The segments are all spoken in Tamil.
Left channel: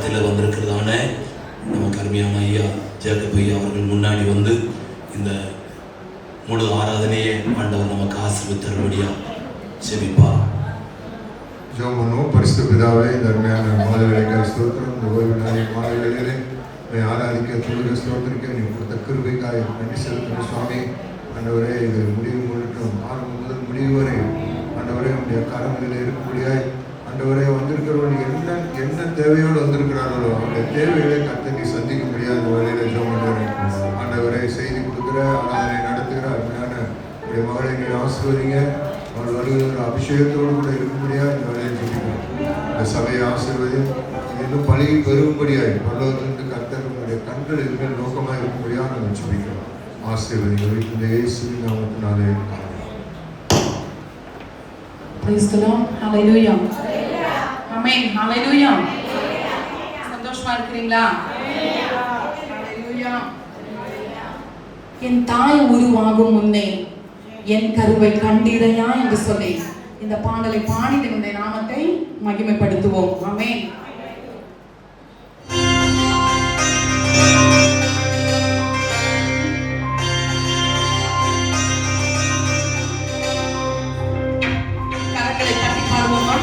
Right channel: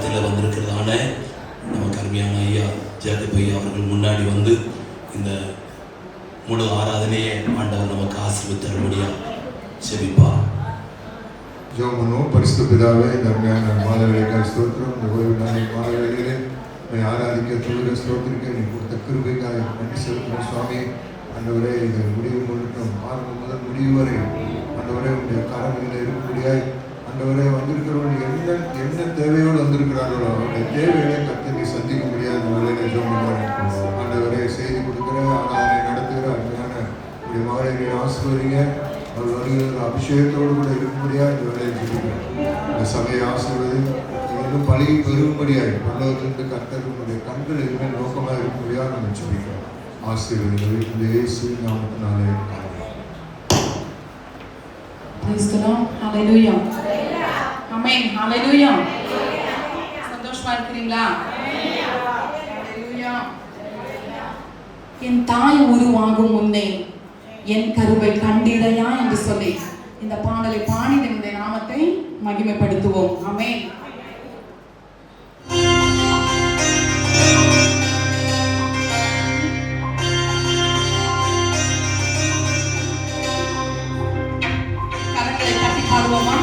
மத்தியில் வந்திருக்கிறதான நமக்கு அருமையான ஐயா ஜேக்கப் ஐயா அவர்கள் முன்னாடி வந்து இந்த முழு ஆராதனையை ஆண்டவர் நமக்கு ஆசீர்வதித்தரும்படியா செபிப்பார். ஜெபமனோ. பரிசுத்த பிதாவே, தர்மையான மாலை வேளைகள் ஸ்தோத்திரம். இந்த ஓய்வு நாளின் மாலை வேளையிலே ஆராதிக்க தொழுக ஸ்தோத்திரிக்க நீங்கள் கொடுத்த கிருபைக்காய் நன்றி செலுத்துகிறோம் சுவாமி. ஆண்டவரே, இது முடிவு முன்னட்டும் ஆரம்பம் முதல் முடிவு வரை ஆண்டவரே உடைய கரங்களில் இருக்கும்படியாய் ஆண்டவரே வந்திருக்கிறவர்கள் என்ன தேவையோடு வந்திருக்கிறார்களோ அவருடைய தேவைகளை கற்று நீ சந்திக்க முடியாத வேலையில் ஜெபம் ஆண்டவரே செய்தி கொடுக்குற ஆராதனை நடத்துகிற அருமையான உடைய மகளை நீ ஆசீர்வதிங்க. அவர் வருகிற அபிஷேகத்தோடு கூட இருக்கும்படியாக இந்த வேலையை சொல்லுங்கள். இந்த சபையை ஆசீர்வதி இன்னும் பழகி பெருகும்படியாய் பரலோகத்திலிருந்து கர்த்தருடைய கண்கள் இனிமேல் நோக்கமாக இருக்கும்படியாக நாங்கள் ஜெபிக்கிறோம். ஆசீர்வதிகள் இந்த இயேசுவின் நாமத்தினாலே ஆமென். Praise the Lord. Hallelujah. Amen. Hallelujah. சந்தோஷமா இருக்கிறீங்களா? Hallelujah. என் தாய் உருவாகும் முன்னே என் கருவை கண்டீரையா என்று சொல்லி இந்த பாடலை பாடி இந்த நாமத்தை மகிமைப்படுத்துவோம். ஆமென். கரங்களை தட்டி பாடுவோமா?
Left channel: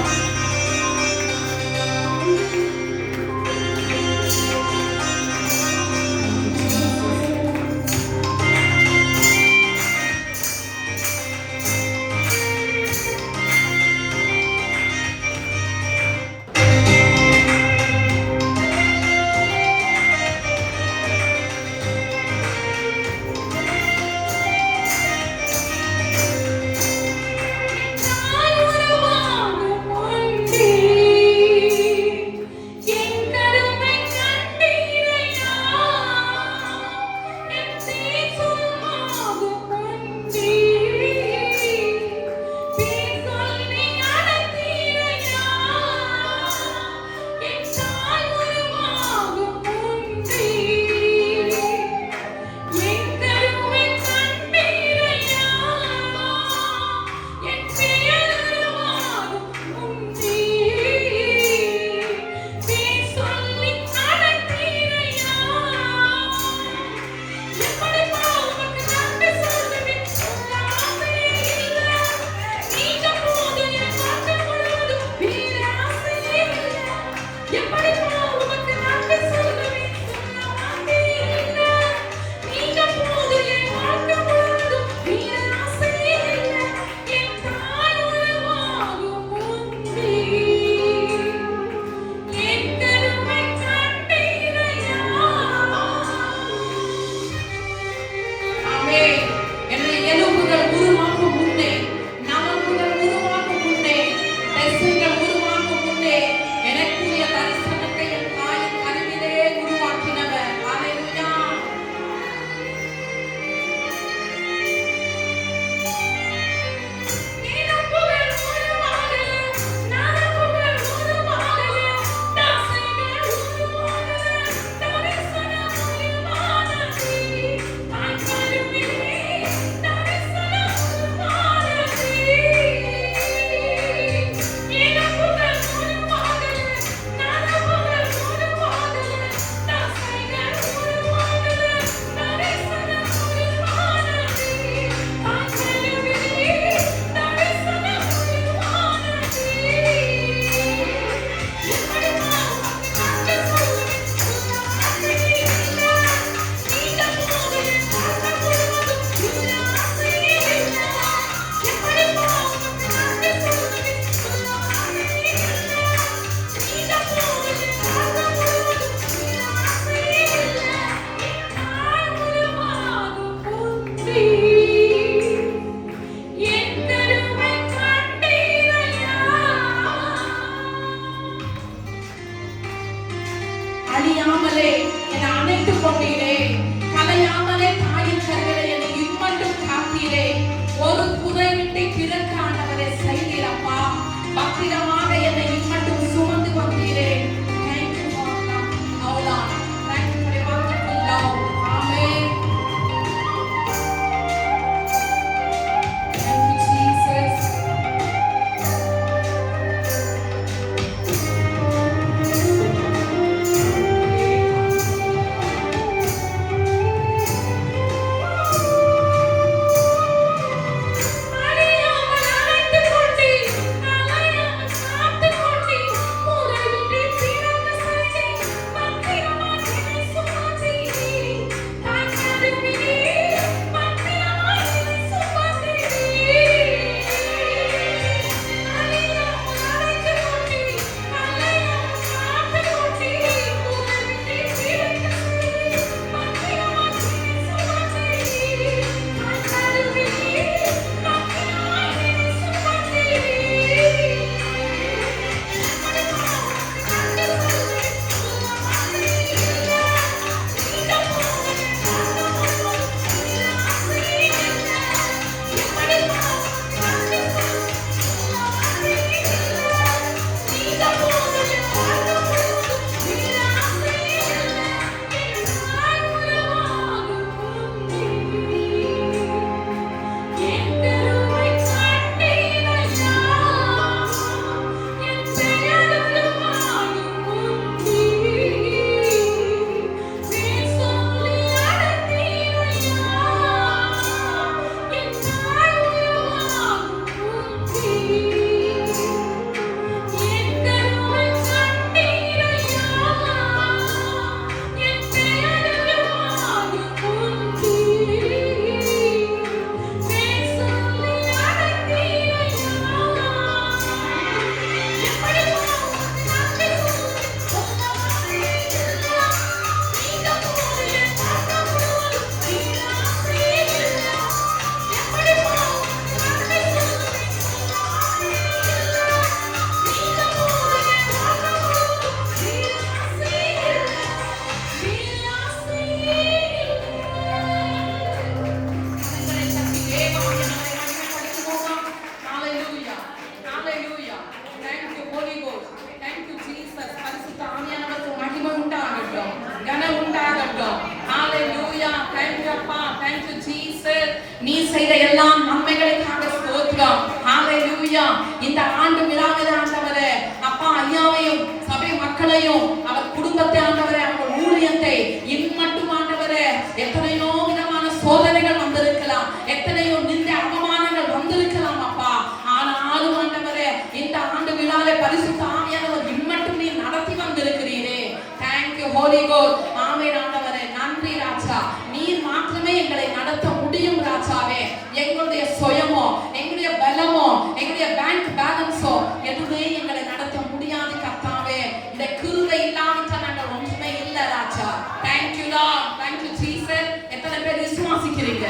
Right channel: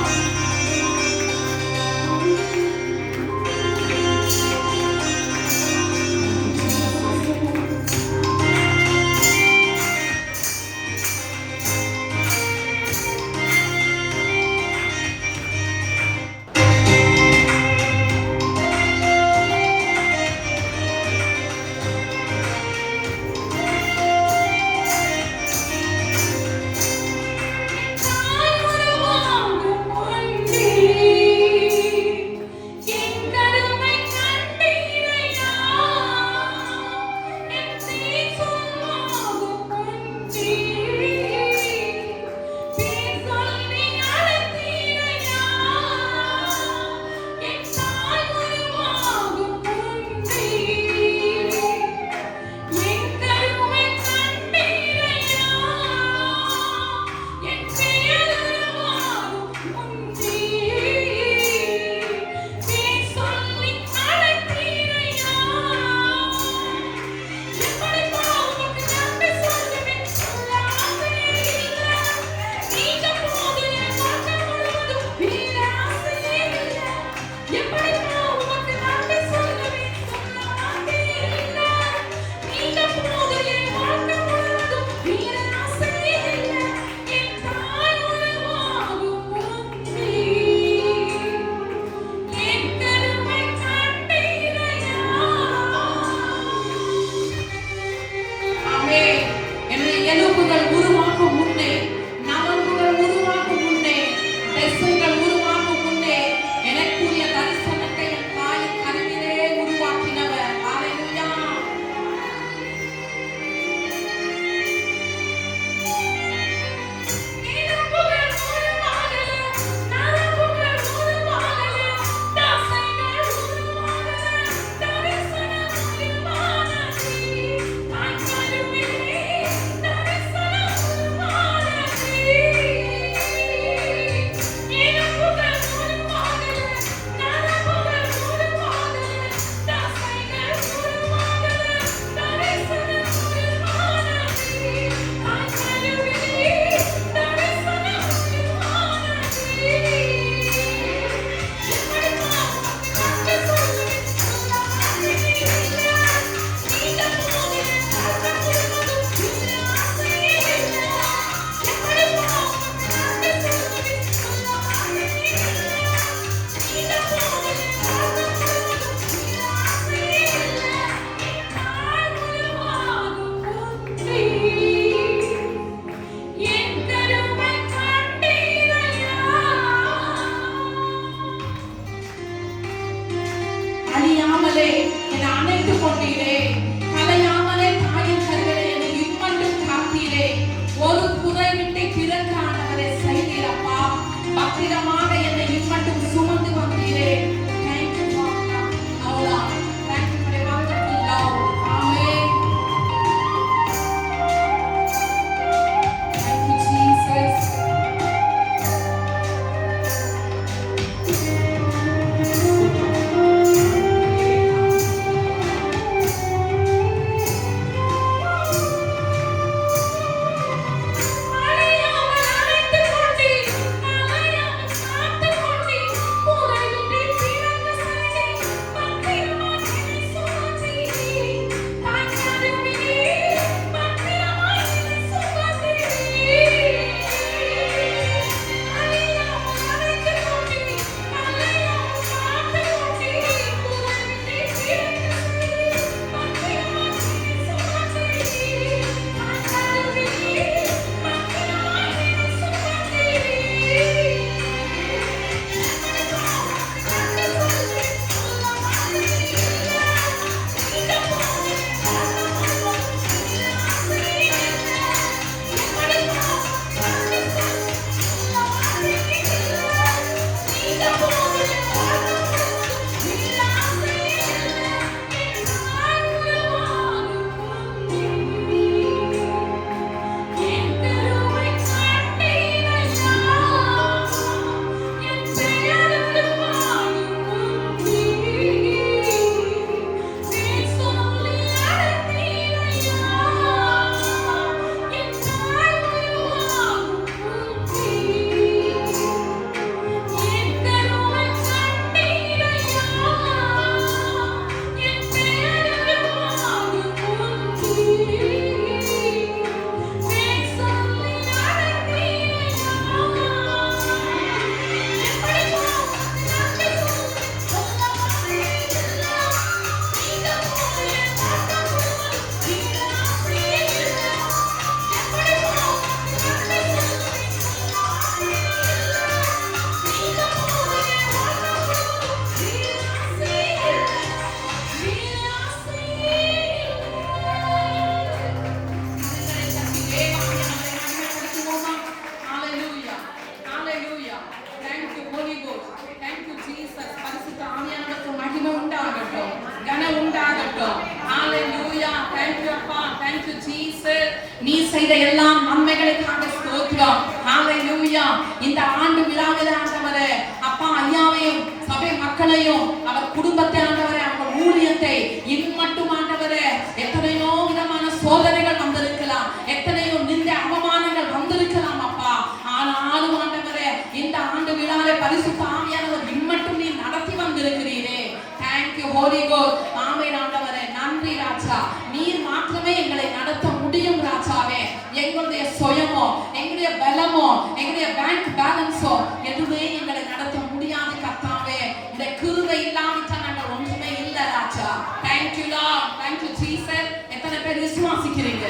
Thank you Jesus. நீ செய்த எல்லா நன்மைகளுக்காக ஸ்தோத்திரம். ஹalleluya. இந்த ஆண்டு விழாவிலே ஆண்டவரே அப்பா ஐயாவையும் சபை மக்களையும் அவர் குடும்பத்தை ஆண்டவரே அவர் ஊழியத்தை இம்மட்டும் ஆண்டவரே எத்தனையோ விதமான சோதனைகள் வந்திருக்கலாம், எத்தனையோ நிந்த அவமானங்கள் வந்திருக்கலாம் அப்பா. ஆனாலும் ஆண்டவரே இந்த ஆண்டு விழாவை பரிசுத்த ஆவியானவர் இம்மட்டும் நீ நடத்தி வந்திருக்கிறீரே. Thank you Holy Ghost. ஆமென் ஆண்டவரே, நன்றி ராஜா. நீர் மாத்திரமே எங்களை நடத்த முடியும் ராஜாவே. எங்களுடைய சுயமோ எங்களுடைய பலமோ எங்களுடைய பேங்க் பேலன்ஸோ எதுவுமே எங்களை நடத்த முடியாது கர்த்தாவே. இந்த கிருபை இல்லாவிட்டால் நாங்கள் ஒன்றுமே இல்லை ராஜா. Thank you Lord. Thank you Jesus. எத்தனை பேர் விசுவாசிக்கிறீங்க?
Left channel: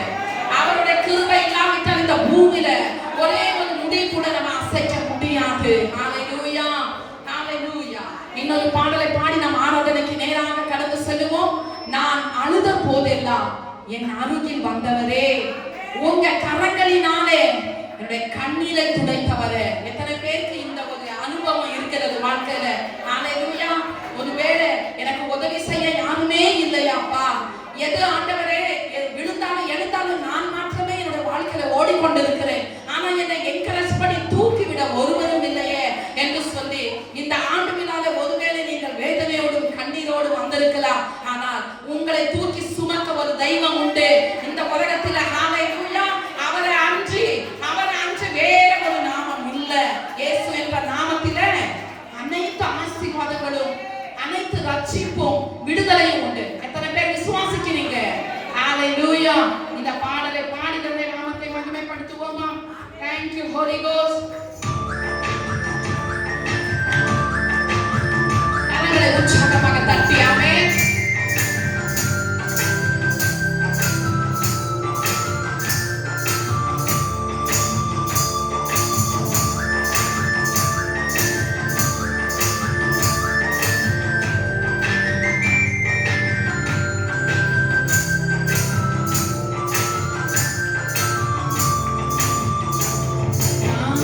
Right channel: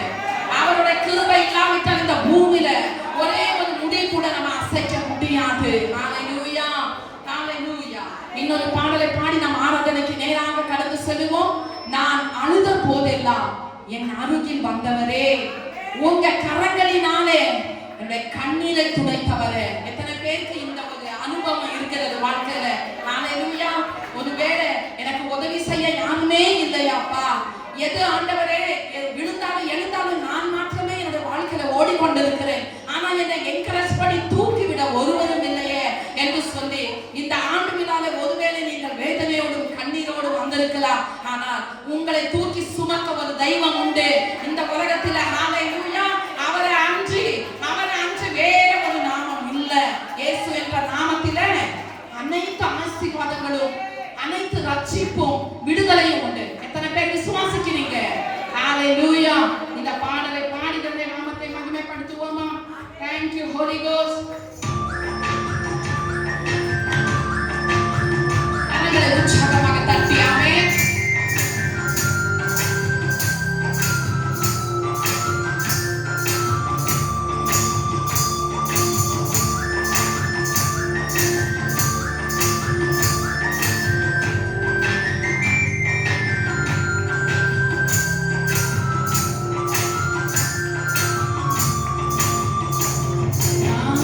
அவருடைய கிருபை இல்லாவிட்டால் இந்த பூமியில ஒரே ஒரு முடி கூட நம்ம அசைக்க முடியாது. ஹalleluya. ஹalleluya. இன்னொரு பாடலை பாடி நாம் ஆராதனைக்கு நேராக கடந்து செல்லுவோம். நான் அழுத போதெல்லாம் என் அருகில் வந்தவரே, உங்க கரங்களினாலே என்னுடைய கண்ணீரை துடைத்தவரே. எத்தனை பேருக்கு இந்த ஒரு அனுபவம் இருக்கிறது வாழ்க்கையில? ஹalleluya. ஒருவேளை எனக்கு உதவி செய்ய யாருமே இல்லையாப்பா, எது ஆண்டவரே விழுந்தாலும் எழுந்தாலும் நான் மாத்திரமே என்னுடைய வாழ்க்கையில ஓடிக்கொண்டிருக்கிறேன், ஆனா என்னை என்கரேஜ் பண்ணி தூக்கிவிட ஒருவரும் இல்லையே என்று சொல்லி இந்த ஆண்டு விழாவிலே ஒருவேளை நீங்கள் வேதனையோடும் கண்ணீரோடும் வந்திருக்கலாம், ஆனால் உங்களை தூக்கி சுமக்க ஒரு தெய்வம் உண்டு இந்த உலகத்தில். ஹalleluya. அவரை அன்றி வேற ஒரு நாமம் இல்ல. இயேசு என்ற நாமத்திலே அனைத்து ஆசீர்வாதங்களும் அனைத்து ரட்சிப்பும் விடுதலையும் உண்டு. எத்தனை பேர் விசுவாசிக்கிறீங்க? ஹalleluya. இந்த பாடலை பாடி தன்னுடைய நாமத்தை மகிமைப்படுத்துவோமா? Thank you Holy Ghost. கரங்களை உற்சாகமாக தட்டி ஆமென். நான்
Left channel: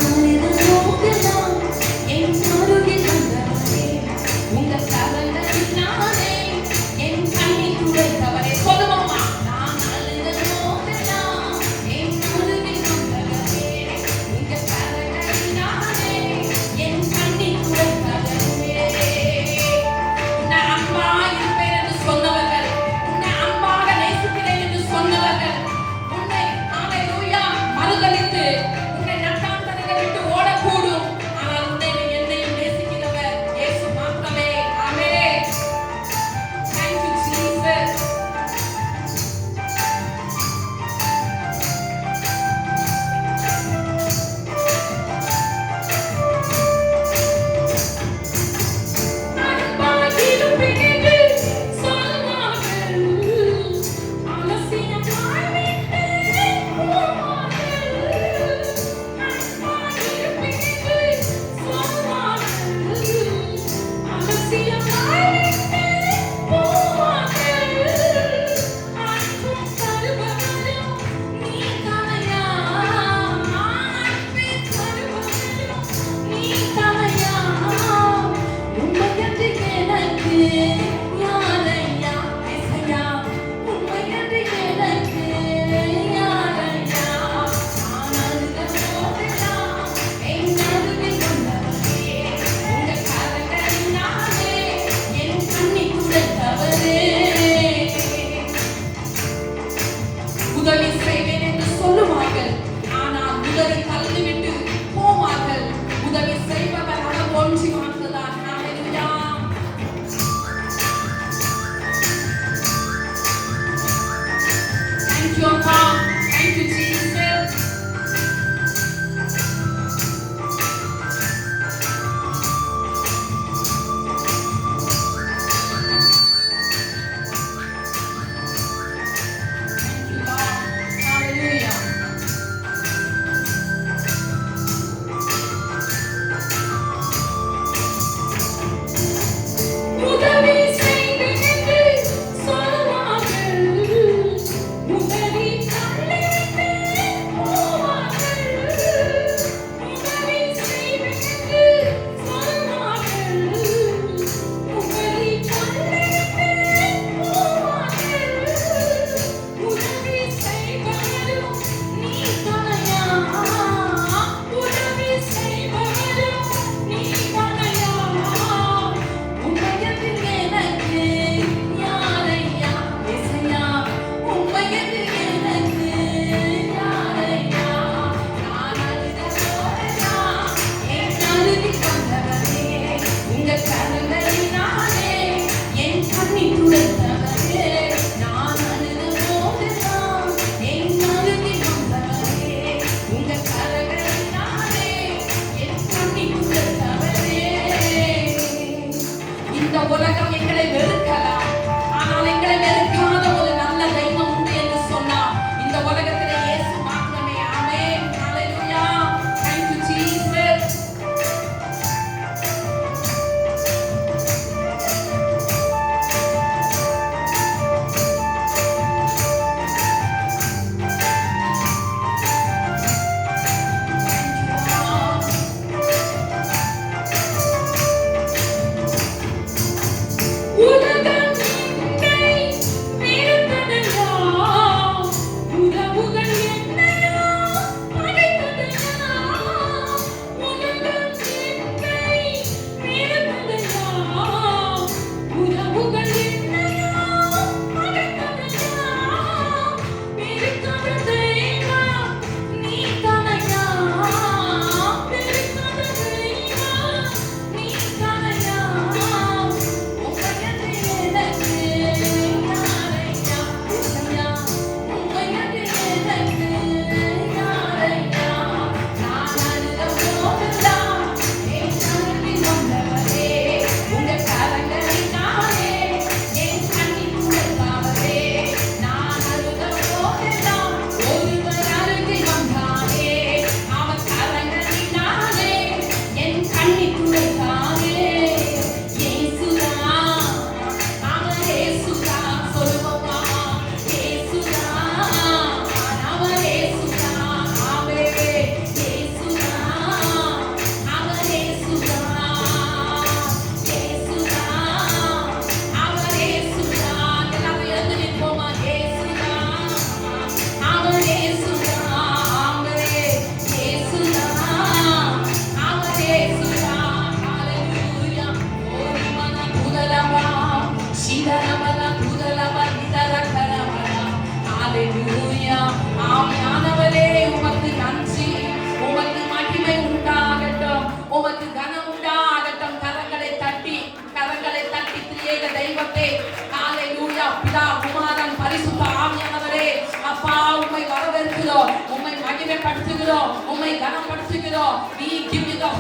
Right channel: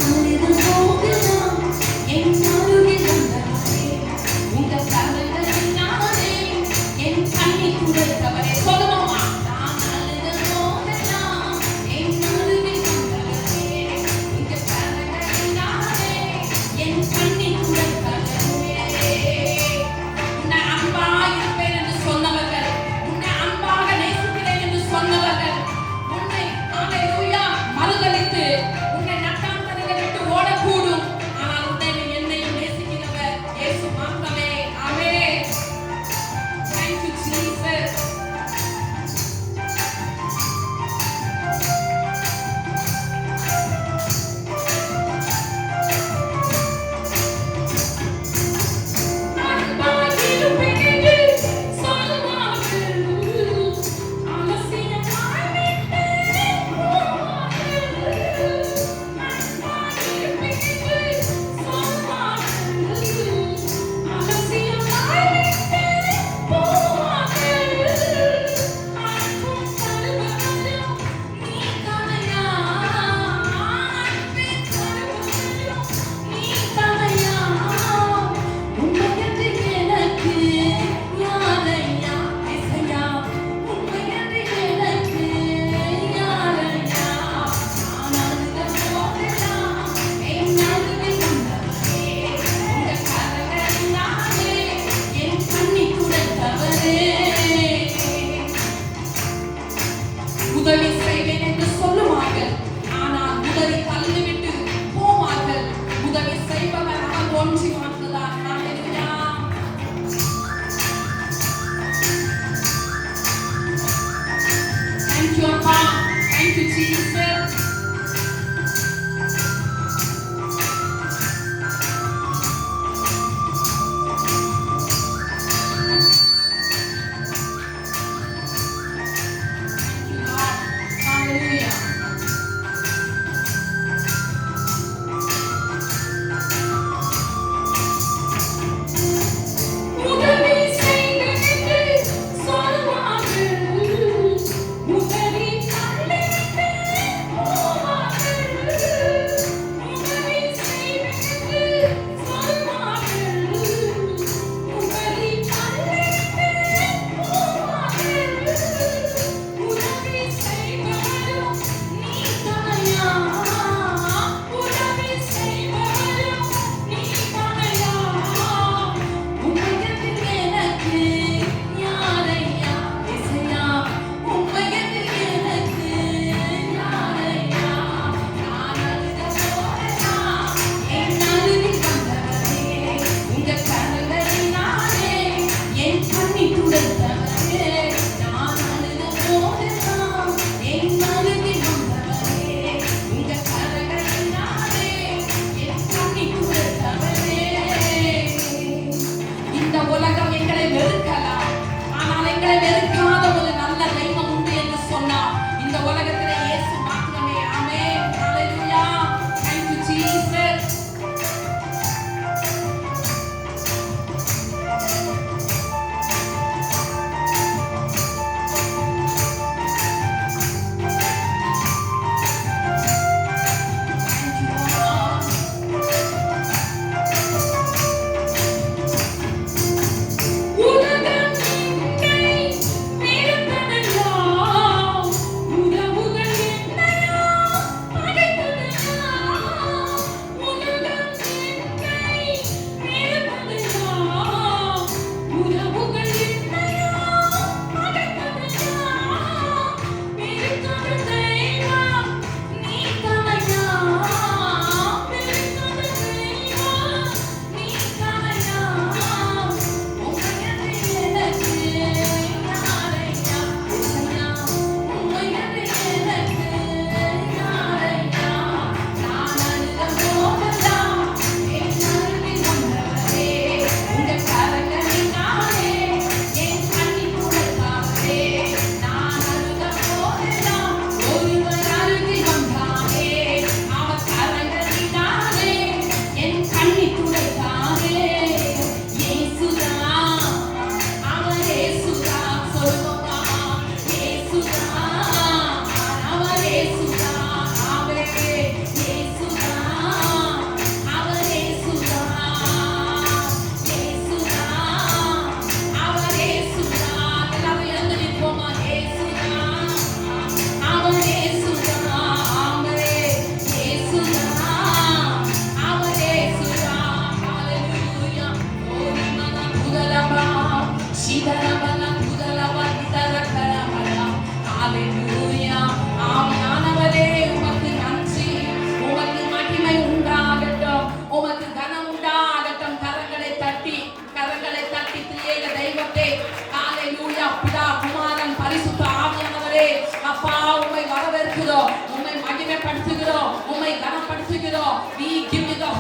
செலுத்துகிறோம். We give you the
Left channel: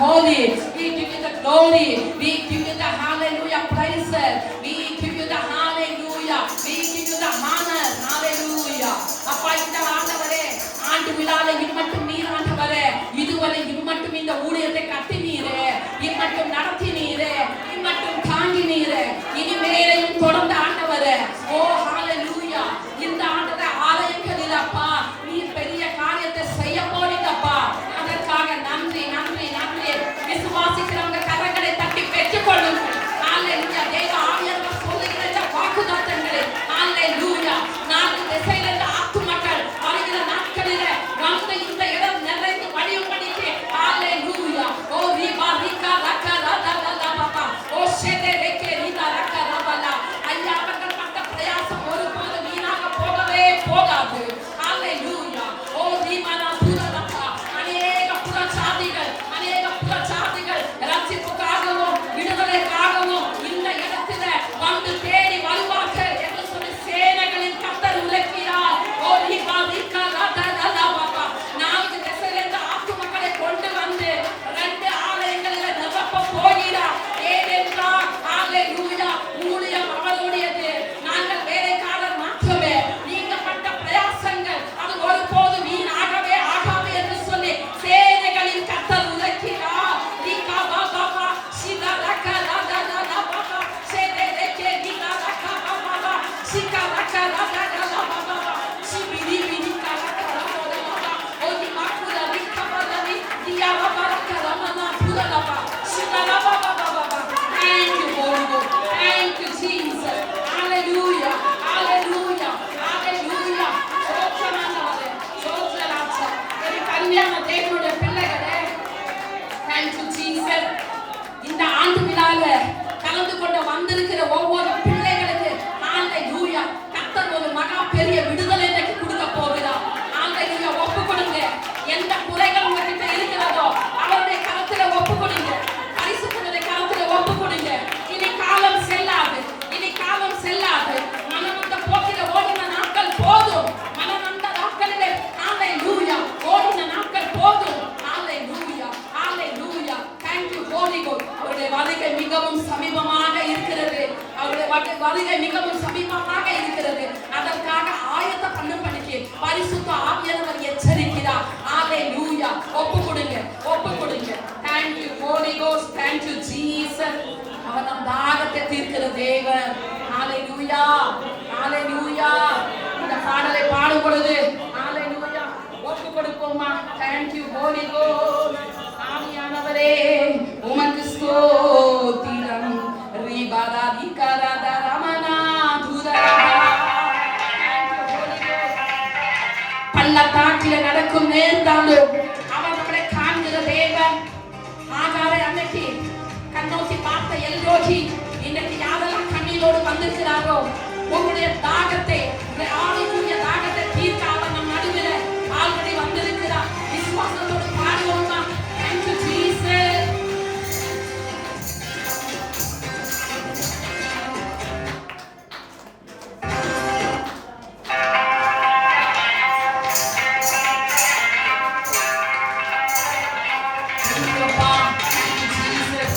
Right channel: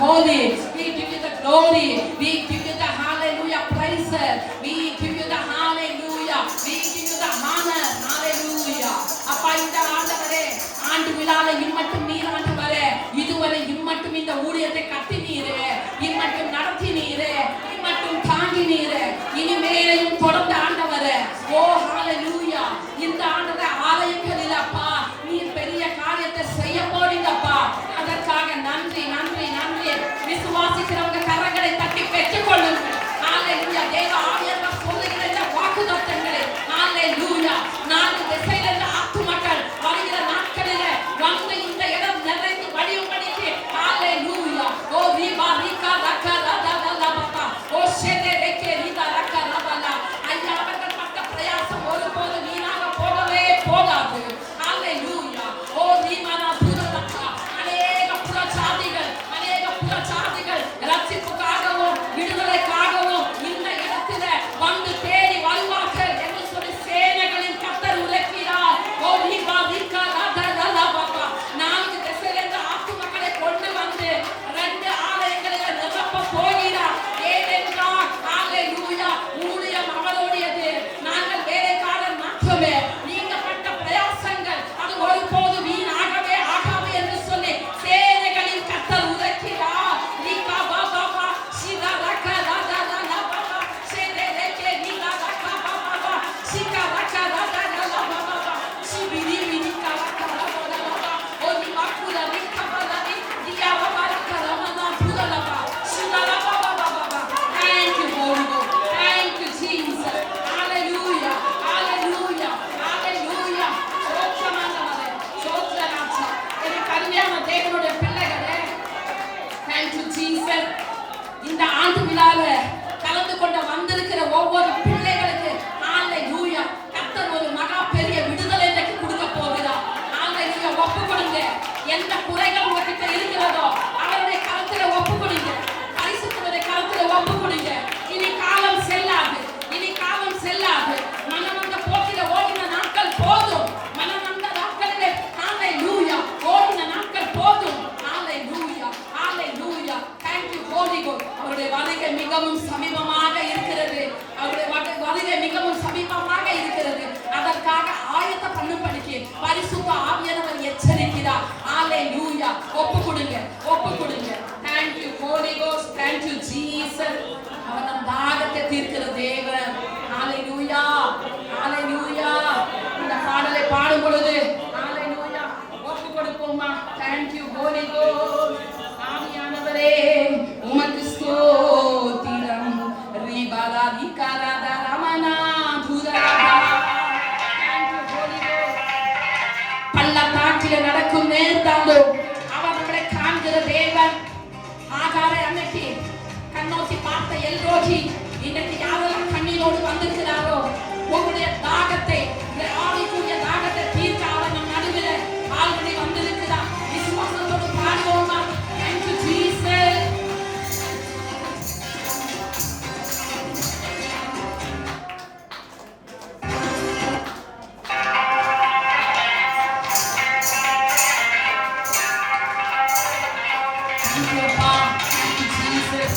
holy, we give you the glory, we give you the hallelujah praise, we give you the hallelujah, we give you the honor, hallelujah. அப்பா இந்த ஆண்டவரே ஆண்டு விழாவை இம்மட்டும் நீர் ஆண்டவரே இதுவரை இம்மட்டும் இந்த ஊழியத்தை கட்டினீரே, இம்மட்டும் நடத்தினீரே, இம்மட்டும் தாங்கினீரே, இனிமேலையும் தொடர்ந்து ஆண்டவரே. ஓ ஹalleluya. இந்த ஆண்டவரே ஆலயங்களில் அப்பா நீர் பெரிய காரியத்தை செய்ய போறீங்கப்பா. அதற்காக நன்றி நன்றி நன்றி. விசுவாசிக்கிறவங்க கரங்களை தட்டி பெற்றுக் கொள்ளுங்கள். ஹalleluya. தேவ ஆவியானவர் சொல்லுகிற இந்த வாக்குத்தத்தங்களை ஹalleluya. நான்கு திசையிலிருந்து ஆத்துமக்கள் வருகிற நாட்களிலே வந்து இந்த இடம் நிறைந்து வழியும்படிக்கு ஹalleluya. ஓ ரிபா ரிகா ரக்கா ரதலலா பாபா. ஓ ஷெதே ரெக்கே ரிதா ரக்கா ரபலா. ஐயா அவர்கள் பட்ட பிரயாசம் ஒருபோதும் வீணாக போகவே போகாது. ஹalleluya. ஓ ரிமனா புரலக்கா. அநேக புறச்சாதிகள் ரட்சிப்புக்காகவும் விடுதலைக்காகவும் இந்த இடத்திலே வந்து தேடி வருவார்கள் என்று சொல்லி சேனைகளின் கர்த்தர் உரைக்கிறார். ஓ ரிபா ரிகா ரதலலா பாபா. நான்கு திசையிலிருந்து ஆத்துமக்களை கொண்டு வந்து ரெண்டு ஆலயங்களிலே நிரப்ப போகிறார். ஏனென்றால் ஹalleluya ஊழியம் அவருடையது. நாங்கள் வேலைக்காரர் மாற்றமே. நீங்கள் பட்ட பிரயாசங்கள் அது ஒருபோதும் வீணாகவே ஆகாது என்று சொல்லி சேனைகளின் கர்த்தர் உரைக்கிறார். ரிகா பாபா சிதா ரக்கா ரதலலா பாபா. சேதே ரெக்கே ரிதா ரக்கா பாபா. சிகா ரக்கா ரதலலா பாபா. சிபிரி பிரிகா ரக்கா ரதலலா. ஓ ரிபா புர ரிகா பலனி தியா பாபா ரக்கா ரமனா புரலபா. சிதா Baba Baba. Thank you Holy Ghost. Thank you Jesus. Hallelujah. Hallelujah. Hallelujah. சோத்திரமானவரே. சோத்திரராஜா. என் கல்யாண தேவனுடைய பிள்ளைகளே. Thank you Jesus. இந்த ஆண்டு விழாவில் கலந்து கொண்டு வந்திருக்கிற ஒவ்வொரு பிள்ளைகளுக்கு ஹalleluya கர்த்தர் ஒரு மகா பெரிய விடுதலை இன்னைக்கு கொடுக்க போகிறார். ஹalleluya ஒப்பு கொடுங்க. எந்த குறைகள் உங்ககிட்ட இருக்கிறதோ அவருடைய கரத்திலே ஒப்பு கொடுங்க. பரிசுத்தருடைய கரத்திலே ஒப்பு கொடுங்க. இனி காலம் செல்லாது. இனி காலம் செல்லாது. மனநொந்த போக்கிலே ஓடின நாட்கள் போதும். மனநொந்த நாட்களிலே ஹalleluya ஓடின நாட்கள் போதும். ஹalleluya ஹalleluya. Thank you Holy Ghost. அவருடைய வருகை மிகவும் சமீபமாக இருக்கிறது. அவருடைய வருகை மிகவும் சமீபமாக இருக்கிறது. அதற்காக ஆயத்த பண்ணும்படிக்கு பரிசுத்த ஆவியானவர் எச்சரிக்கிறார். ஹalleluya. ஒப்பு கொடுங்க. ஒப்பு கொடுங்க. Thank you Holy Ghost. Thank you Jesus. அவர் நம் தாகத்தை தீர்க்கிற தேவன். ஹalleluya ஹalleluya. இந்த பாடலை பாடும் பொழுது ஹalleluya ஒப்பு கொடுப்போமா. Thank you Holy Ghost. ஆவியானவரே உமக்கு ஸ்தோத்திரம். ரிபாரா ரிகரத ரமனா துரரா. Thank you Holy Ghost. பள்ளத்தாக்கிலே நடக்கும் நேர்ந்தாலும் அவர் நம்மளை காண்கிற தேவன். ஆகாரை அன்னைக்கு கண்ணோக்கி பார்த்த எல்ரோகி இன்னைக்கு யாரெல்லாம் கண்ணீரோடு வந்திருக்கிறாரோ உங்களுடைய தாகத்தை உங்களுடைய ஆவிக்குரிய தாகத்தை தீர்க்க அவர் நம் நடுவில் ஆல்ரெடி வந்திருக்கிறார். விசுவாசத்தோடு பாடுவோமா. Thank you Jesus. Thank you, Papa. Thank you, Jesus.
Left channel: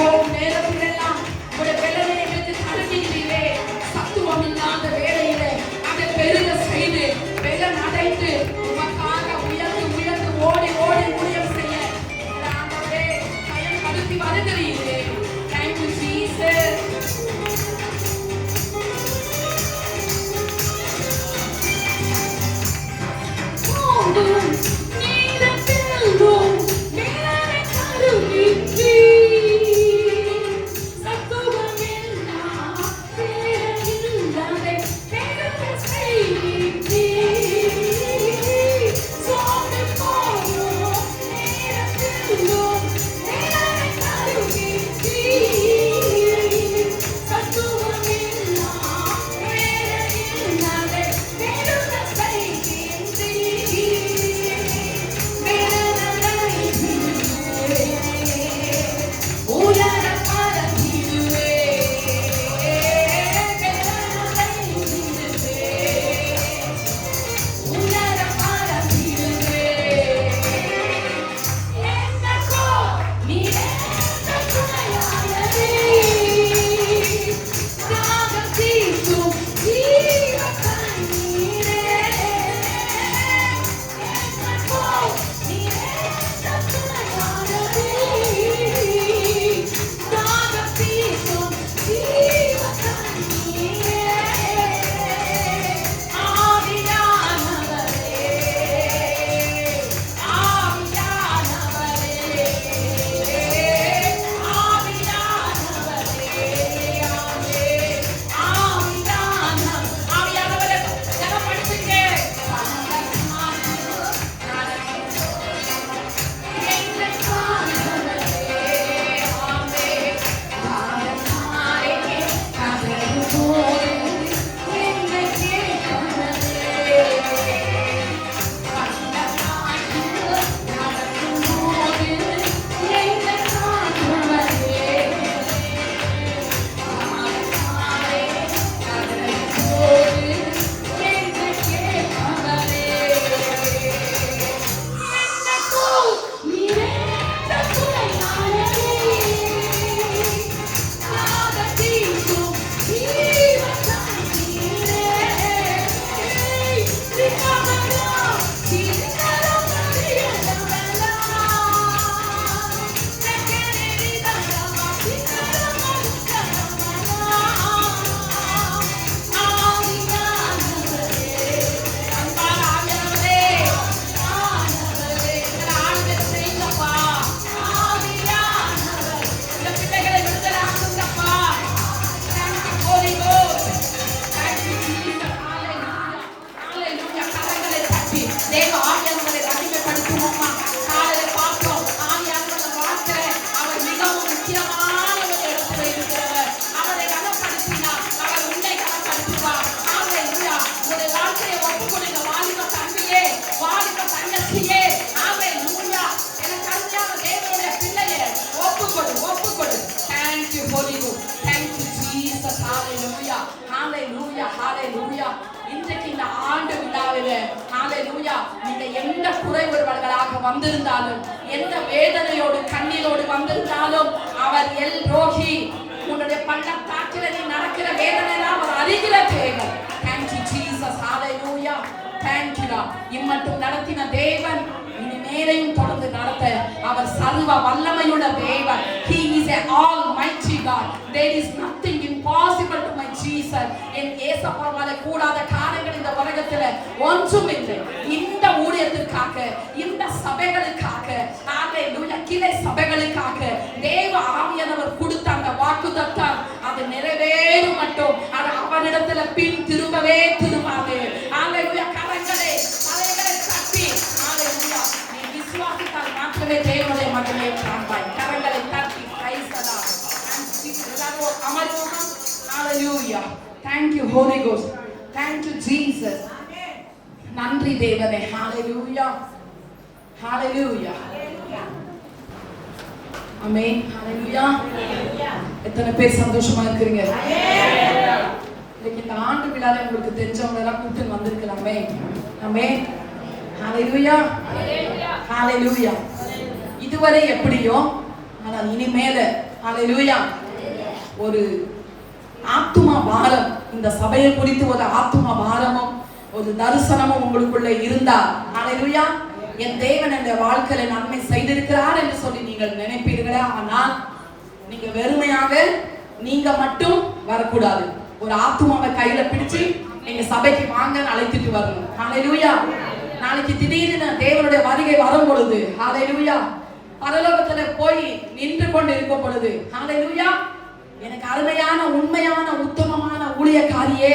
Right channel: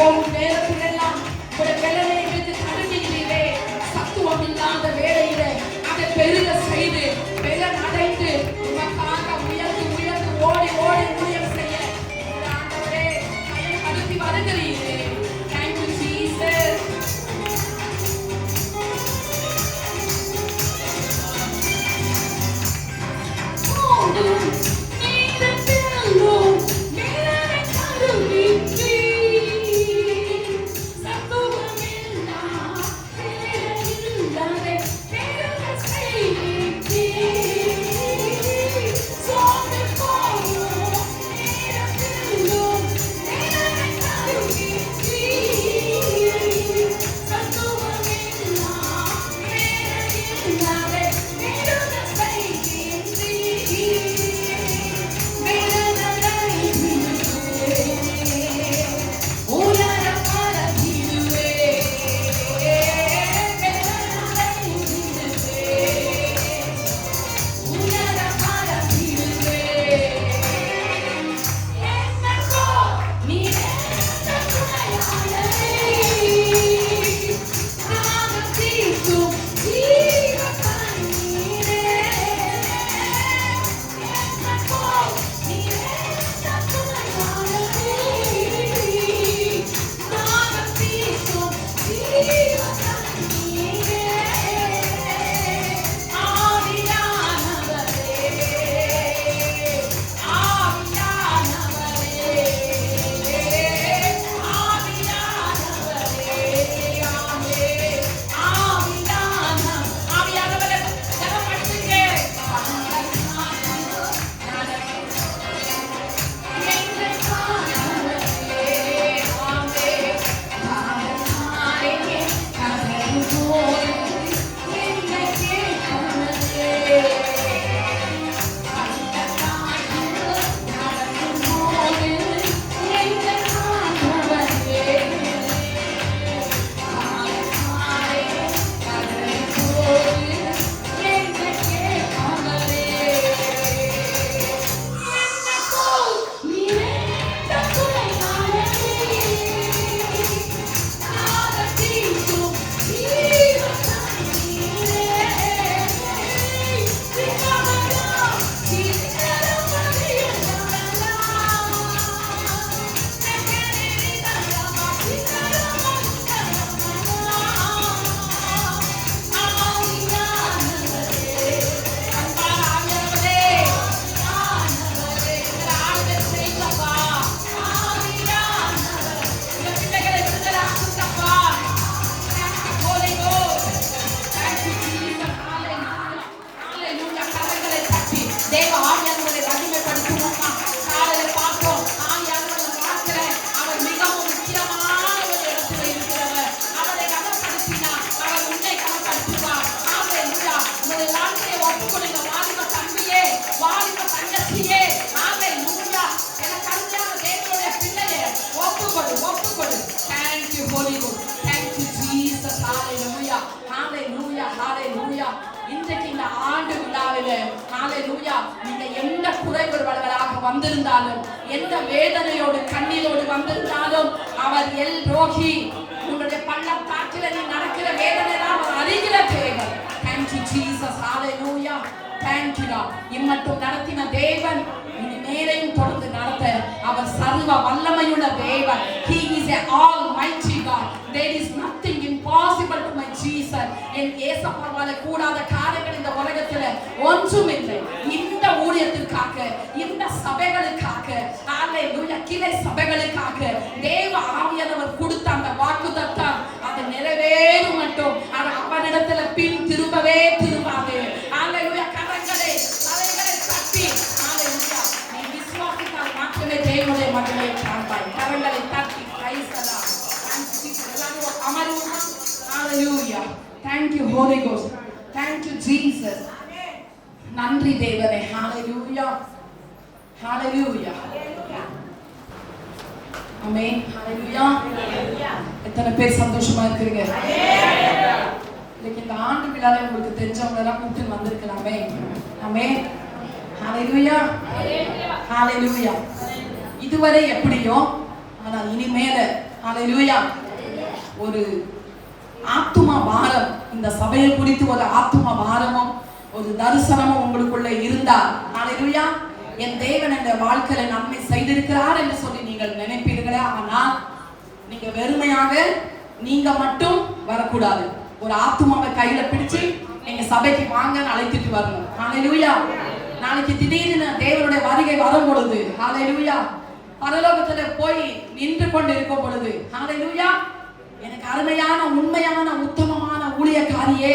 போகும் நேரத்திலெல்லாம் உங்களுடைய வெள்ளனை எடுத்து தடுக்கிறீரே. சத்துவம் இல்லாத வேளையிலே அதை பெருக செய்து வெள்ளம் அடைத்து உமக்காக உயர்ந்து உயர்ந்து ஓடி ஓடி ஊழியம் செய்ய ஆண்டவரே பயம் கடத்தி வருகிறீரே. Thank you, Jesus. வந்திருந்தாலும் எந்த வேதனையோடு கண்ணீரோடு வந்திருந்தாலும் அவர் எல் ரோகி உன்னுடைய பள்ளத்தாக்கில நீ நடக்கிற வேதனை அவர் அறிகிற தேவன். Thank you Jesus. Hallelujah. Thank you God. இம்மட்டும் நடத்தின தேவன் இனி மேலையும் தொடர்ந்து நடத்த அவர் சர்வ வல்லமையுள்ள தேவன். He is a almighty God. There is nothing impossible to my Jesus. என் இயேசுவால கூடாத காரியங்கள் இந்த உலகத்துல ஒன்றும் இல்லை. இந்த ஊழியத்திற்காக இந்த சபைகளுக்காக ஹalleluya கிளை சபைகளுக்காக தேவ ஆவியானவர் கொடுத்த அந்த வாக்குத்தத்தம் அது நிறைவேறும் மட்டும் அது அவனிடத்துல பின் திரும்பவே திரும்பாது. ஹalleluya கரங்களை தலைகளை தட்டி ஹalleluya நீ விசுவாசித்தால் மட்டுமே தேவனுடைய மகனை காண்பாய். கரங்களை தட்டி praise the Lord. எல்லாரும் அமருவோம். Hallelujah. Thank you Holy Ghost. Thank you Jesus. நன்றி தேவனே. Hallelujah. Hallelujah. Amen. Hallelujah. எத்தனை பேர் சந்தோஷமா இருக்கீங்க? இன்னைக்கு இந்த ஆண்டு விழால உங்களுக்கு தெரிஞ்சவங்க எல்லாம் கூப்பிட்டு வந்திருக்கலாமே. Amen. Hallelujah. Hallelujah. இதுவரை எப்படியோ ஆனால் இனிமேல ஹalleluya. ஒரு ஆத்தும பாரம், இந்த சபையை குறித்து ஒரு ஆத்தும பாரமும் ஒரு தரிசனமும் உங்களுக்குள்ள இருந்தா, ஹalleluya, என் தேவன் இந்த வாழ்க்கையில நன்மை செய்திருக்கிறார் என்று சொல்லி நீங்கள் நினைப்பீர்களே. ஆனால் நீங்க வெறுமையாக நீங்க மட்டும் வரக்கூடாது. ஒரு ஆத்துமாவை கையில பிடிச்சு நீங்க சபைக்கு வாங்க அழைத்துட்டு வரணும். ஹalleluya. நாளைக்கு திடீர்னு தேவனுடைய வருகை வரும் பொழுது, ஹalleluya, பரலோகத்துல போய் நின்று கொண்டு இருக்கும் பொழுது, ஹalleluya, எனக்கு அருமையான உண்மையான உத்தமமான ஊழியக்காரியே,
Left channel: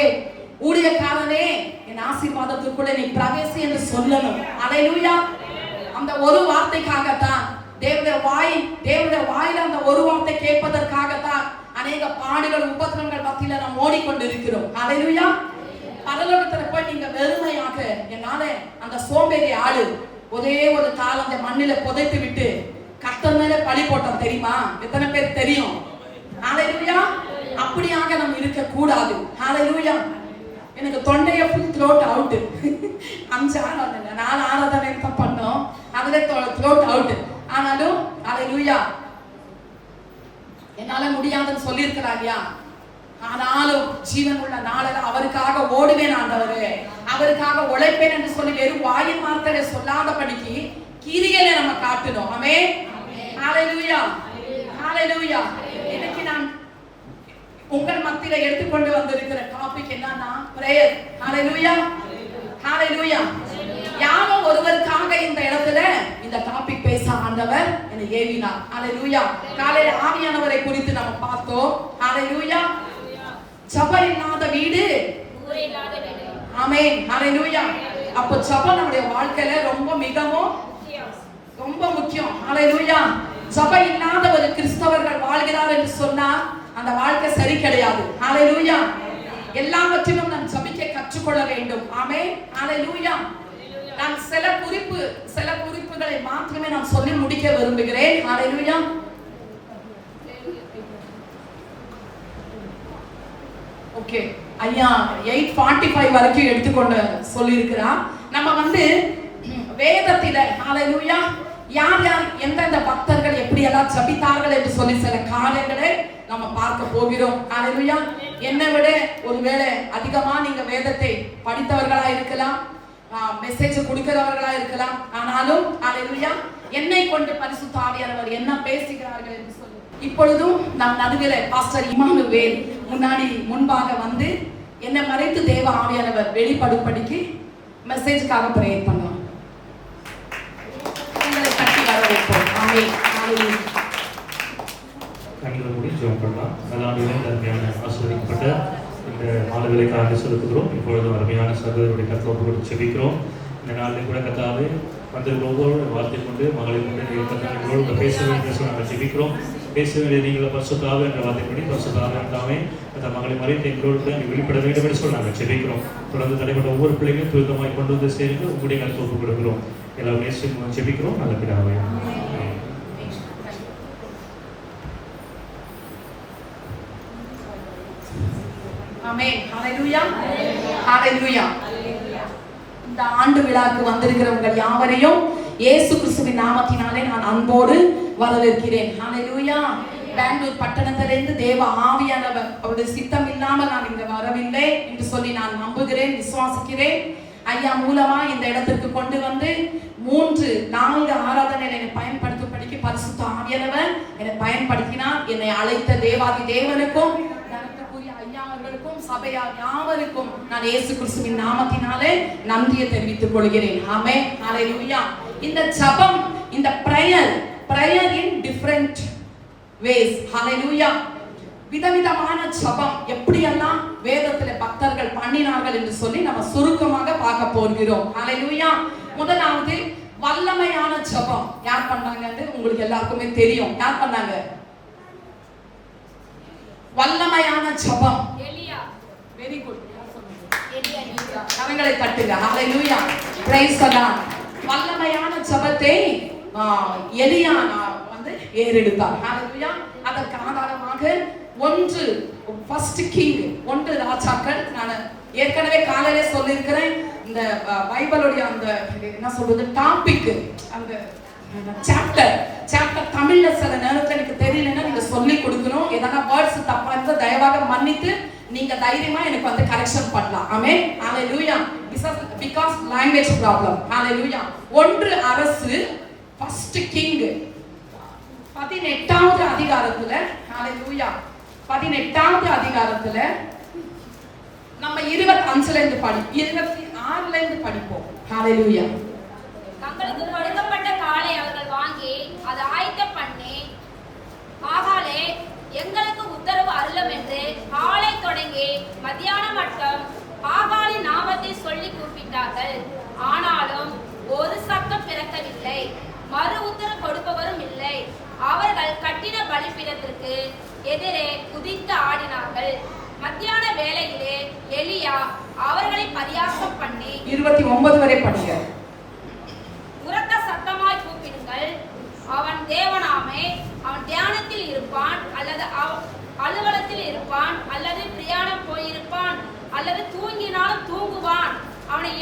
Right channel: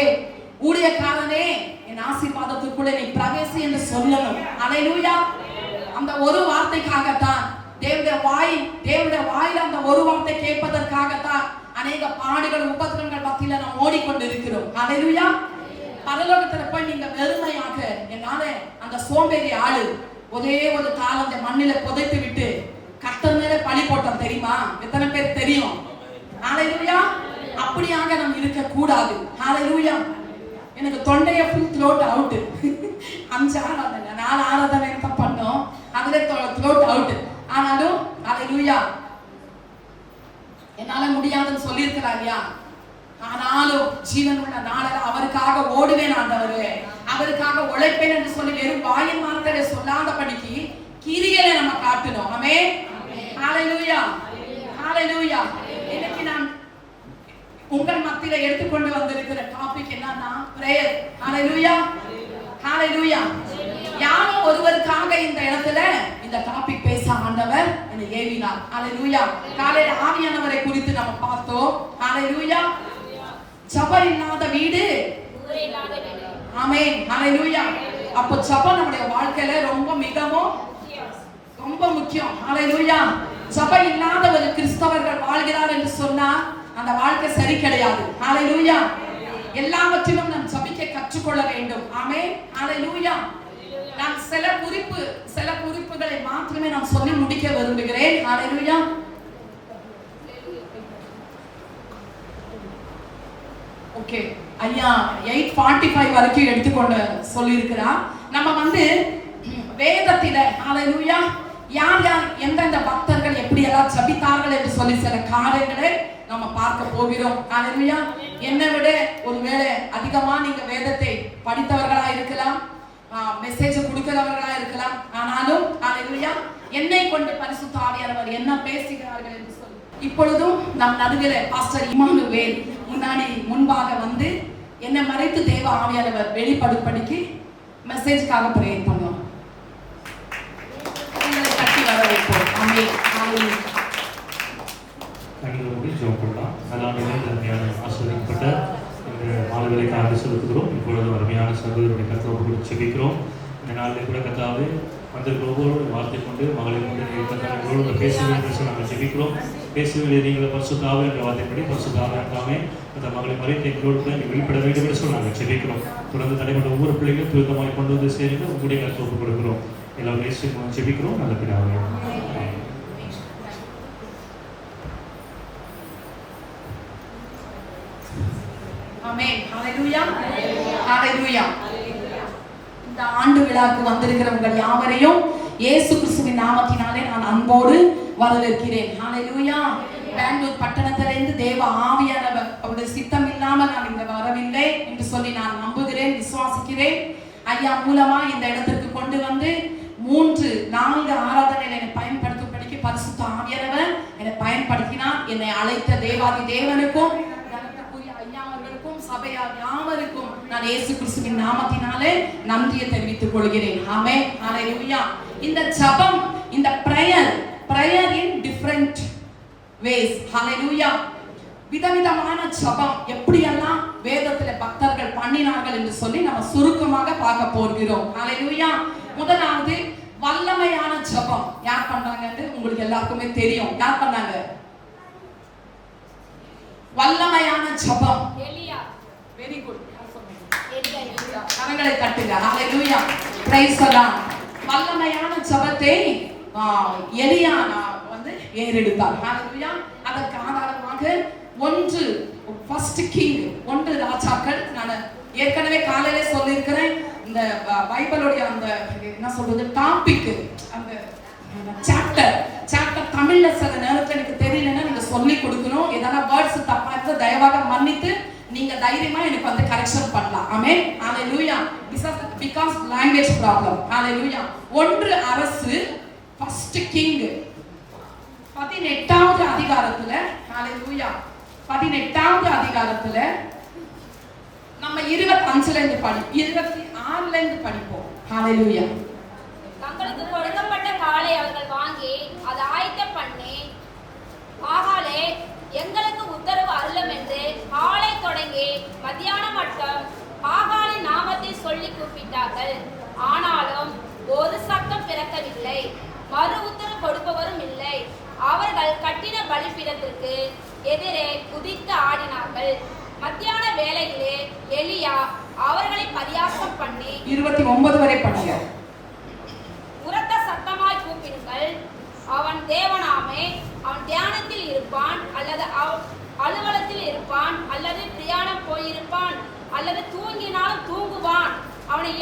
ஊழியக்காரனே, என் ஆசீர்வாதத்துக்குள்ள நீ பிரவேசி என்று சொல்லணும். ஹalleluya. அந்த ஒரு வார்த்தைக்காகத்தான் தேவனுடைய வாயில அந்த ஒரு வார்த்தை கேட்பதற்காகத்தான் அநேக பாடுகள் உபத்திரங்கள் மத்தியில நாம் ஓடிக்கொண்டிருக்கிறோம். ஹalleluya. பரலோகத்துல போய் நீங்க வெறுமையாக, என்னால அந்த சோம்பேறி ஆளு ஒரே ஒரு கால் அந்த மண்ணில புதைத்து விட்டு கர்த்தர் மேல பழி போட்டோம் தெரியுமா? எத்தனை பேர் தெரியும்? ஹalleluya. அப்படியாக நாம் இருக்க கூடாது. ஹalleluya. எனக்கு தொண்டைய ஃபுல் த்ரோட் அவுட். 5 ஆராதனை 4 ஆராதனை தான் பண்ணோம், அதுல த்ரோட் அவுட். ஆனாலும் ஹalleluya, என்னால முடியாதுன்னு சொல்லியிருக்கிறாயா? ஆனாலும் ஜீவன் உள்ள நாளில் அவருக்காக ஓடுவேன் ஆண்டவரே, அவருக்காக உழைப்பேன் என்று சொல்லி வெறும் வாயின் வார்த்தையை சொல்லாதபடிக்கு கிரியையில நம்ம காட்டணும். ஆமென். ஹalleluya. ஹalleluya. இன்னைக்கு நான் உங்கள் மத்தியில எடுத்துக்கொண்டு வந்திருக்கிற டாபிக் என்னன்னா பிரேயர். ஹalleluya. ஹalleluya. யாரோ ஒருவருக்காக இந்த இடத்துல இந்த டாபிக் பேச ஆண்டவர் என்னை ஏவினார். ஹalleluya. காலையில ஆவியானவரை குறித்து நம்ம பார்த்தோம். ஹalleluya. ஜெபம் இல்லாத வீடு ஊரே இல்லாத வீடு. ஆமென். ஹalleluya. அப்போ ஜெபம் நம்முடைய வாழ்க்கையில ரொம்ப முக்கியம். ஹalleluya. ஜெபம் இல்லாத ஒரு கிறிஸ்தவர்கள் வாழ்கிறார் என்று சொன்னா அந்த வாழ்க்கை சரி கிடையாது. ஹalleluya. எல்லாவற்றிலும் நாம் ஜெபிக்க கற்றுக்கொள்ள வேண்டும். ஆமென். ஹalleluya. நான் சில குறிப்புகளை மாத்திரமே நான் சொல்லி முடிக்க விரும்புகிறேன். ஹalleluya. ஓகே, ஐயா 8:45 வரைக்கும் எடுத்துக்கொண்டு சொல்லி இருக்கிறார். நம்ம வேதத்தில ஹalleluya யார் எந்தெந்த பக்தர்கள் எப்படி எல்லாம் ஜெபித்தார்கள் என்று சொல்லி சில காரியங்களை நம்ம பார்க்க போகிறோம். ஹalleluya. என்னை விட ஒருவேளை அதிகமா நீங்க வேதத்தை படித்தவர்களா இருக்கலாம், மெசேஜ் கொடுக்கிறவர்களா இருக்கலாம். ஆனாலும் ஹalleluya, என்னை கொண்டு பரிசுத்த ஆவியானவர் என்ன பேசுகிறார்கள் என்று சொல்லி இப்பொழுதும் நம் நடுவில் பாஸ்டர் இமானுவேல் முன்பாக வந்து என்னை மறைத்து தேவ ஆவியானவர் வெளிப்படும்படிக்கு மெசேஜ்க்காக பிரேயர் பண்ணுவோம். உங்களை கட்டி வர வைப்போம். ஆமென். ஹalleluya. கண்களை மூடி ஜெபம் பண்ணலாம். நல்லாண்டிலே அருமையான ஆசீர்வதிக்கப்பட்ட இந்த மாணவர்களுக்காக செலுத்துகிறோம். இப்பொழுது அருமையான சகோதரருடைய கருத்தோடு கூட ஜெபிக்கிறோம். இந்த நாளில் கூட கத்தாவே வந்திருக்கிற ஒவ்வொரு வார்த்தை கொண்டு மகளை கொண்டு பேச வேண்டும் நாங்கள் ஜெபிக்கிறோம். பேச வேண்டிய நீங்களை பரிசுத்தாவே என்ற வார்த்தைப்படி பரிசுத்தாவே தாமே அந்த மகளை மறைத்து எங்களோடு கூட வெளிப்பட வேண்டும் என்று சொல்லி நாங்கள் ஜெபிக்கிறோம். தொடர்ந்து தடைப்பட்ட ஒவ்வொரு பிள்ளைகளும் துரிதமாய் கொண்டு வந்து சேர்ந்து உங்களுடைய கருத்து கொடுக்கிறோம். எல்லாரும் பேசி ஜெபிக்கிறோம். நல்ல பிதாவே. ஆமென். ஹalleluya. ஹalleluya. இந்த ஆண்டு விழாக்கு வந்திருக்கிறவங்க யாவரையும் இயேசு கிறிஸ்துவின் நாமத்தினாலே நான் அன்போடு வரவேற்கிறேன். ஹalleluya. பெங்களூர் பட்டணத்திலிருந்து தேவ ஆவியானவர் அவருடைய சித்தம் இல்லாமல் நான் இங்க வரவில்லை என்று சொல்லி நான் நம்புகிறேன், விசுவாசிக்கிறேன். ஐயா மூலமா இந்த இடத்திற்கு கொண்டு வந்து 3-4 ஆராதனை என்னை பயன்படுத்தும்படிக்கு பரிசுத்த ஆவியானவர் என்னை பயன்படுத்தினார். என்னை அழைத்த தேவாதி தேவனுக்கும் ஐயாவர்களுக்கும் சபையார் யாவருக்கும் நான் இயேசு கிறிஸ்துவின் நாமத்தினாலே நன்றியை தெரிவித்துக் கொள்கிறேன். ஆமென். ஹalleluya. இந்த ஜெபம், இந்த prayer in different ways. ஹalleluya. விதவிதமான ஜெபம் எப்படியெல்லாம் வேதத்துல பக்தர்கள் பண்ணினார்கள் என்று சொல்லி நம்ம சுருக்கமாக பார்க்க போகிறோம். ஹalleluya. முதலாவது வல்லமையான ஜெபம் யார் பண்ணாங்கன்னு உங்களுக்கு எல்லாருக்குமே தெரியும். யார் பண்ணாங்க? வல்லமையான ஜெபம் எலியா. Very good. யார் சொன்னது? எலியா. கரங்களை தட்டுங்க. ஹalleluya. Praise the lord. வல்லமையான ஜெபத்தை எலியா ஏறெடுத்தார். ஹalleluya. அதற்கு ஆதாரமாக 1 கிங் 1 ராஜாக்கள், நான் ஏற்கனவே காலையிலே சொல்லியிருக்கிறேன். இந்த பைபிளுடைய அந்த என்ன சொல்றது டாபிக், அந்த சாப்டர் தமிழ்ல சில நேரத்துல எனக்கு தெரியலன்னா நீங்க சொல்லி கொடுக்கணும். ஏதாவது வேர்ட்ஸ் தப்பா இருந்தா தயவாக மன்னித்து நீங்க தைரியமா எனக்கு வந்து கரெக்ஷன் பண்ணலாம். ஆமென். ஹalleluya. Because language problem. ஹalleluya. 1 அரசு ஃபர்ஸ்ட் கிங் 18வது அதிகாரத்துல ஹalleluya 18வது அதிகாரத்துல நம்ம 25ல இருந்து 26ல இருந்து படிப்போம். ஹalleluya. தங்களுக்கு கொடுக்கப்பட்ட காலை அவர்கள் வாங்கி அதை ஆயத்தம் பண்ணி, ஆகாலே எங்களுக்கு உத்தரவு அருளும் என்று காலை தொடங்கி மத்தியானம் மட்டும் ஆகாலின் நாமத்தை சொல்லி கூப்பிட்டார்கள். ஆனாலும் ஒரு சத்தம் பிறக்கவில்லை, மறு உத்தரவு கொடுப்பவரும் இல்லை. அவர்கள் கட்டின பலிபீடத்திற்கு எதிரே குதித்து ஆடினார்கள். மத்தியான வேளையிலே எலியா அவர்களை பரியாசம் பண்ணி 29 வரை படிங்க. உரத்த சத்தமாய் கூப்பிடுங்கள், அவன் தேவனாமே, அவன் தியானத்தில் இருப்பான் அல்லது அலுவலத்தில் இருப்பான் அல்லது பிரயாணம் போயிருப்பான் அல்லது தூங்கினாலும் தூங்குவான், அவனை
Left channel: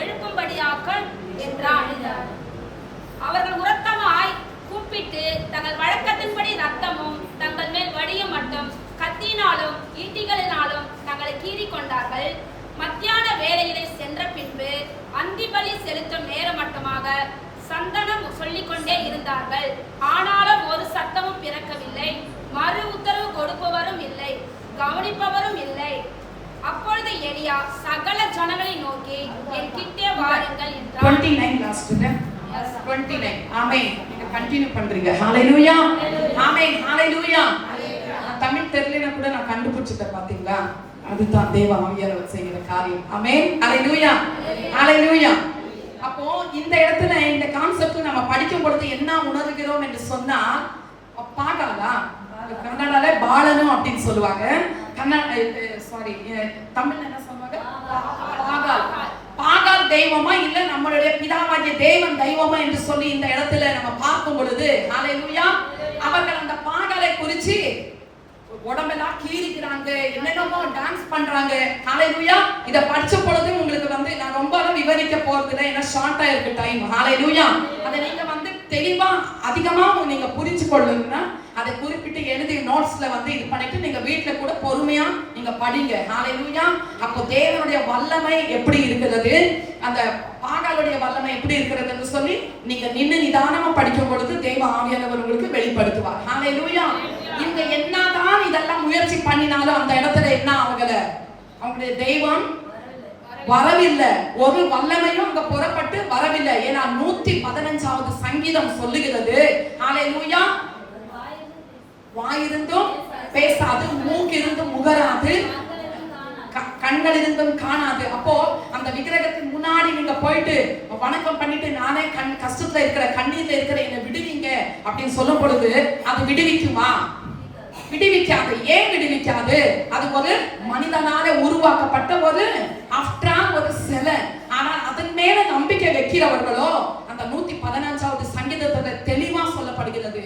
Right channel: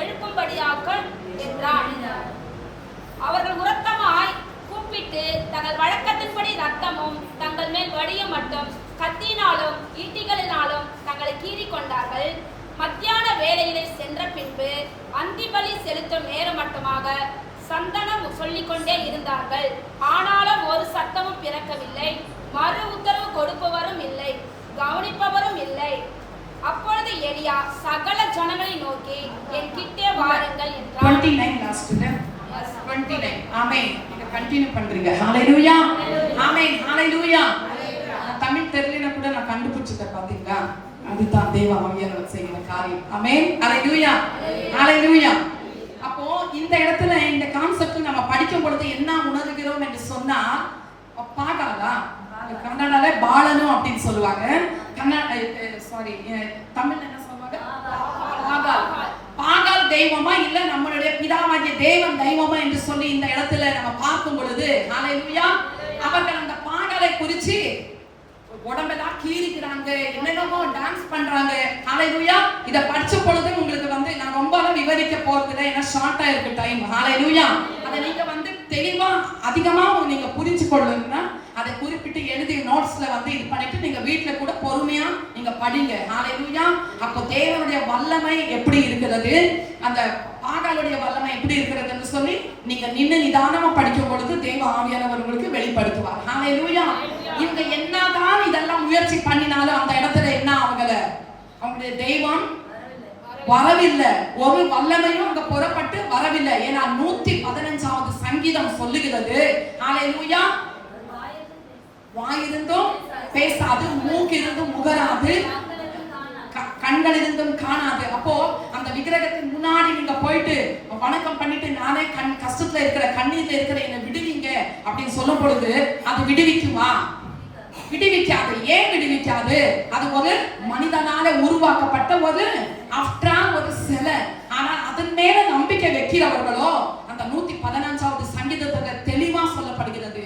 எழுப்பும்படியாக்கள் என்றான். அவர்கள் உரத்தமாய் கூப்பிட்டு தங்கள் வழக்கத்தின்படி ரத்தமும் தங்கள் மேல் வடிய மட்டும் கத்தினாலும் ஈட்டிகளினாலும் தங்களை கீறிக் கொண்டார்கள். மத்தியான வேளையிலே சென்ற பின்பு அந்திபலி செலுத்தும் நேரம் மட்டுமாக சந்தனம் சொல்லிக்கொண்டே இருந்தார்கள். ஆனாலும் ஒரு சத்தமும் பிறக்கவில்லை, மறு உத்தரவு கொடுப்பவரும் இல்லை, கவனிப்பவரும் இல்லை. அப்பொழுது எலியா சகல ஜனங்களை நோக்கி, என் கிட்டே வாருங்கள் என்றார். 29 லாஸ்ட்ல 29. ஆமென். நீங்க கண்டினியூ பண்றீங்க. ஹalleluya. ஆமென். ஹalleluya. தமிழ் தெரியலனா கூட நான் கண்டுபிடிச்சிட்டேன் பாத்தீங்களா? அதுதான் தேவ ஆவியானவர் செய்கிற காரியம். ஆமென். ஹalleluya. ஹalleluya. அப்போ இந்த இடத்துல இந்த கான்செப்ட் நம்ம படிக்கும் பொழுது என்ன உணர்கிறோம் என்று சொன்னா, பாகாலா கன்னடால பாலனு அப்படின்னு சொல்லுவாங்க. தமிழ்ல என்ன சொல்லுவாங்க? பாகால் தெய்வமா இல்ல நம்மளுடைய பிதாவாகிய தேவன் தெய்வமா என்று சொல்லி இந்த இடத்துல நம்ம பார்க்கும் பொழுது ஹalleluya அவர்கள் அந்த பாகாலை குறிச்சு உடம்பெல்லாம் கீறிக்கிறாங்க, என்னென்னமோ டான்ஸ் பண்றாங்க. ஹalleluya இத படிச்ச பொழுது உங்களுக்கு வந்து நான் ரொம்ப விவரிக்க போறதில்லை, ஏன்னா ஷார்ட்டா இருக்கு டைம். ஹalleluya அதை நீங்க வந்து தெளிவா அதிகமா நீங்க புரிஞ்சு கொள்ளுங்கன்னா அதை குறிப்பிட்டு எழுதி நோட்ஸ்ல வந்து இது பண்ணிட்டு நீங்க வீட்ல கூட பொறுமையா நீங்க படிங்க. ஹalleluya அப்போ தேவனுடைய வல்லமை எப்படி இருக்கிறது, அந்த பாகாலுடைய வல்லமை எப்படி இருக்கிறதுன்னு சொல்லி நீங்க நின்னு நிதானமா படிக்கும் பொழுது தேவ ஆவியானவர் உங்களுக்கு வெளிப்படுத்துவார். ஹalleluya இவங்க என்னதான் இதெல்லாம் முயற்சி பண்ணினாலும் அந்த இடத்துல என்ன அவங்களுடைய தெய்வம் வரவில்லை, ஒரு வல்லமையும் அங்க புறப்பட்டு வரவில்லை. ஏன்னா 115வது சங்கீதம் சொல்லுகிறது ஹalleluya வாயிருந்தும் பேசாது, மூக்கிருந்தும் முகராது, கண்கள் இருந்தும் காணாது. அப்போ அந்த விக்கிரகத்தின் முன்னாடி நீங்க போயிட்டு வணக்கம் பண்ணிட்டு நானே கஷ்டத்துல இருக்கிற கண்ணீர்ல இருக்கிற என்னை விடுவீங்க அப்படின்னு சொல்லும் பொழுது அது விடுவிக்குமா? விடுவிக்காது. ஏன் விடுவிக்காது? அது ஒரு மனிதனால உருவாக்கப்பட்ட ஒரு ஒரு சிலை. ஆனால் அதன் மேல நம்பிக்கை வைக்கிறவர்களோ அந்த 115வது சங்கீதத்துல தெளிவா சொல்லப்படுகிறது,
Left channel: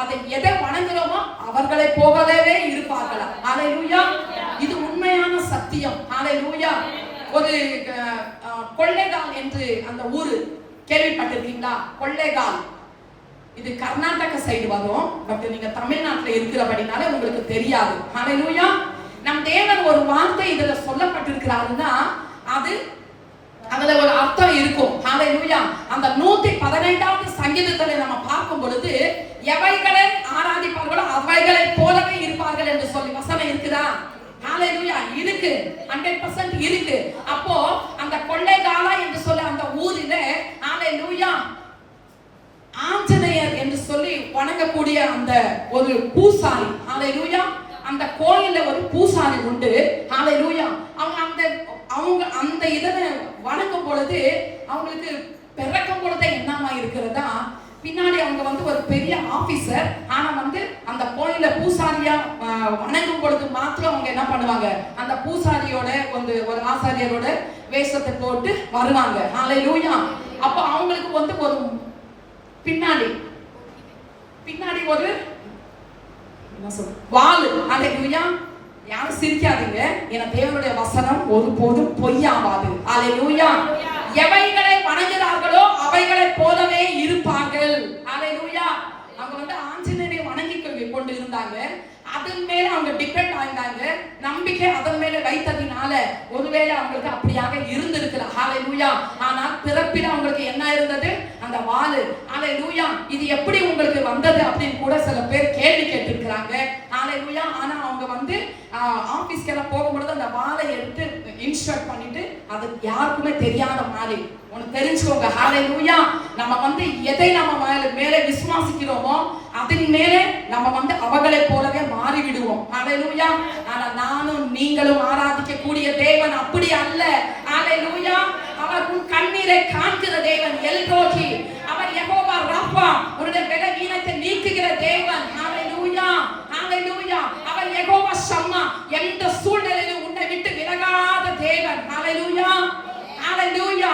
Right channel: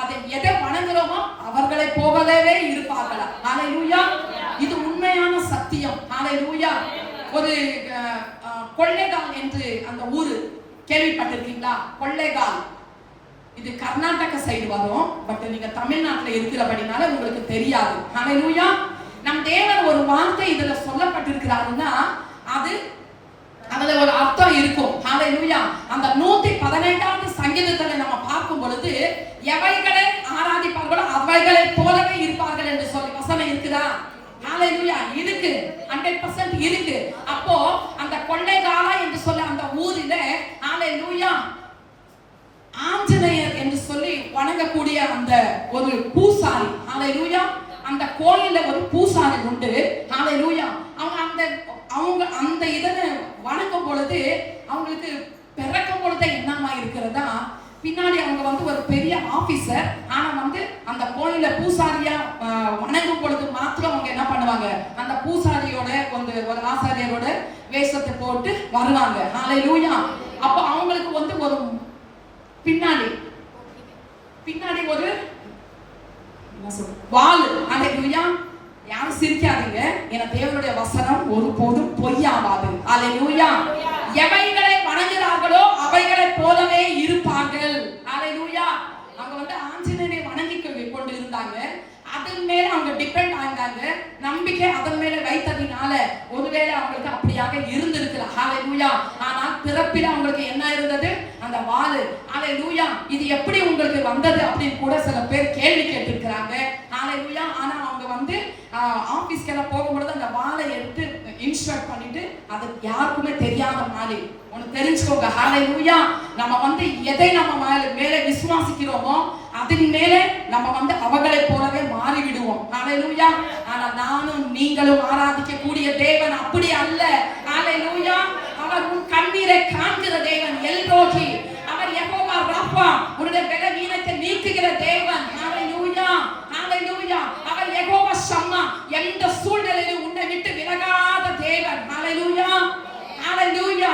அதை எதை வணங்குறோமோ அவர்களை போகவே இருப்பார்களா. ஹalleluya இது உண்மையான சத்தியம். ஹalleluya ஒரு கொள்ளைகால் என்று அந்த ஊரு கேள்விப்பட்டிருக்கீங்களா? கொள்ளைகால் இது கர்நாடக சைடு வரும், பட் நீங்க தமிழ்நாட்டுல இருக்கிறபடினால உங்களுக்கு தெரியாது. ஹalleluya நம் தேவன் ஒரு வார்த்தை இதுல சொல்லப்பட்டிருக்கிறாருன்னா அதுல ஒரு அர்த்தம் இருக்கும். ஹalleluya அந்த 118வது சங்கீதத்துல நம்ம பார்க்கும் பொழுது எவைகளை ஆராதிப்பார்களோ அவைகளை போலவே இருப்பார்கள் என்று சொல்லி வசனம் இருக்குதா? ஹalleluya இருக்கு, 100% இருக்கு. அப்போ அந்த கொள்ளைகாலா என்று சொல்லி அந்த ஊரில ஹalleluya ஆஞ்சநேயர் என்று சொல்லி வணங்கக்கூடிய அந்த ஒரு பூசாரி, ஹalleluya அந்த கோயில்ல ஒரு பூசாரி உண்டு. ஹalleluya அவங்க அந்த இதனை வணங்கும் பொழுது அவங்களுக்கு பிறக்கும் பொழுது என்னமா இருக்கிறதா, பின்னாடி அவங்க வந்து ஒரு பெரிய ஆபீசர், ஆனா வந்து அந்த கோயில்ல பூசாரியா வணங்கும் பொழுது மாத்திரம் அவங்க என்ன பண்ணுவாங்க, அந்த பூசாரியோட ஒரு ஆசாரியரோட வேஷத்தை போட்டு வருவாங்க. ஹalleluya அப்ப அவங்களுக்கு வந்து ஒரு பின்னாடி ஒரு வாள். ஹalleluya யாரும் சிரிக்காதீங்க, ஏன்னா தேவனுடைய வசனம் ஒருபோதும் பொய்யாவாது. ஹalleluya எவைகளை வணங்குகிறார்களோ அவைகளைப் போலவே இருப்பார்கள். ஹalleluya. அவங்க வந்து ஆஞ்சநேயரை வணங்கி கொண்டு இருந்தாங்க. அதன் மேல அவங்க டிபெண்ட் ஆனாங்க. நம்பிக்கை அதன் மேல வைத்ததினால ஒருவேளை அவங்களுக்கு அப்படியாக இருந்திருக்கலாம். ஹalleluya. ஆனா பிறப்பில அவங்களுக்கு என்ன இருந்தது? அந்த வாள். ஹalleluya. இது எப்படி உங்களுக்கு வந்தது அப்படின்னு கூட சில பேர் கேள்வி கேட்டிருக்கிறாங்க. ஹalleluya. ஆனா அவங்க வந்து ஆபீஸ்க்கெல்லாம் போகும்போது அந்த வாளை எடுத்து இன்ஸ்ட்ரக்ட் பண்ணிட்டு அது யாருக்குமே தெரியாத மாதிரி ஒன்னு தெரிஞ்சுக்கோங்க. ஹalleluya. நம்ம வந்து எதை நம்ம மேலே விசுவாசிக்கிறோமோ அதன் மேலே நம்ம வந்து அவங்களை போலவே மாறி விடுவோம். ஹalleluya. ஆனா நானும் நீங்களும் ஆராதிக்க கூடிய தேவன் அப்படி அல்ல. ஹalleluya. அவர் உன் கண்ணீரை காண்கிற தேவன். எல்ரோஹி. அவர் யெகோவா ராஃபா. உன்னுடைய பலவீனத்தை நீக்குகிற தேவன். ஹalleluya. ஹalleluya. அவர் யெகோவா ஷம்மா. எந்த சூழ்நிலையிலும் உன்னை விட்டு விலகாத தேவன். ஹalleluya. ஹalleluya.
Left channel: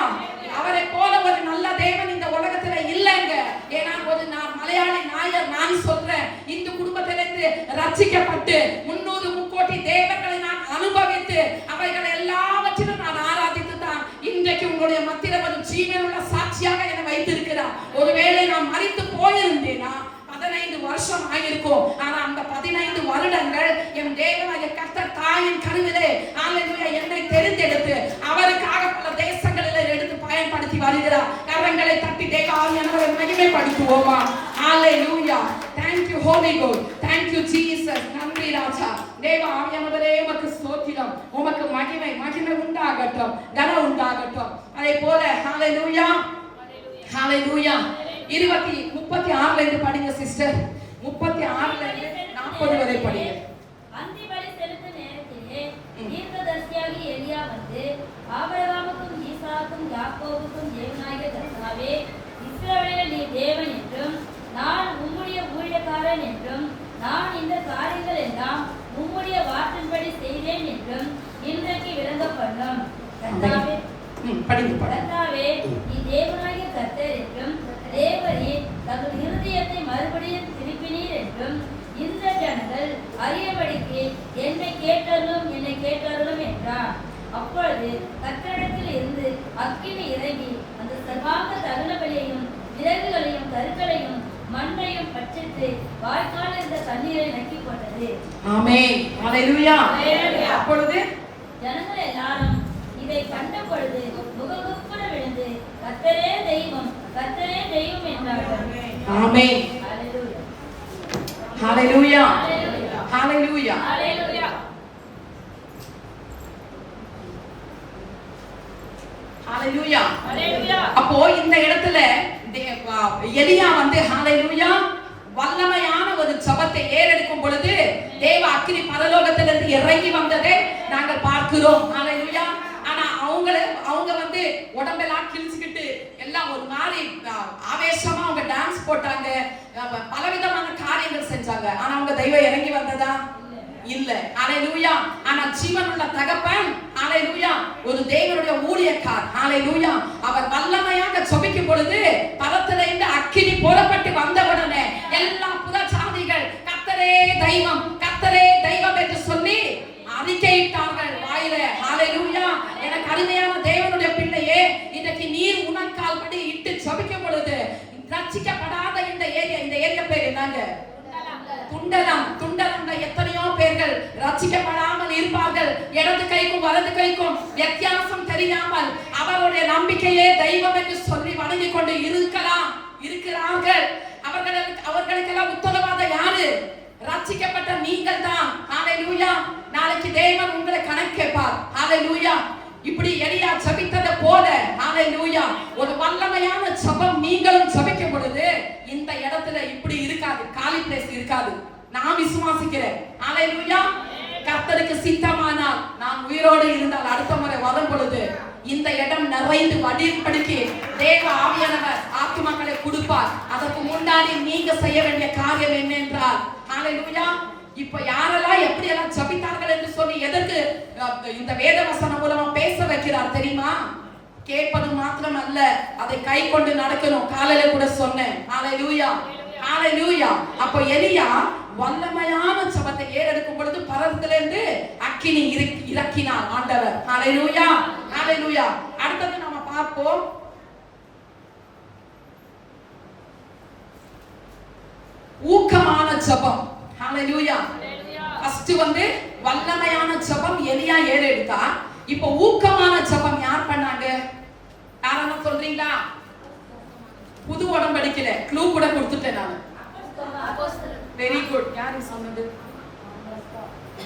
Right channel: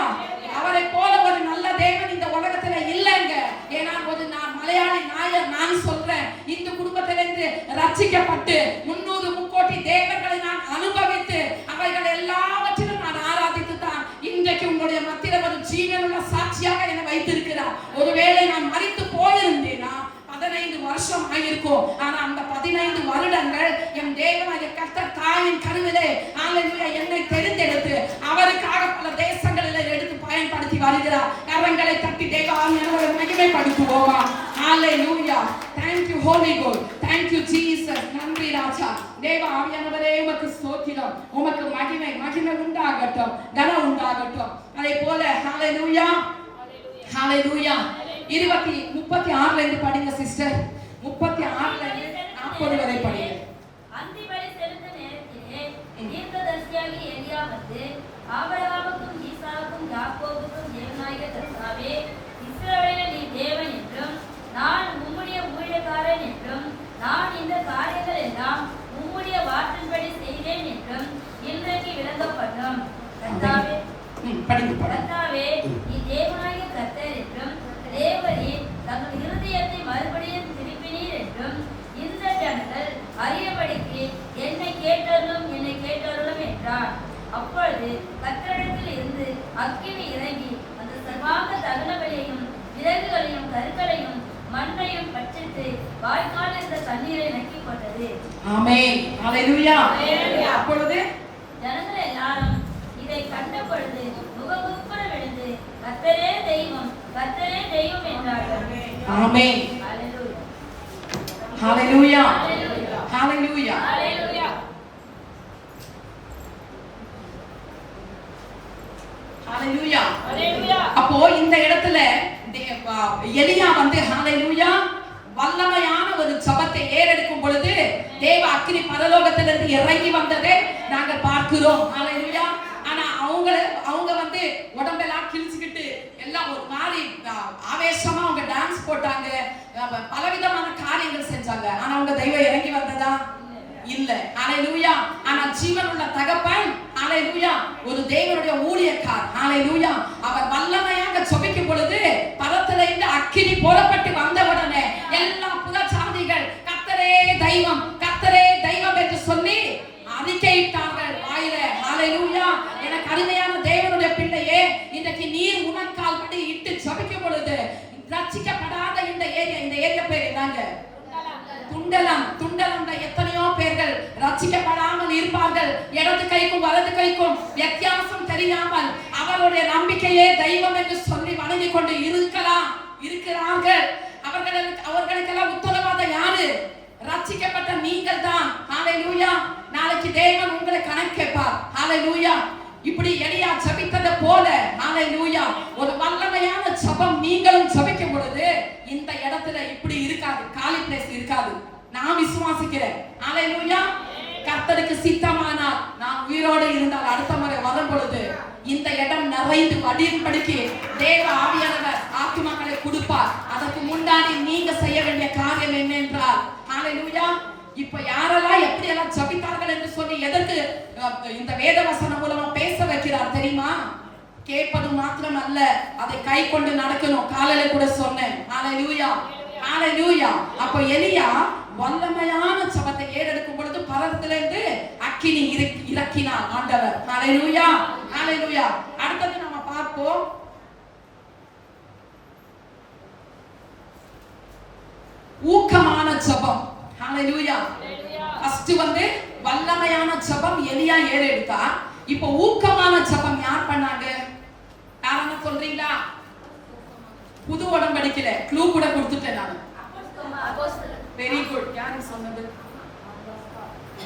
அவரை போல ஒரு நல்ல தேவன் இந்த உலகத்துல இல்லைங்க. ஏன்னா ஒரு மலையாளி நாயர் நான் சொல்றேன், இந்த குடும்பத்திலிருந்து ரட்சிக்கப்பட்டு 300 முக்கோடி தேவர்களை நான் அனுபவித்து அவைகள் எல்லாவற்றிலும் நான் ஆராதித்து தான் இன்றைக்கு உங்களுடைய மத்தியில ஒரு ஜீவனுள்ள சாட்சியாக என்னை வைத்திருக்கிறார். ஒருவேளை நான் மரித்து போயிருந்தேனா 15 வருஷம் ஆயிருக்கும். ஆனா அந்த 15 வருடங்கள் என் தேவனாகிய கர்த்தர் தாயின் கருவிலே ஹalleluya என்னை தெரிந்தெடுத்து அவருக்காக பல தேசங்களில் எடுத்து பயன்படுத்தி வருகிறார். கரங்களை தட்டி தேவ ஆவியானவரை மகிமைப்படுத்துவோமா? ஹalleluya. Thank you Holy God. Thank you Jesus. நன்றி ராஜா. தேவ ஆவியானவரே உமக்கு ஸ்தோத்திரம். உமக்கு மகிமை உண்டாகட்டும். கனம் உண்டாகட்டும். அதே போல ஹalleluya. ஹalleluya. 36ல இருந்து படிங்க சிஸ்டர். 36ல இருந்து 40 வரை படிங்க. அந்திபலி செலுத்தும் நேரத்திலே தீர்க்கதரிசியாகிய எலியா வந்து ஆபிரகாமுக்கும் ஈசாக்குக்கும் யாக்கோபுக்கும் தேவனாகிய கர்த்தாவே, இஸ்ரவேலில் நீர் தேவன் என்றும் நான் உம்முடைய ஊழியக்காரன் என்றும் நான் இந்த காரியங்கள் எல்லாம் உம்முடைய வார்த்தையின்படி செய்தேன் என்றும் இன்றைக்கு விளங்கப்படும். கர்த்தாவே நீ தேவனாகிய கர்த்தர் என்றும் தேவரீர் தங்கள் இருதயத்தை மறுபடியும் திருப்பினீர் என்றும் இந்த ஜனங்கள் அறியபடிக்கு என்னை கேட்டருளும் என்றார். அப்பொழுது கர்த்தரிடத்தில் இருந்து அக்கினி இறங்கி அந்த சர்வாங்க தகன பலியையும் விறகுகளையும் கற்களையும் மண்ணையும் பட்சித்து வாய்க்காலில் இருந்த தண்ணீரை நக்கி கொண்டது. ஆமென். ஹalleluya. அப்பொழுது ஜனங்கள் எல்லாரும் இதை கண்ட பொழுது முகங்குப்புற விழுந்து கர்த்தரே தெய்வம் என்றார்கள். ஆமென். ஹalleluya. ஹalleluya. ஹalleluya. அப்போ இந்த இடத்துல எலியா வந்து ஹalleluya வல்லமையான ஒரு ஜெபத்தை ஏறெடுக்கும் பொழுது தேவ அக்கினி பரலோகத்திலிருந்து இறங்கி வந்ததை நாங்கள் பார்க்கிறோம். ஹalleluya. ஆனா அவங்க வந்து உடம்பெல்லாம் கிழிச்சுக்கிட்டு எல்லாம் ஒரு மாதிரி ஆவேசமா அவங்க டான்ஸ் போட்டாங்க, பலவிதமான காரியங்கள் செஞ்சாங்க. ஆனா அவங்க தெய்வம் இறங்கி வந்ததா? இல்ல. ஹalleluya. ஆனா ஜீவனுள்ள தகப்பன் ஹalleluya ஒரு தேவனுடைய ஊழியக்கார் ஹalleluya அவர் வல்லமையாக ஜெபிக்கும் பொழுது பரத்திலிருந்து அக்கினி புறப்பட்டு வந்தவுடனே எல்லா புறஜாதிகள் கர்த்தரே தெய்வம் என்று சொல்லி அறிக்கையிட்டார்கள் வாயில. ஹalleluya. எனக்கு அருமையான தேவனுடைய பிள்ளையே, இன்றைக்கு நீர் உனக்கால் படி இட்டு ஜெபிக்கும் பொழுது ரட்சிக்கப்படாத இந்த ஏரியா பேர் என்னங்க? துண்டலம். எத்தனையோ பேர்கள் ரட்சிக்கப்படாமல் இருப்பார்கள். இடது கைக்கும் வலது கைக்கும் வித்தியாசம் தெரியாமல் அவருடைய நம்பிக்கையே தெய்வம் என்று சொல்லி வணங்கி கொண்டு இருக்கிறார்கள். அவர்களுக்கெல்லாம் உத்தரவாதம் யாரு? ரட்சிக்கப்பட்ட நீங்கள் தான். ஹalleluya. நாளைக்கு தேவன் உங்களை கணக்கு கேட்பார். ஹalleluya. இப்படி எலியா ஜெபித்தது போல ஹalleluya ஒரு வல்லமையான ஜெபம் நீங்களும் ஜெபிக்கும் பொழுது இந்த இடத்துல இப்படி இருக்காது, காலி பிளேஸ் இருக்காது. நான் விசுவாசிக்கிறேன். ஹalleluya. கர்த்தருக்கு சித்தமானால் நான் உயிரோடு இருந்தால் அடுத்த முறை வரும் பொழுது இந்த இடம் நிறைந்து வடிபடிக்கு தேவ ஆவியானவர் ஆத்துமாக்களை கொடுப்பார். அதற்கு முன்னாடி நீங்க செய்ய வேண்டிய காரியம் என்ன என்றால் ஹalleluya இப்ப யாரெல்லாம் எப்படி எல்லாம் ஜெபித்தார்கள் என்று சொல்லி எதற்கு இந்த வேத வசனம் மூலமா பேச வைக்கிறார் தெரியுமா? கேட்பது மாத்திரம் அல்ல, அதை கை கொண்டு நடக்கணும். காலையில கூட சொன்னேன். ஹalleluya. அப்ப எலியா வல்லமையான ஜெபத்தை ஏறெடுக்கும் பொழுது பரத்திலிருந்து அக்கினி இறக்கினார் ஆண்டவர். ஹalleluya. அடுத்தது நாம பார்ப்போம். ஊக்கமான ஜெபம். ஹalleluya. ஃபர்ஸ்ட் வல்லமையான ஜெபம் எலியா ஏறெடுத்தா. இப்போ ஊக்கமான ஜெபம் யார் பண்ணாங்க? யாரன்னு சொல்றீங்களா? புது உடன்படிக்கையில க்ளூ கூட கொடுத்துட்டேன் நான். Very good. யாரு சொன்னது?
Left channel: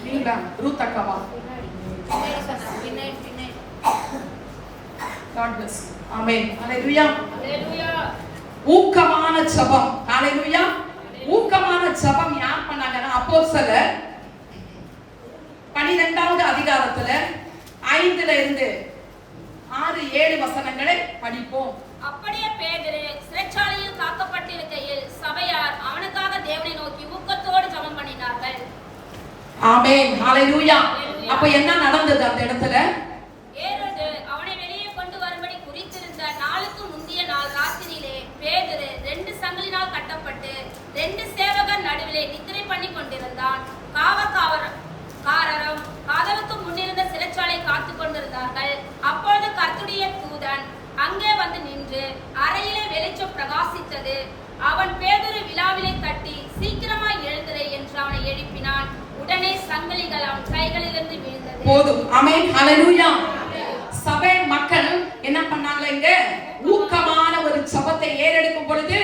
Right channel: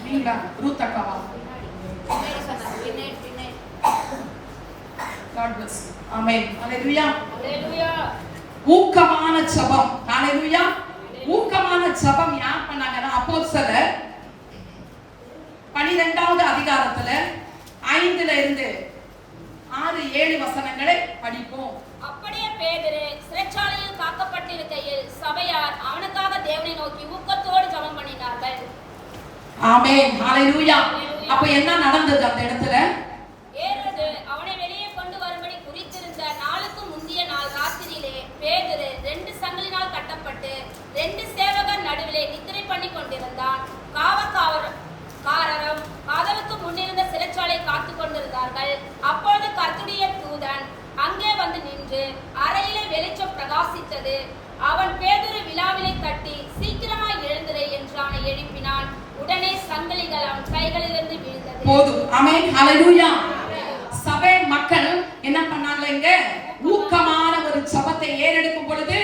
நீங்களா? ரூத் அக்காவா? God bless you. Amen. Hallelujah. Hallelujah. ஊக்கமான ஜெபம். Hallelujah. ஊக்கமான ஜெபம் யார் பண்ணாங்கன்னா அப்போஸ்தலர் 12வது அதிகாரத்துல 5ல இருந்து 6-7 வசனங்களை படிப்போம். அப்படியே பேதுரு சிறைச்சாலையில் காக்கப்பட்டிருக்கையில் சபையார் அவனுக்காக தேவனை நோக்கி ஊக்கத்தோடு ஜெபம் பண்ணினார்கள். ஆமென். ஹalleluya. அப்ப என்ன நடந்தது அந்த இடத்துல? ஏரோது அவனை வெளியே கொண்டு வரும்படி குறித்திருந்த நாளுக்கு முந்திய நாள் ராத்திரியிலே பேதுரு 2 சங்கிலினால் கட்டப்பட்டு 2 சேவகர் நடுவிலே நித்திரை பண்ணி கொண்டிருந்தான். காவற்காரரும் கதவுக்கு முன்னிருந்த சிறைச்சாலை காத்து கொண்டிருந்தார்கள். அப்பொழுது கர்த்தருடைய தூதன் அங்கே வந்து நின்று அறையிலே வெளிச்சம் பிரகாசித்தது. அவன் பேதுரு விலாவிலை தட்டி சீக்கிரமாய் எழுந்திரு என்று அவனை எழுப்பினான். உடனே சங்கிலிகள் அவன் கைகளிலிருந்து விழுந்தது. போதும். ஆமென். ஹalleluya. சபை மக்கள் என்ன பண்ணாங்க? ஊக்கமான ஒரு ஜெபத்தை ஏறெடுக்கும் பொழுது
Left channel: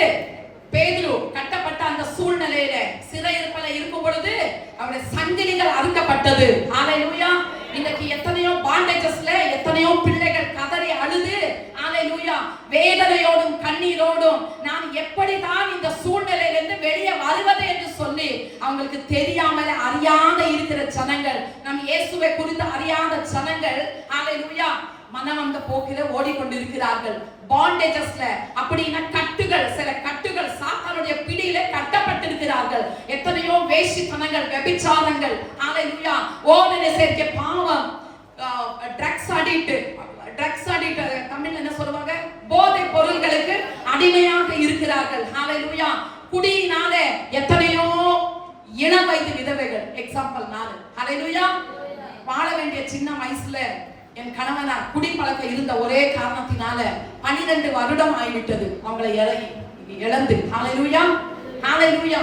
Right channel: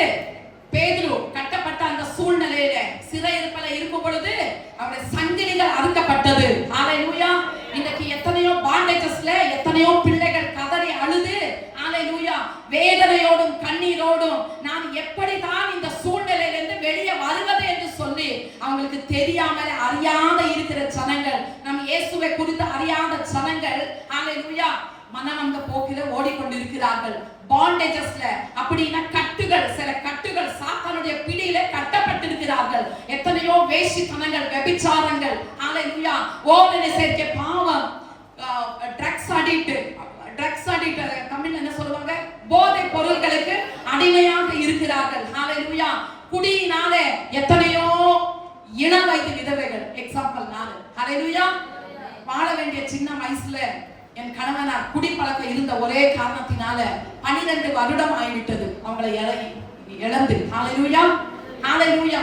பேதுரு கட்டப்பட்ட அந்த சூழ்நிலையில சிறையிருப்பில இருக்கும் பொழுது அவருடைய சங்கிலிகள் அறுக்கப்பட்டது. ஹalleluya. இன்னைக்கு எத்தனையோ பாண்டேஜஸ்ல எத்தனையோ பிள்ளைகள் கதறி அழுது ஹalleluya வேதனையோடும் கண்ணீரோடும் நான் எப்படி தான் இந்த சூழ்நிலையிலிருந்து வெளியே வருவது என்று சொல்லி அவங்களுக்கு தெரியாமல அறியாத இருக்கிற ஜனங்கள், நம் இயேசுவை குறித்து அறியாத ஜனங்கள் ஹalleluya மனமந்த போக்கில ஓடிக்கொண்டிருக்கிறார்கள். பாண்டேஜஸ்ல அப்படினா கட்டுகள், சில கட்டுகள் சாத்தானுடைய பிடியில கட்டப்பட்டிருக்கிறார்கள். எத்தனையோ வேசித்தனங்கள், விபச்சாரங்கள் ஹalleluya ஓவன சேர்க்கை பாவம், ட்ரக்ஸ் அடிக்ட் தமிழ்ல என்ன சொல்லுவாங்க? போதை பொருட்களுக்கு அடிமையாக இருக்கிறார்கள். ஹalleluya குடியினால எத்தனையோ இளம் வயது விதவைகள். எக்ஸாம்பிள் நான் ஹalleluya வாழ வேண்டிய சின்ன வயசுல என் கணவனார் குடிப்பழக்கம் இருந்த ஒரே காரணத்தினால 12 வருடம் ஆகிவிட்டது அவங்களை இழந்து. ஹalleluya ஹalleluya.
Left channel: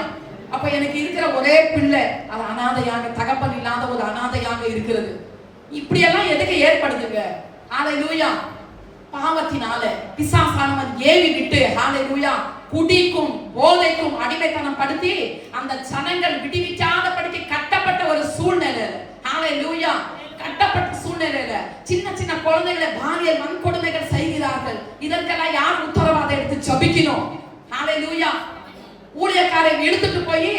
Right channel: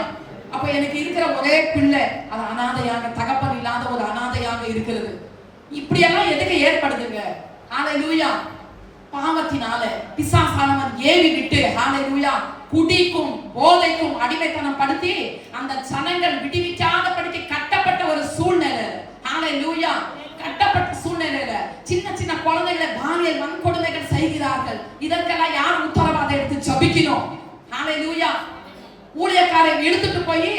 அப்ப எனக்கு இருக்கிற ஒரே பிள்ளை அது அனாதையாக, தகப்பன் இல்லாத ஒரு அனாதையாக இருக்கிறது. இப்படி எல்லாம் எதுக்கு ஏற்படுதுங்க? ஹalleluya பாவத்தினால பிசாசானவன் ஏவி விட்டு ஹalleluya குடிக்கும் போதைக்கும் அடிமைத்தனம் படுத்தி அந்த ஜனங்கள் விடுவிக்காதபடிக்கு கட்டப்பட்ட ஒரு சூழ்நிலை. ஹalleluya கட்டப்பட்ட சூழ்நிலையில சின்ன சின்ன குழந்தைகளை பாலியல் வன்கொடுமைகள் செய்கிறார்கள். இதற்கெல்லாம் யார் உத்தரவாதம் எடுத்து ஜெபிக்கணும்? ஹalleluya ஊழியக்காரை எடுத்துட்டு போய்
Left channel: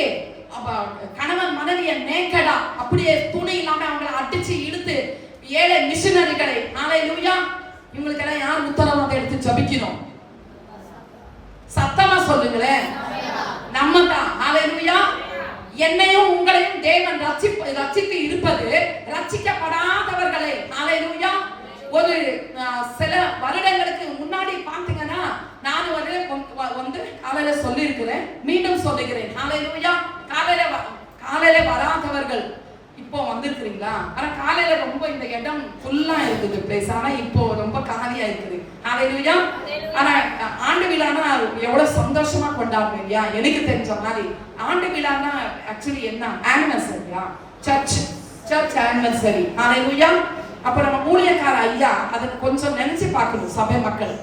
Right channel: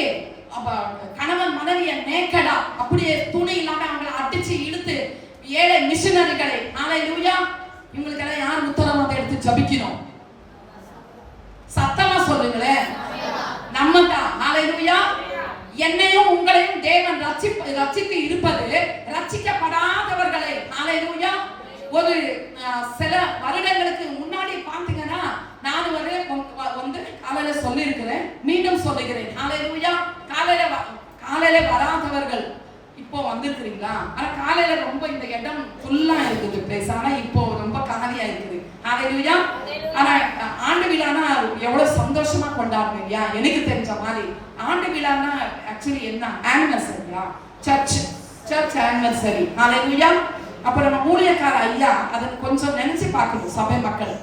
கணவன் மனைவியை நேக்கடா அப்படியே துணி இல்லாம அவங்களை அடிச்சு இழுத்து ஏழை மிஷனரிகளை ஹalleluya இவங்களுக்கு எல்லாம் யார் உத்தரவாதம் எடுத்து ஜெபிக்கணும்? சத்தமா சொல்லுங்களேன். நம்ம தான். ஹalleluya என்னையும் உங்களையும் தேவன் ரட்சித்து இருப்பது ரட்சிக்கப்படாதவர்களை. ஹalleluya ஒரு சில வருடங்களுக்கு முன்னாடி பாத்தீங்கன்னா நான் காலையில சொல்லி இருக்கிறேன், மீண்டும் சொல்லுகிறேன். ஹalleluya காலையில வராதவர்கள் இப்போ வந்திருக்கிறீங்களா? ஆனா காலையில ரொம்ப இந்த இடம் ஃபுல்லா இருக்குது பிளேஸ், ஆனா இப்போ ரொம்ப காலியா இருக்குது. ஹalleluya ஆனா ஆண்டு விழானா எவ்வளவு சந்தோஷமா கொண்டாடுறோம் இல்லையா? எனக்கு தெரிஞ்ச மாதிரி ஆண்டு விழானா ஆக்சுவலி என்ன ஆனிவர்சரியா? Search anniversary. ஹalleluya அப்ப நம்ம ஊழியக்கார ஐயா அதை கொஞ்சம் நினைச்சு பார்க்கணும். சபை மக்கள்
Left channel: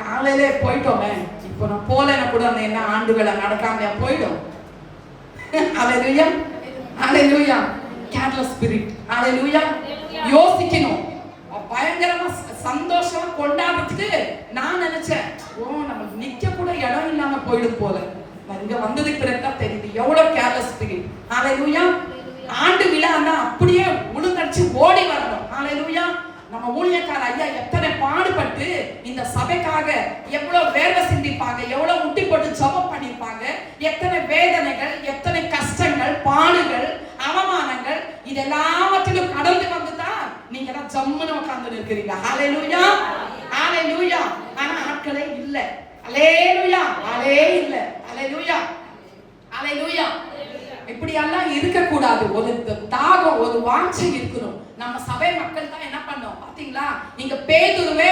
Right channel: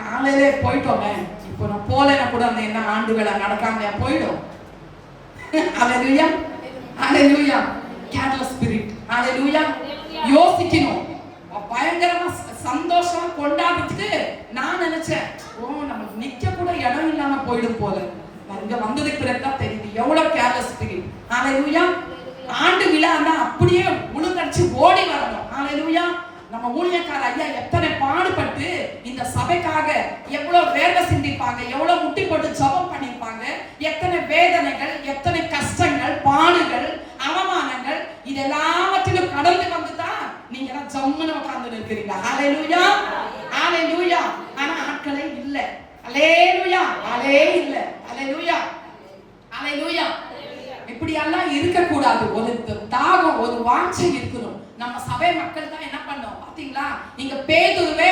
காலையில போயிட்டோமே, இப்போ நான் போலனா கூட அந்த என்ன ஆண்டு விழா நடக்காம போயிடும். ஹalleluya ஹalleluya கேட்லஸ் ஸ்பிரிட். ஹalleluya யோசிக்கணும். பயங்கரமா சந்தோஷமா கொண்டாடுறதுக்கு நான் நினைச்சேன், நம்ம நிக்க கூட இடம் இல்லாம போயிடும் போல. இங்க வந்ததுக்கு பிறகுதான் தெரியுது எவ்வளவு கேர்லெஸ் ஸ்பிரிட். ஹalleluya ஆண்டு விழான்னா அப்படியே உளுந்தடிச்சு ஓடி வரணும். ஹalleluya நம்ம ஊழியக்கார ஐயா எத்தனை பாடுபட்டு இந்த சபைக்காக எவ்வளவு வேர்வை சிந்திப்பாங்க, எவ்வளவு முட்டி போட்டு ஜெபம் பண்ணிருப்பாங்க, எத்தனை வேதனைகள், எத்தனை கஷ்டங்கள், பாடுகள், அவமானங்கள் இதெல்லாவற்றிலும் கடந்து வந்துதான் நீங்க எல்லாம் ஜம்முன்னு உட்கார்ந்து இருக்கிறீங்க. ஹalleluya ஹalleluya ஆனா ஆட்களே இல்ல. ஹalleluya ஆளே இல்ல. ஹalleluya ஹalleluya இப்படி எல்லாம் இருக்க கூடாது. ஒரு தாகம், ஒரு வாஞ்சை இருக்கணும். நம்ம சபை மக்கள் தான் என்ன பண்ணோம் பாத்தீங்களா? நீங்க பேதுருவே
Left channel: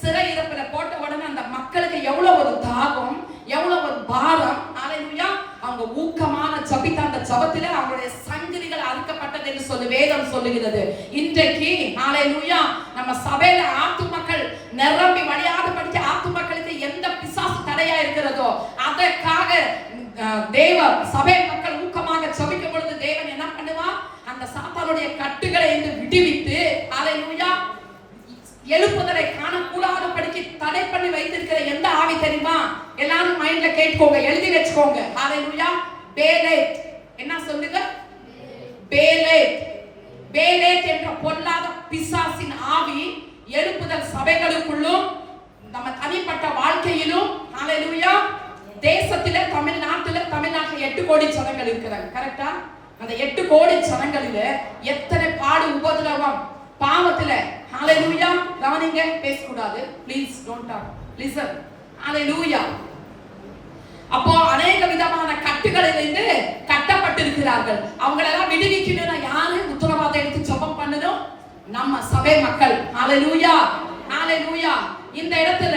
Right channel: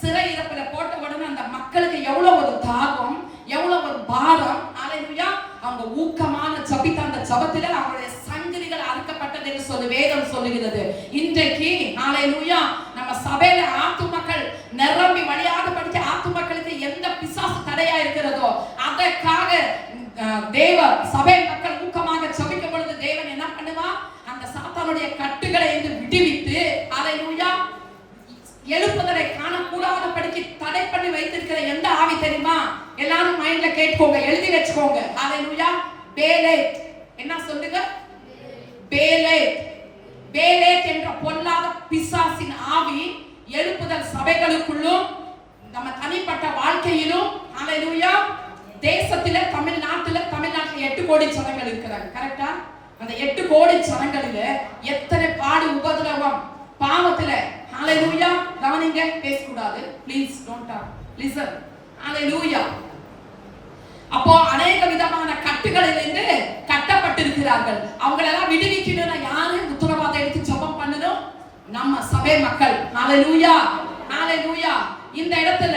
சிறை இருப்பில போட்ட உடனே அந்த மக்களுக்கு எவ்வளவு ஒரு தாகம், எவ்வளவு ஒரு பாரம். ஹalleluya அவங்க ஊக்கமான ஜபித்த அந்த ஜபத்திலே அவங்களுடைய சங்கிலிகள் அறுக்கப்பட்டது என்று சொல்லி வேதம் சொல்லுகிறது. இன்றைக்கு ஹalleluya நம்ம சபையில ஆத்துமக்கள் நிரம்பி வழியாத படிக்க ஆத்துமக்களுக்கு எந்த பிசாசு தடையா இருக்கிறதோ அதற்காக தேவ சபை மக்கள் ஊக்கமாக ஜபிக்கும் பொழுது தேவன் என்ன பண்ணுவா, அந்த சாத்தானுடைய கட்டுகளை விடுவித்து ஹalleluya எழுப்புதலை காணக்கூடாத படிக்கு தடை பண்ணி வைத்திருக்கிற எந்த ஆவி தெரியுமா? எல்லாரும் மைண்ட்ல கேட்கோங்க, எழுதி வச்சுக்கோங்க. ஹalleluya பேலேத். என்ன சொல்லுங்க? பேலேத். பேலேத் என்ற பொல்லாத பிசாசின் ஆவி எழுப்புதல் சபைகளுக்குள்ளும் நம்ம தனிப்பட்ட வாழ்க்கையிலும் ஹalleluya தேசத்திலே தமிழ்நாட்டில் 8 கோடி ஜனங்கள் இருக்கிறாங்க. கரெக்டா? அந்த 8 கோடி ஜனங்களில எத்தனை பாடு உபதிரவம் பாவத்துல ஹalleluya கவனிங்க, பேசக்கூடாது. Please don't talk, listen. Hallelujah. அப்போ अनेक விதமான கட்டுகளிலிருந்து கட்டப்பட்டிருக்கிறார்கள். அவங்களெல்லாம் விடுவிக்கணும்னா யாரு உத்தரவாதம் எடுத்து ஜெபம் பண்ணணும்? நம்ம சபை மக்கள். ஹalleluya ஹalleluya. இந்த இடத்துல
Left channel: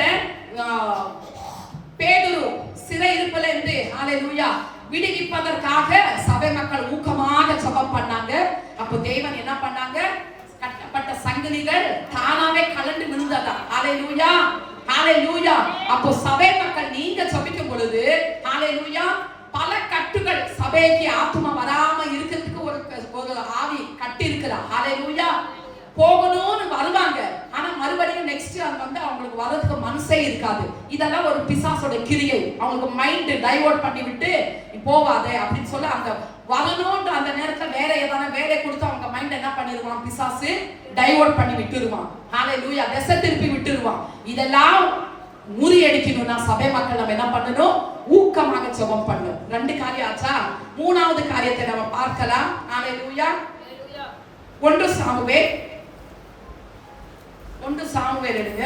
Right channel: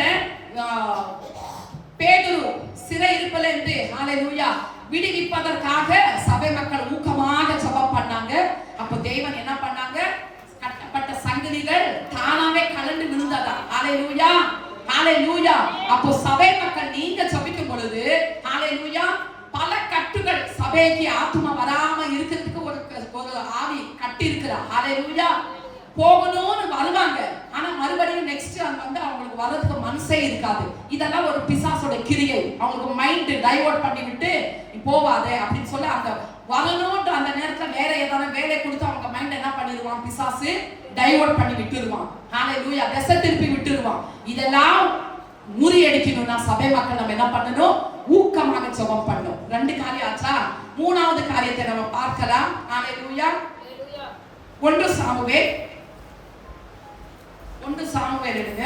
பேதுரு சிறை இருப்பிலிருந்து ஹalleluya விடுவிப்பதற்காக சபை மக்கள் ஊக்கமாக ஜெபம் பண்ணாங்க. அப்போ தேவன் என்ன பண்ணாங்க? கட்டப்பட்ட சங்கிலிகள் தானாவே கலந்து விழுந்ததா. ஹalleluya ஹalleluya. அப்போ சபை மக்கள் நீங்க ஜெபிக்கும் பொழுது ஹalleluya பல கட்டுகள் சபைக்கு ஆத்துமா வராம இருக்கிறதுக்கு ஒரு ஆவி கட்டி இருக்கிறா. ஹalleluya போகணும்னு வருவாங்க, ஆனா மறுபடியும் நெக்ஸ்ட் வந்து அவங்களுக்கு வரதுக்கு மனசே இருக்காது. இதெல்லாம் ஒரு பிசாசோட கிரியை. அவங்களுக்கு மைண்ட் டைவர்ட் பண்ணி விட்டு போகாத அப்படின்னு சொல்ல அந்த வரணும்ன்ற அந்த நேரத்துல வேற ஏதாவது வேலை கொடுத்து அவங்க மைண்ட் என்ன பண்ணிடுவான்? பிசாசு டைவர்ட் பண்ணி விட்டுருவான். ஹalleluya திசை திருப்பி விட்டுருவான். இதெல்லாம் முறியடிக்கணும்னா சபை மக்கள் நம்ம என்ன பண்ணணும்? ஊக்கமாக ஜெபம் பண்ணணும். 2 காரியம் ஆச்சா? 3வது காரியத்தை நம்ம பார்க்கலாம். ஹalleluya 1 சாமுவேல் எடுங்க.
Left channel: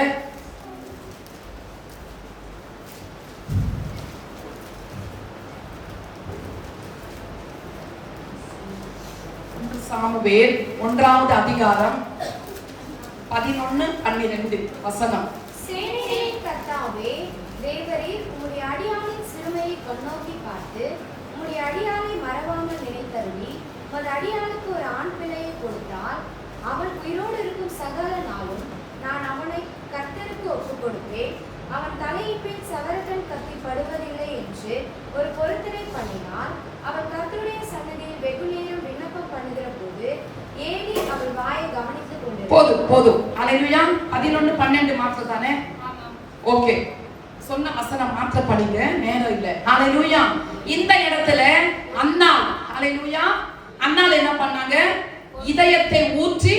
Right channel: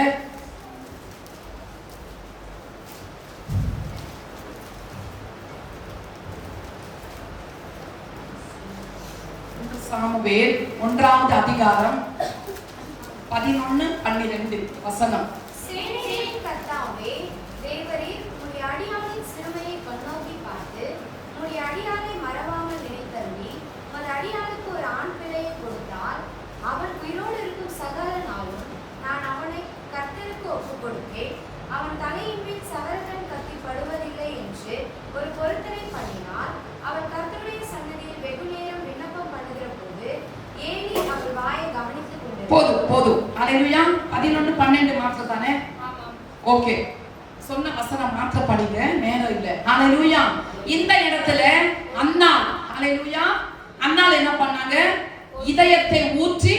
சாமுவேல் 1வது அதிகாரம் 11-12 வசனம். சேனைகளின் கர்த்தாவே, தேவரீர் உம்முடைய அடியாளின் சிறுமையை கண்ணோக்கி பார்த்து உம்முடைய அடியாளை மறவாமல் நினைத்தருளி உமது அடியாளுக்கு ஒரு ஆண் பிள்ளையை கொடுத்தால் அவன் உயிரோடு இருக்கும் சகல நாளும் நான் அவனை கர்த்தருக்கு ஒப்புக் கொடுப்பேன். அவன் தலையின் மேல் சவரகன் கத்தி படுவதில்லை என்று ஒரு பொருத்தனை பண்ணினார். அவன் கர்த்தருடைய சன்னதியில் வெகு நேரம் விண்ணப்பம் பண்ணுகிற போது ஏலி அவள் வாயை கவனித்துக் கொண்டு போதும் ஹalleluya 11-12 மாற்றம் தானே? ஓகே, சொன்ன வசனம் மாற்ற படிங்க, நேரம் இல்ல. ஹalleluya இந்த இடத்துல அன்னாள் ஹalleluya அன்னாள் என்ன பண்ணாங்க? இதயத்தை ஊற்றி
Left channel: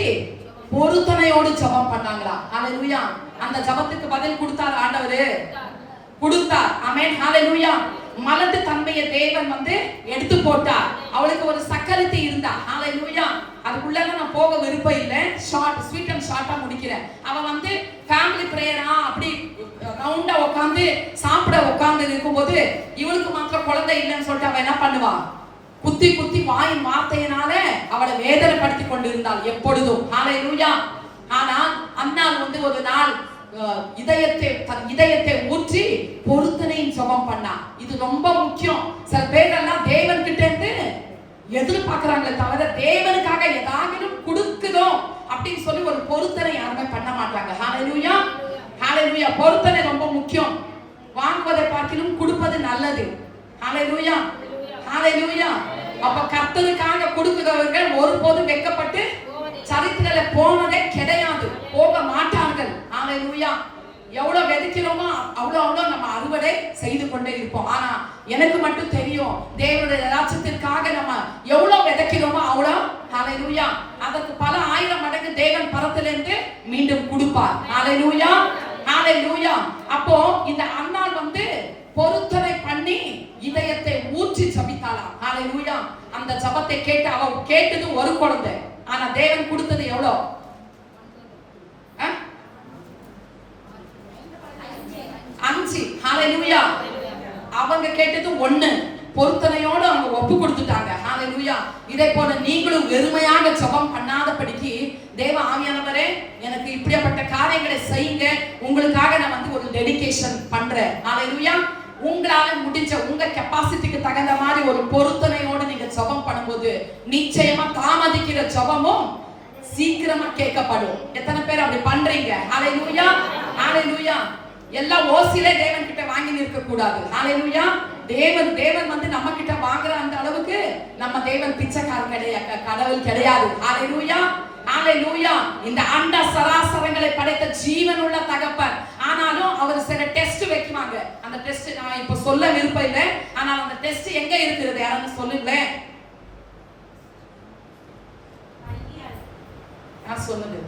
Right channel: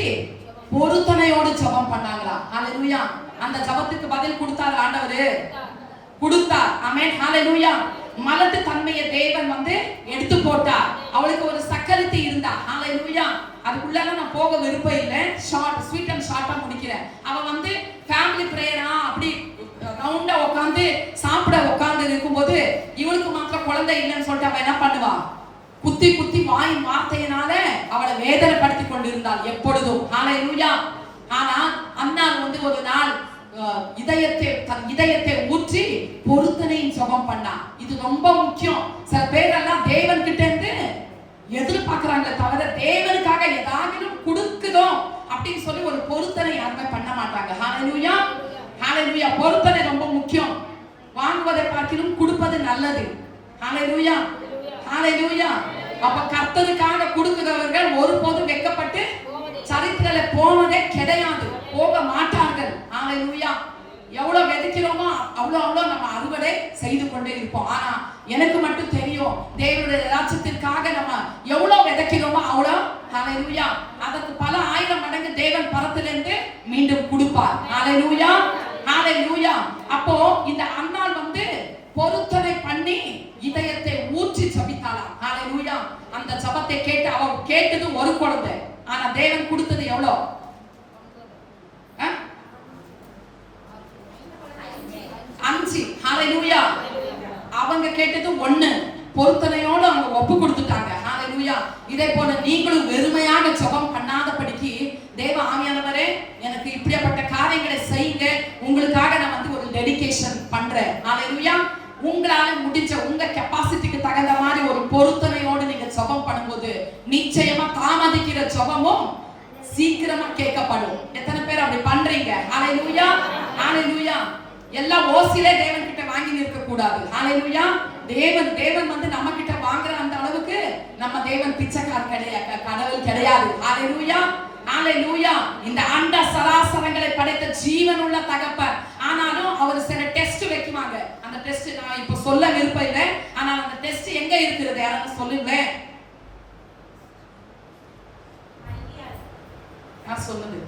பொருத்தனையோடு ஜெபம் பண்ணாங்களா. ஹalleluya அந்த ஜெபத்துக்கு பதில் கொடுத்தார் ஆண்டவரே, கொடுத்தார். ஆமென் ஹalleluya மலட்டு தன்மையை தேவன் வந்து எடுத்து போட்டார். அவளுக்கு ஒரு சக்கரத்தி இருந்தா. ஹalleluya அதுக்குள்ள நான் போக விருப்பம் இல்லை, ஷார்ட் ஸ்வீட் அண்ட் ஷார்ட்டா முடிக்கிறேன். அவ வந்து ஃபேமிலி பிரேயரா அப்படி ரவுண்டா உட்கார்ந்து சாப்பிட உட்கார்ந்து இருக்கும்போது இவளுக்கு மாத்திரம் குழந்தை இல்லைன்னு சொல்லிட்டு அவ என்ன பண்ணுவா? குத்தி குத்தி வாயின் வார்த்தையினால அவளை வேதனைப்படுத்தி கொண்டிருந்தாள் எப்பொழுதும். ஹalleluya ஆனா அன்னாள் வந்து ஒரு நாள் இதயத்தை ஊற்றி பொருத்தனையின் ஜெபம் பண்ணா. இது ரொம்ப முக்கியம். சில பேர் எல்லாம் தேவன் கிட்ட இருந்து எதிர்பார்க்கறாங்க தவிர தேவனுக்காக ஏதாவது கொடுக்குதோம் அப்படின்னு சொல்லி ஒரு பொருத்தனை யாருமே பண்ண மாட்டாங்க. ஹalleluya ஹalleluya பொருத்தனை ரொம்ப முக்கியம். வாங்குவதை பார்க்கிலும் கொடுப்பது நல்லது. ஹalleluya ஹalleluya அப்ப கர்த்தருக்காக கொடுக்கிறவர்கள் ஒருபோதும் வெட்கப்பட்டு சரித்திரத்துல போனதே கிடையாது, போக மாட்டார்கள். ஹalleluya எவ்வளவு விதைக்கிறோமோ அவ்வளவு நம்ம அறுவடை செய்து கொண்டே இருப்போம். ஆனா எனக்கு மட்டும் தெரியும், தேவனுடைய ராஜ்யத்திற்காக நம்ம எவ்வளவு விதைக்கிறோமோ அவ்வளவு ஹalleluya அதற்கு பல 1000 மடங்கு தேவன் பரத்திலிருந்து மீண்டும் கொடுப்பார். ஹalleluya ஹalleluya அப்போ இந்த அன்னாள் வந்து பொருத்தனை பண்ணி இதயத்தை ஊற்றி ஜெபித்தாளாம். ஹalleluya அந்த ஜெபத்தை கேட்டு அவ கேட்டது ஒரு குழந்தை, ஆனா தேவன் கொடுத்தது எவ்வளவு? 5. ஹalleluya அவங்க கேட்டது 1. பொருத்தனையோடு அவங்க ஒப்பு கொடுத்துட்டாங்க. ஹalleluya இதே போல நீங்களும் வெறுமையாக ஜெபம் பண்ணாதபடிக்கு தேவ ஆவியானவரே எனக்கு இப்படிப்பட்ட காரியங்களை செய்யுங்க, உங்களுக்காக நான் வந்து ஒரு டெடிகேஷன் பண்றேன். ஹalleluya உங்களால முடிஞ்ச உங்க கெபாசிட்டிக்கு தகுந்த மாதிரி நிச்சயமா தாமதிக்கிற ஜெபமும் சீக்கிரமா கேட்கப்படும். எத்தனை பேர் அப்படி பண்றீங்க? ஹalleluya, ஹalleluya. எல்லாம் ஓசிலே தேவன் கிட்ட வாங்கி நிற்க கூடாது. ஹalleluya. தேவன் வந்து நம்ம கிட்ட வாங்குற அந்த அளவுக்கு நம்ம தேவன் பிச்சைக்காரர் கிடையாது, கடவுள் கிடையாது. ஹalleluya, ஹalleluya. இந்த அண்ட சராசரங்களை படைத்த ஜீவனுள்ள தகப்பன். ஆனாலும் அவர் சில டெஸ்ட் வைக்குவாங்க. அந்த டெஸ்ட் நான் இப்ப சொல்ல விருப்பம் இல்லை. ஆனால் அந்த டெஸ்ட் எங்க இருக்கிறது யாராவது சொல்லுங்க. நான் சொன்னது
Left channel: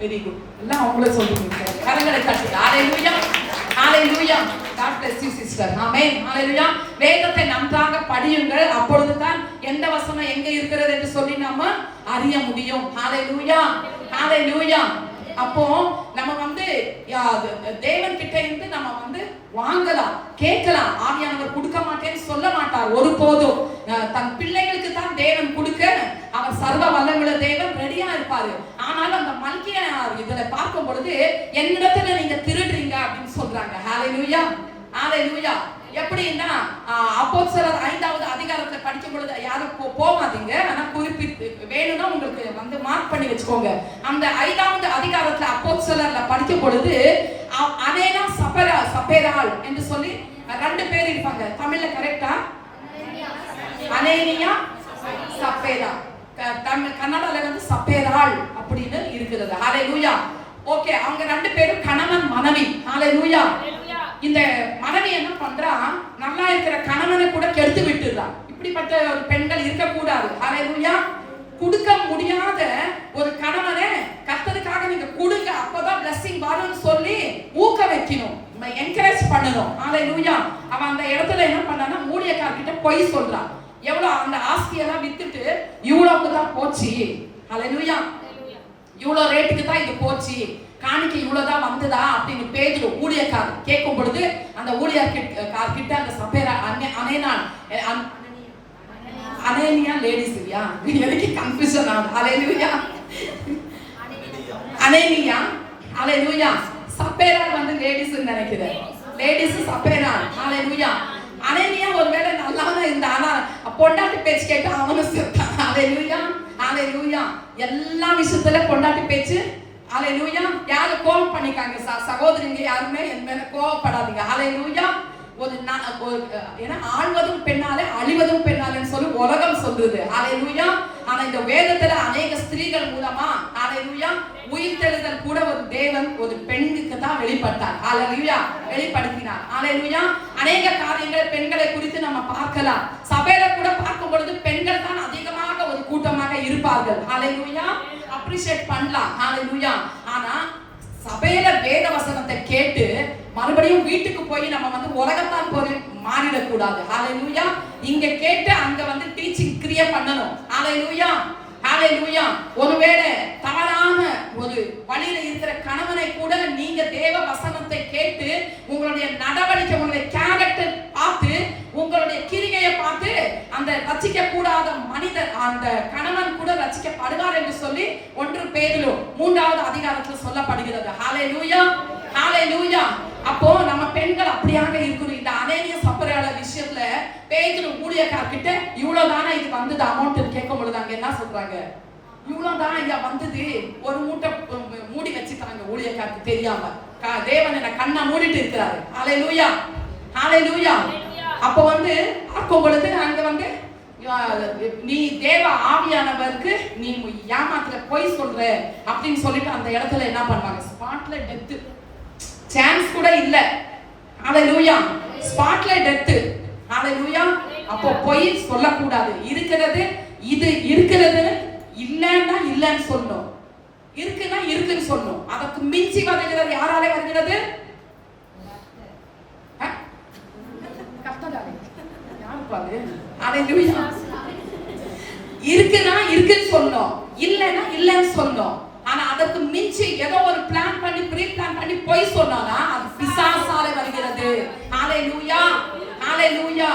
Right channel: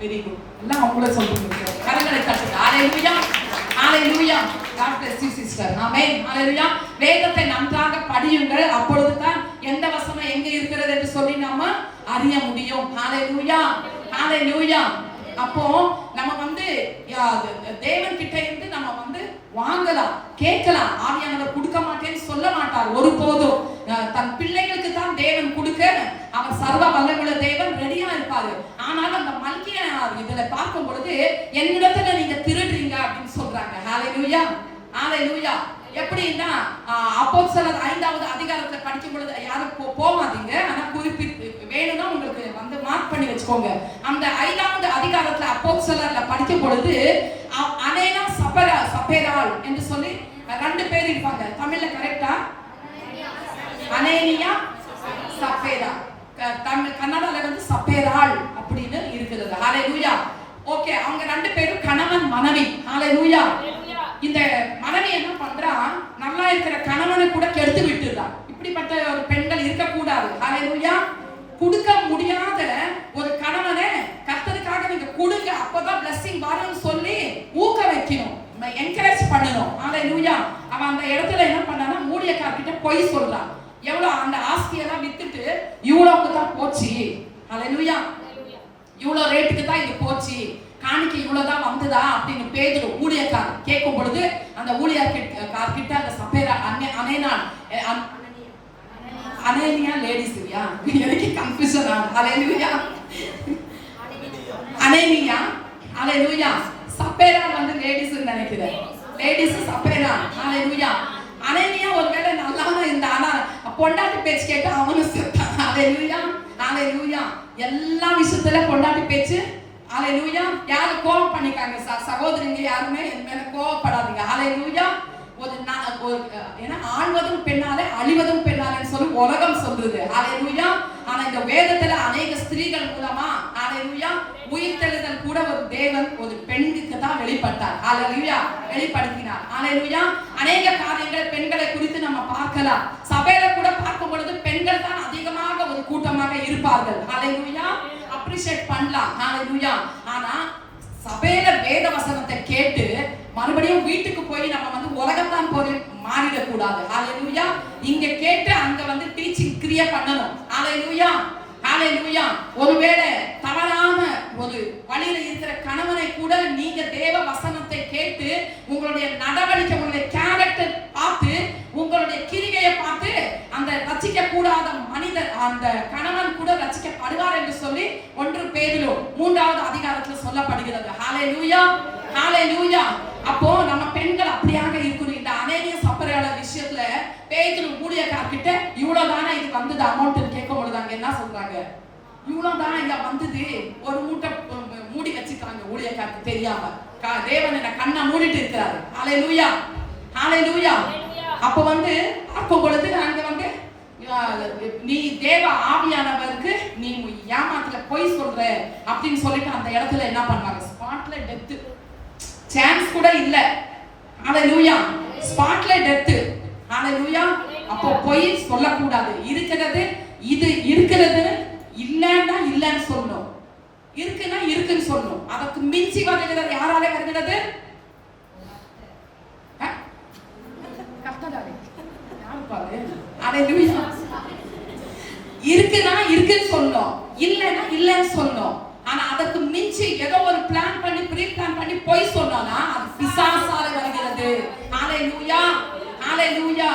வெரி குட். எல்லாம் அவங்களே சொல்லுங்க. கரங்களை தட்டுங்க. ஹalleluya, ஹalleluya. God bless you sister. ஆமென். ஹalleluya. வேதத்தை நன்றாக படியுங்கள். அப்பொழுது தான் எந்த வசனம் எங்க இருக்கிறது என்று சொல்லி நாம அறிய முடியும். ஹalleluya, ஹalleluya. அப்போ நம்ம வந்து தேவன் கிட்ட இருந்து நம்ம வந்து வாங்கலாம், கேட்கலாம். ஆவியானவர் கொடுக்க மாட்டேன்னு சொல்ல மாட்டார் ஒருபோதும். தன் பிள்ளைகளுக்கு தான் தேவன் கொடுக்க அவர் சர்வ வல்லமையுள்ள தேவன் ரெடியா இருப்பாரு. ஆனாலும் அந்த மல்கியா இதுல பார்க்கும் பொழுது என்னிடத்துல நீங்க திருடுறீங்க அப்படின்னு சொல்றாங்க. ஹalleluya, ஹalleluya. எப்படின்னா அப்போஸ்தலர் 5வது அதிகாரத்துல படிக்கும் பொழுது யாரும் போவாதீங்க. ஆனா குறிப்பிட்டு வேணும்னா உங்களுக்கு வந்து மார்க் பண்ணி வச்சுக்கோங்க. அந்த 5வது அதிகாரத்துல அப்போஸ்தலர்ல படிக்கும் பொழுது அனேனா சப்பேராள் என்று சொல்லி 2 பேர் இருப்பாங்க. தமிழ்ல கரெக்டா? அனேனியா சப்பேரா. கன்னடால வந்து சப்பேராள் அப்படின்னு இருக்கிறது. ஹalleluya. ஓகே, அவங்க 2 பேரும் கணவன் மனைவி. ஹalleluya. இந்த மனைவி என்ன பண்றா? நல்லா இருக்கிற கணவனை கூட கெடுத்து விட்டுறா. இப்படிப்பட்ட ஒரு பெண்கள் இருக்க கூடாது. ஹalleluya. கொடுக்க முடியாத ஒரு கணவனை கர்த்தருக்காக நீங்க கொடுங்க, அப்பதான் blessing வரும்னு சொல்லி ஊக்க வைக்கணும், என்கரேஜ் பண்ணணும். ஹalleluya. அவன் அந்த இடத்துல என்ன பண்ணானா ஊழியக்காரர்கிட்ட பொய் சொல்றான். எவ்வளவு அந்த ஆஸ்தியெல்லாம் வித்துட்டு இவ்வளவுக்கு தான் போச்சு. ஹalleluya. இவ்வளவு ரேட்டுக்கு தான் இது போச்சு, காணிக்கை இவ்வளவுதான் வந்ததா அப்படின்னு பேதுரு ஊழியக்காரர் கேட்கும் பொழுது அந்த ஊழியக்காரர்கிட்ட அந்த சப்பேரா அனேனியா லேடிஸ் இல்லையா, எனக்கு கன்ஃபியூஷன் ஆகுது. ஹalleluya, அனேனியா, ஹalleluya. சப்பேரா வந்து லேடிஸ் நினைக்கிறேன், லேடிஸ் சப்பேரா. ஹalleluya. அனேனியா ஒருவேளை நல்லா இந்த ஆனா பொண்டாட்டி பேச்சு கேட்டு அவனும் செத்தான். ஹalleluya, ஹalleluya. எல்லா விஷயத்துல பொண்டாட்டி பேச்சு. ஹalleluya. யாரும் கோபம் பண்ணிக்காங்க சகோதரிங்க, யாருமே என் மேல கோபப்படாதீங்க. ஹalleluya. ஏன்னா ஆழ்வதும் பெண்ணாலே அழிவதும் பெண்ணாலேன்னு சொல்லி உலகம் சொல்லுது. ஹalleluya. ஆனா இந்த வேதத்துல அநேக ஸ்திரீகள் மூலமா ஹalleluya உயிர்த்தெழுதல் கூட ஒரு தேவன் ஒரு பெண்ணுக்கு தான் வெளிப்பட்டார். ஹalleluya, வெளிப்படுத்தினார். ஹalleluya. அநேக காரியங்களை பெண்களை குறித்து நம்ம பார்க்கலாம். சபையில கூட பார்க்கும் பொழுது பெண்கள் தான் அதிகமாக ஒரு கூட்டமாக இருப்பார்கள். ஹalleluya, அப்ரிஷியேட் பண்ணலாம். ஹalleluya. ஆனா சபையில வேத வசனத்தை கேட்டு மறுபடியும் வீட்டுக்கு போய் நம்ம வந்து உலகத்தான் போய் மாறிடக் கூடாது. ஹalleluya. இங்க கேட்டு அங்க வந்து டீச்சிங் கிரியேட் பண்ணணும். ஹalleluya, ஹalleluya. ஒருவேளை தவறான ஒரு வழியில இருக்கிற கணவனை கூட நீங்க தேவ வசனத்தை கேட்டு உங்களுடைய நடவடிக்கை, உங்களுடைய கேரக்டர் பார்த்து, உங்களுடைய கிரிகையை பார்த்து அந்த ரட்சிக்க கூடாத மனிதர் அந்த கணவன் கூட ரட்சிக்கப்படுவார் என்று சொல்லி 1 பேதுரு 3வது அதிகாரத்தில் சொல்லப்படுகிறது. ஹalleluya, ஹalleluya. அப்போ நம்ம பெண்கள் அப்படியாக இருக்கணும். இந்த அனேனியா சப்பேராள விஷயத்துல பேதுரு ஊழியக்காரர்கிட்ட இவ்வளவுதானே இது வந்தது அமௌண்ட் கேட்கும் பொழுது அங்க என்ன சொல்றாங்க? இவ்வளவுதான் இங்க வந்தது, ஒரு மூட்டை மூடி வச்சுக்கிறாங்க ஊழியக்காரருக்கு தெரியாம. தேவன் என்ன கண்ணை மூடிட்டு இருக்கிறாரு. ஹalleluya, ஹalleluya. அப்ப வந்து பார்க்கும் பொழுது அங்க வந்து நீ தேவ ஆவியானவருக்கு நீ ஏமாத்துல பொய் சொல்ற அப்படின்னு சொல்லிட்டு அந்த இடத்துல என்ன பண்ணாங்க? ஸ்பாட்ல டெத், சான்ஸ் கூட இல்ல. ஹalleluya, ஸ்பாட்ல டெத். ஹalleluya. அப்போ பொய் சொல்லக்கூடாது. இருக்கிறது இது இருக்கிறது, இல்லன்னா இல்லன்னு சொல்லணும், இருக்குன்னா இருக்குன்னு சொல்லணும். அதுக்கு மிஞ்சி வருகிறது யாராலே வருகிறது? கர்த்தராலே. யாரு பாரு? ஹalleluya. இருக்குன்னா இருக்குன்னு சொல்லணும், இல்லன்னா இல்லன்னு சொல்லணும். ஆனா அதுக்கு மிஞ்சி ஏதோ ஒரு பிளான் பண்ணி ப்ரீ பிளான் பண்ணி போய் சொன்னோம்னா அது பிசாசால வருகிறது. ஹalleluya, ஹalleluya.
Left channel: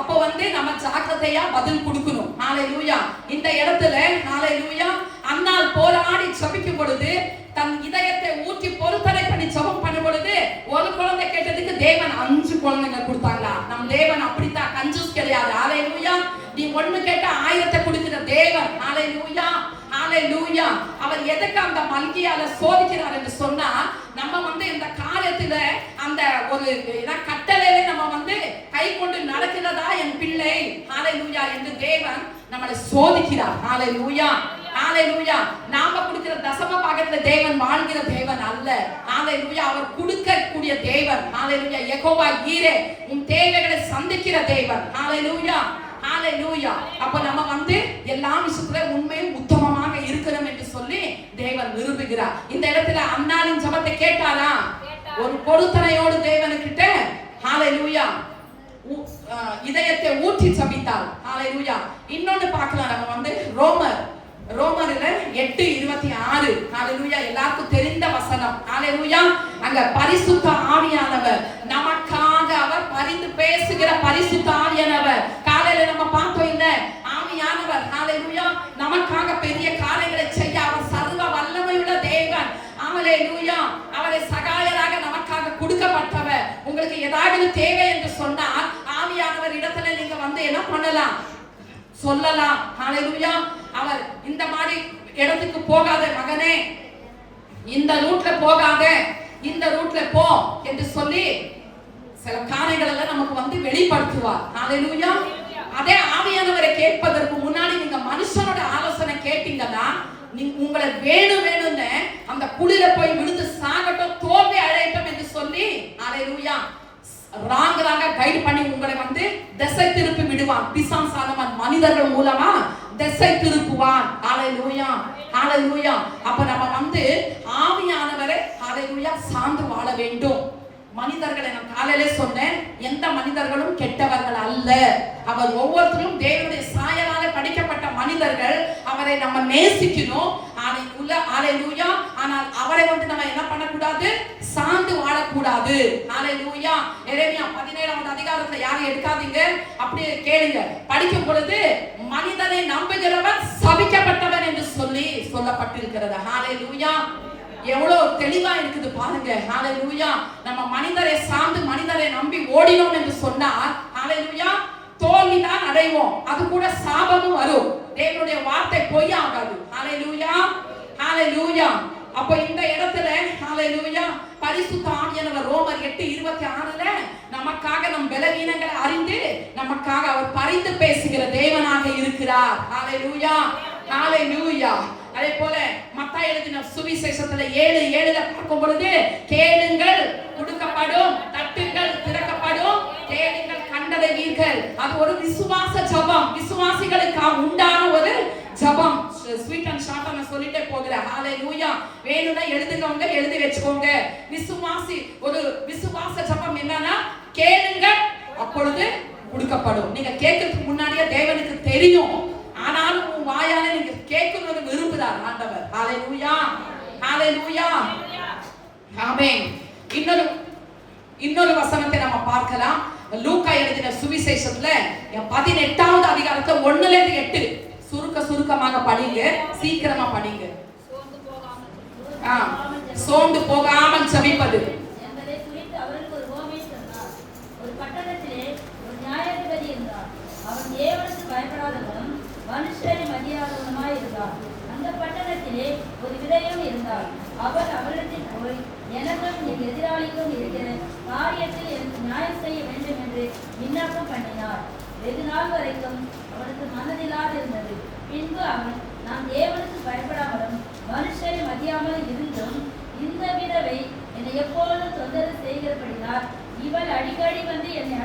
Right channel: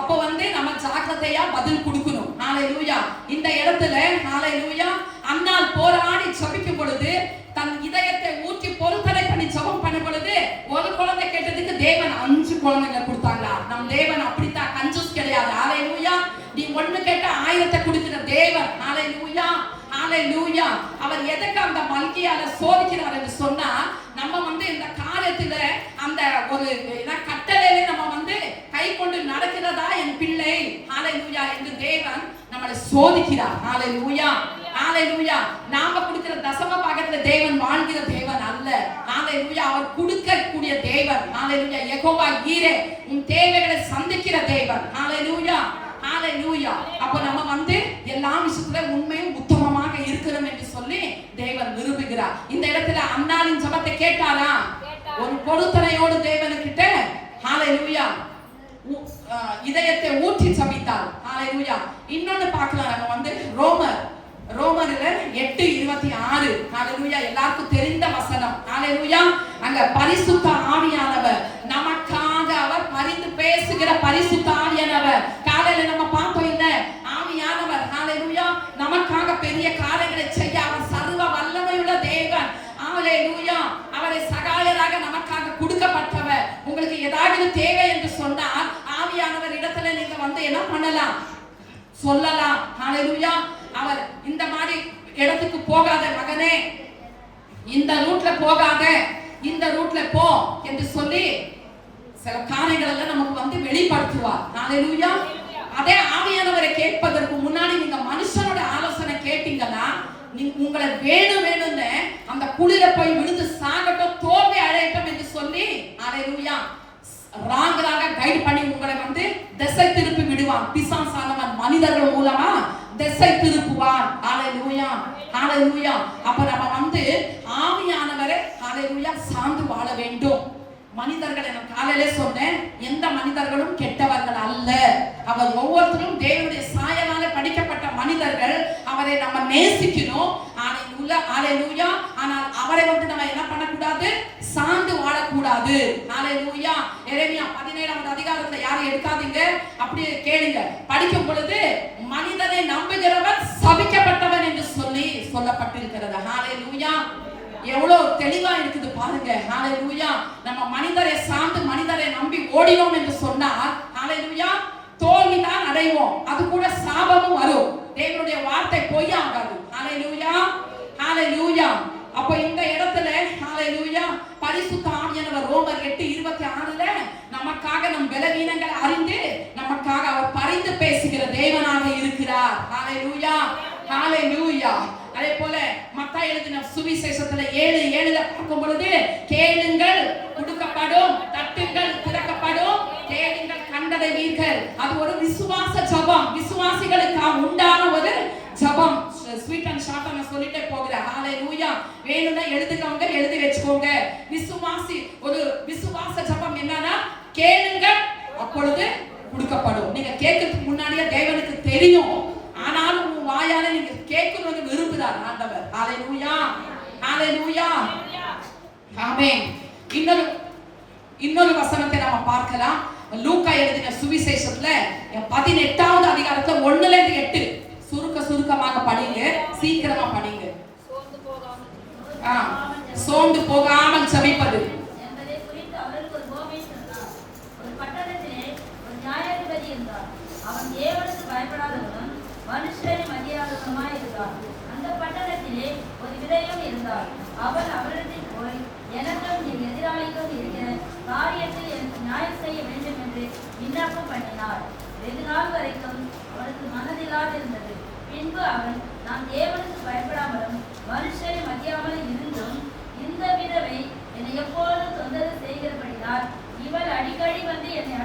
அப்ப வந்து நம்ம ஜாக்கிரதையா பதில் கொடுக்கணும். ஹalleluya. இந்த இடத்துல ஹalleluya அன்னாள் போராடி ஜெபிக்கும் பொழுது தன் இதயத்தை ஊற்றி பொருத்தனை பண்ணி ஜெபம் பண்ணும் பொழுது ஒரு குழந்தை கேட்டதுக்கு தேவன் 5 குழந்தைங்க கொடுத்தாங்க. நம் தேவன் அப்படித்தான், கஞ்சூஸ் கிடையாது. ஹalleluya. நீ 1 கேட்டா ஆயுதத்தை கொடுக்கிற தேவன். ஹalleluya, ஹalleluya. அவர் எதுக்கு அந்த மல்கியால சோதிக்கிறார் என்று சொன்னா, நம்ம இந்த காரியத்துல அந்த ஒரு கட்டளையை நம்ம கை கொண்டு நடக்கிறதா என் பிள்ளை, ஹalleluya என்று தேவன் நம்மளை சோதிக்கிறார். ஹalleluya, ஹalleluya. நாம கொடுக்கிற தசம பாகத்துல தேவன் வாழ்கிற தேவன் அல்ல. ஹalleluya, அவர் கொடுக்கக்கூடிய தேவன். ஹalleluya, யெகோவா ஈரே, உன் தேவைகளை சந்திக்கிற தேவன். ஹalleluya, ஹalleluya. அப்ப நம்ம எல்லா விஷயத்துல உண்மையும் உத்தமமாக இருக்கணும் என்று சொல்லி தேவன் விரும்புகிறார். இந்த இடத்துல அன்னாளின் ஜெபத்தை கேட்டாரா? ஒரு பொருத்தனையோடு தேவனுக்கிட்ட ஹalleluya இதயத்தை ஊற்றி ஜெபித்தார். ஹalleluya. இன்னொன்னு பார்க்கலாம், நம்ம ரோமர்ல 8:26 ஹalleluya, எல்லாருக்கும் தெரிந்த வசனம். ஹalleluya, அங்க பரிசுத்த ஆவியானவர் நமக்காக அவர் பரிந்து பேசுகிற பரிசுத்த ஆவியானவர். காலையில நம்ம பார்த்தோம் இல்ல, ஆவியானவர் ஹalleluya நமக்காக பெரிய காரியங்களை செய்ய அவர் சர்வ வல்லமையுள்ள தேவன். ஹalleluya, அவரை சகாயராக நமக்காக கொடுக்கப்பட்டவர். உங்களுக்கு ஏதாவது தேவை என்று சொன்னால் ஆவியானவர் இடத்துல நீங்க என்ன பண்ணலாம், சொல்லலாம். ஹalleluya, அவர் இந்த மாதிரி இடத்துக்கு போகாத மகனே, இந்த ரூட்ல போகாத, இந்த ரூட்ல போ என்று சொல்லி சில காரியங்கள் எல்லாம் நமக்கு வெளிப்படுத்துவார். ஹalleluya. அதே ஆவியானவரை கேட்பதற்கு முன்னாடி நீங்க மனுஷனோட ஆலோசனை கேட்டீங்கன்னா, உங்களை வேணும்னு அந்த குளிர போய் விழுந்து சாகட்டும், தோல்வி அடையட்டும் என்று சொல்லி ஹalleluya ராங்கராக கைட் பண்ணி உங்களை திசை திருப்பி விடுவான். பிசாசானவன் மனிதர்கள் மூலமா திசை திருப்புவான். ஹalleluya, ஹalleluya. அப்ப நம்ம ஆவியானவரை ஹalleluya சார்ந்து வாழ வேண்டும். மனிதர்களை நான் காலையிலே சொன்னேன், எந்த மனிதர்களும் கெட்டவர்கள் அல்ல. அவர் ஒவ்வொருத்தரும் தேவனுடைய சாயலால படைக்கப்பட்ட மனிதர்கள். அவரை நம்ம நேசிக்கணும். ஹalleluya. ஆனால் அவரை நம்ம என்ன பண்ணக்கூடாது, சார்ந்து வாழக்கூடாது. ஹalleluya. எரேமியா 17வது அதிகாரத்துல யாரும் எடுக்காதீங்க, அப்படியே கேளுங்க. படிக்கும் பொழுது மனிதனை நம்புகிறவன் சபிக்கப்பட்டவன் என்று சொல்லி சொல்லப்பட்டிருக்கிறது. ஹalleluya. எவ்வளவு தெளிவா இருக்குது பாருங்க. ஹalleluya. நம்ம மனிதரை சார்ந்து மனிதரை நம்பி ஓடினோம் என்று சொன்னால் ஹalleluya தோல்விதான் அடைவோம். அது கூட சாபமும் வரும். தேவனுடைய வார்த்தை பொய்யாகாது. ஹalleluya, ஹalleluya. அப்ப இந்த இடத்துல ஹalleluya பரிசுத்த ஆவியானவர் ரோமர் 8:26ல நமக்காக நம் பலவீனங்களை அறிந்து நமக்காக அவர் பரிந்து பேசுகிற தேவனாக இருக்கிறார். ஹalleluya, ஹalleluya. அதே போல மத்தாய் எழுதின சுவிசேஷத்துல 7:7ல பார்க்கும் பொழுது, கேளுங்கள் கொடுக்கப்படும், தட்டுங்கள் திறக்கப்படும், தேடுங்கள் கண்டடைவீர்கள். அது ஒரு விசுவாச ஜெபம், விசுவாசிகளுக்கு உண்டான ஒரு ஜெபம். ஸ்வீட் அண்ட் ஷார்ட்டா நான் சொல்லிட்டே போகிறேன். ஹalleluya. வேணும்னா எழுதுக்கோங்க, எழுதி வெச்சுக்கோங்க. ஒரு விசுவாச ஜெபம் என்னன்னா, கேளுங்கள் அப்பொழுது கொடுக்கப்படும். நீங்க கேட்கிறதுக்கு முன்னாடியே தேவனுக்கு தெரியும். ஆனாலும் உன் வாயால நீங்க கேட்கணும்னு விரும்புறார் ஆண்டவர். ஹalleluya, ஹalleluya, ஆமென். இன்னொரு வசனத்தை நம்ம பார்க்கலாம். லூக்கா எழுதின சுவிசேஷத்துல 18வது அதிகாரத்துல 1ல இருந்து 8 சுருக்கமாக படிங்க, சீக்கிரமா படிங்க. சோர்ந்து போகாமல் ஜெபிப்பது. என்பதை குறித்து அவருக்கு ஒரு உவமை சொன்னார். ஒரு பட்டணத்திலே ஒரு நியாயாதிபதி இருந்தார். அவன் தேவனுக்கு பயப்படாதவனும் மனுஷரை மதியாதவனுமாய் இருந்தார். அந்த பட்டணத்திலே ஒரு விதவையும் இருந்தார். அவர் அவரிடத்தில் போய், எனக்கும் என் எதிராளிக்கும் இருக்கிற காரியத்தில் எனக்கு நியாயம் செய்ய வேண்டும் என்று விண்ணப்பம் பண்ணினார். வெகு நாள் வரைக்கும் அவனுக்கு மனதில்லாதிருந்தது. பின்பு அவன், நான் தேவனுக்கு பயப்படாமலும் மனுஷரை மதியாமலும் இருந்தும் இந்த விதவை என்னை எப்பொழுதும் தொந்தரவு செய்கிறபடினால் இவள் அடிக்கடி என்னை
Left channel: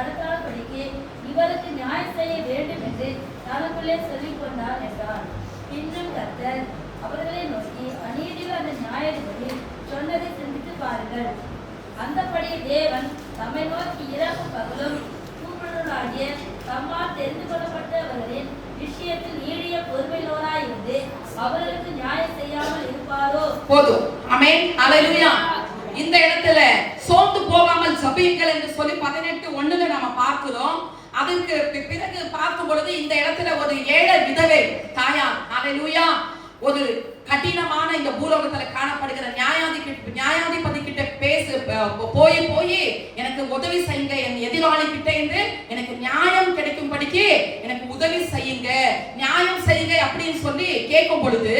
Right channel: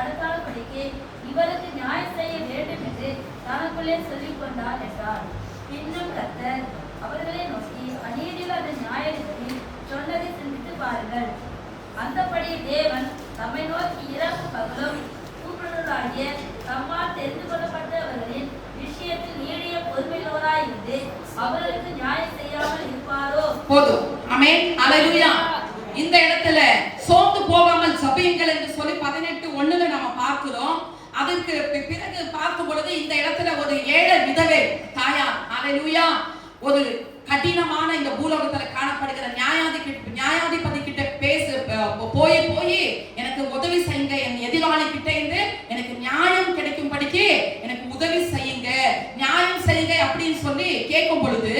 அடக்காதபடிக்கு இவளுக்கு நியாயம் செய்ய வேண்டும் என்று தனக்குள்ளே சொல்லிக் கொண்டார் என்றார். பின்னும் கர்த்தர் அவர்களை நோக்கி, அநீதியில் அந்த நியாயாதிபதி சொன்னதை சிந்தித்து பாருங்கள். அந்தபடி தேவன் நம்மை நோக்கி இரவும் பகலும் கூப்பிடுவதாகிய தம்மால் தெரிந்து கொள்ளப்பட்டவர்களின் விஷயத்தில் நீடிய பொறுமையுள்ளவராயிருந்து அவர்களுக்கு நியாயம் செய்யாமல் இருப்பாரோ? போதும். ஆமென், ஹalleluya. இந்த இடத்துல சோர்ந்து போகாமல் ஜெபியுங்கள் என்று சொல்லி 18:1ல நாம பார்க்கிறோம். அதுக்கு பிறகு பார்க்கும் பொழுது இந்த இடத்துல ஒரு ஏழை விதவை தாயார், ஹalleluya, ஒரு கடினமான இந்த பூலோகத்துல காணப்படுகிற நியாயாதிபதி கிட்ட போய் எனக்கு உதவி செய்யுங்க, என் எதிராளி கிட்ட இருந்து எனக்கு நியாயம் கிடைக்கும்படிக்கு எனக்கு உதவி செய்யுங்க செய்யுங்க அப்படின்னு சொல்லி கேட்கும் பொழுது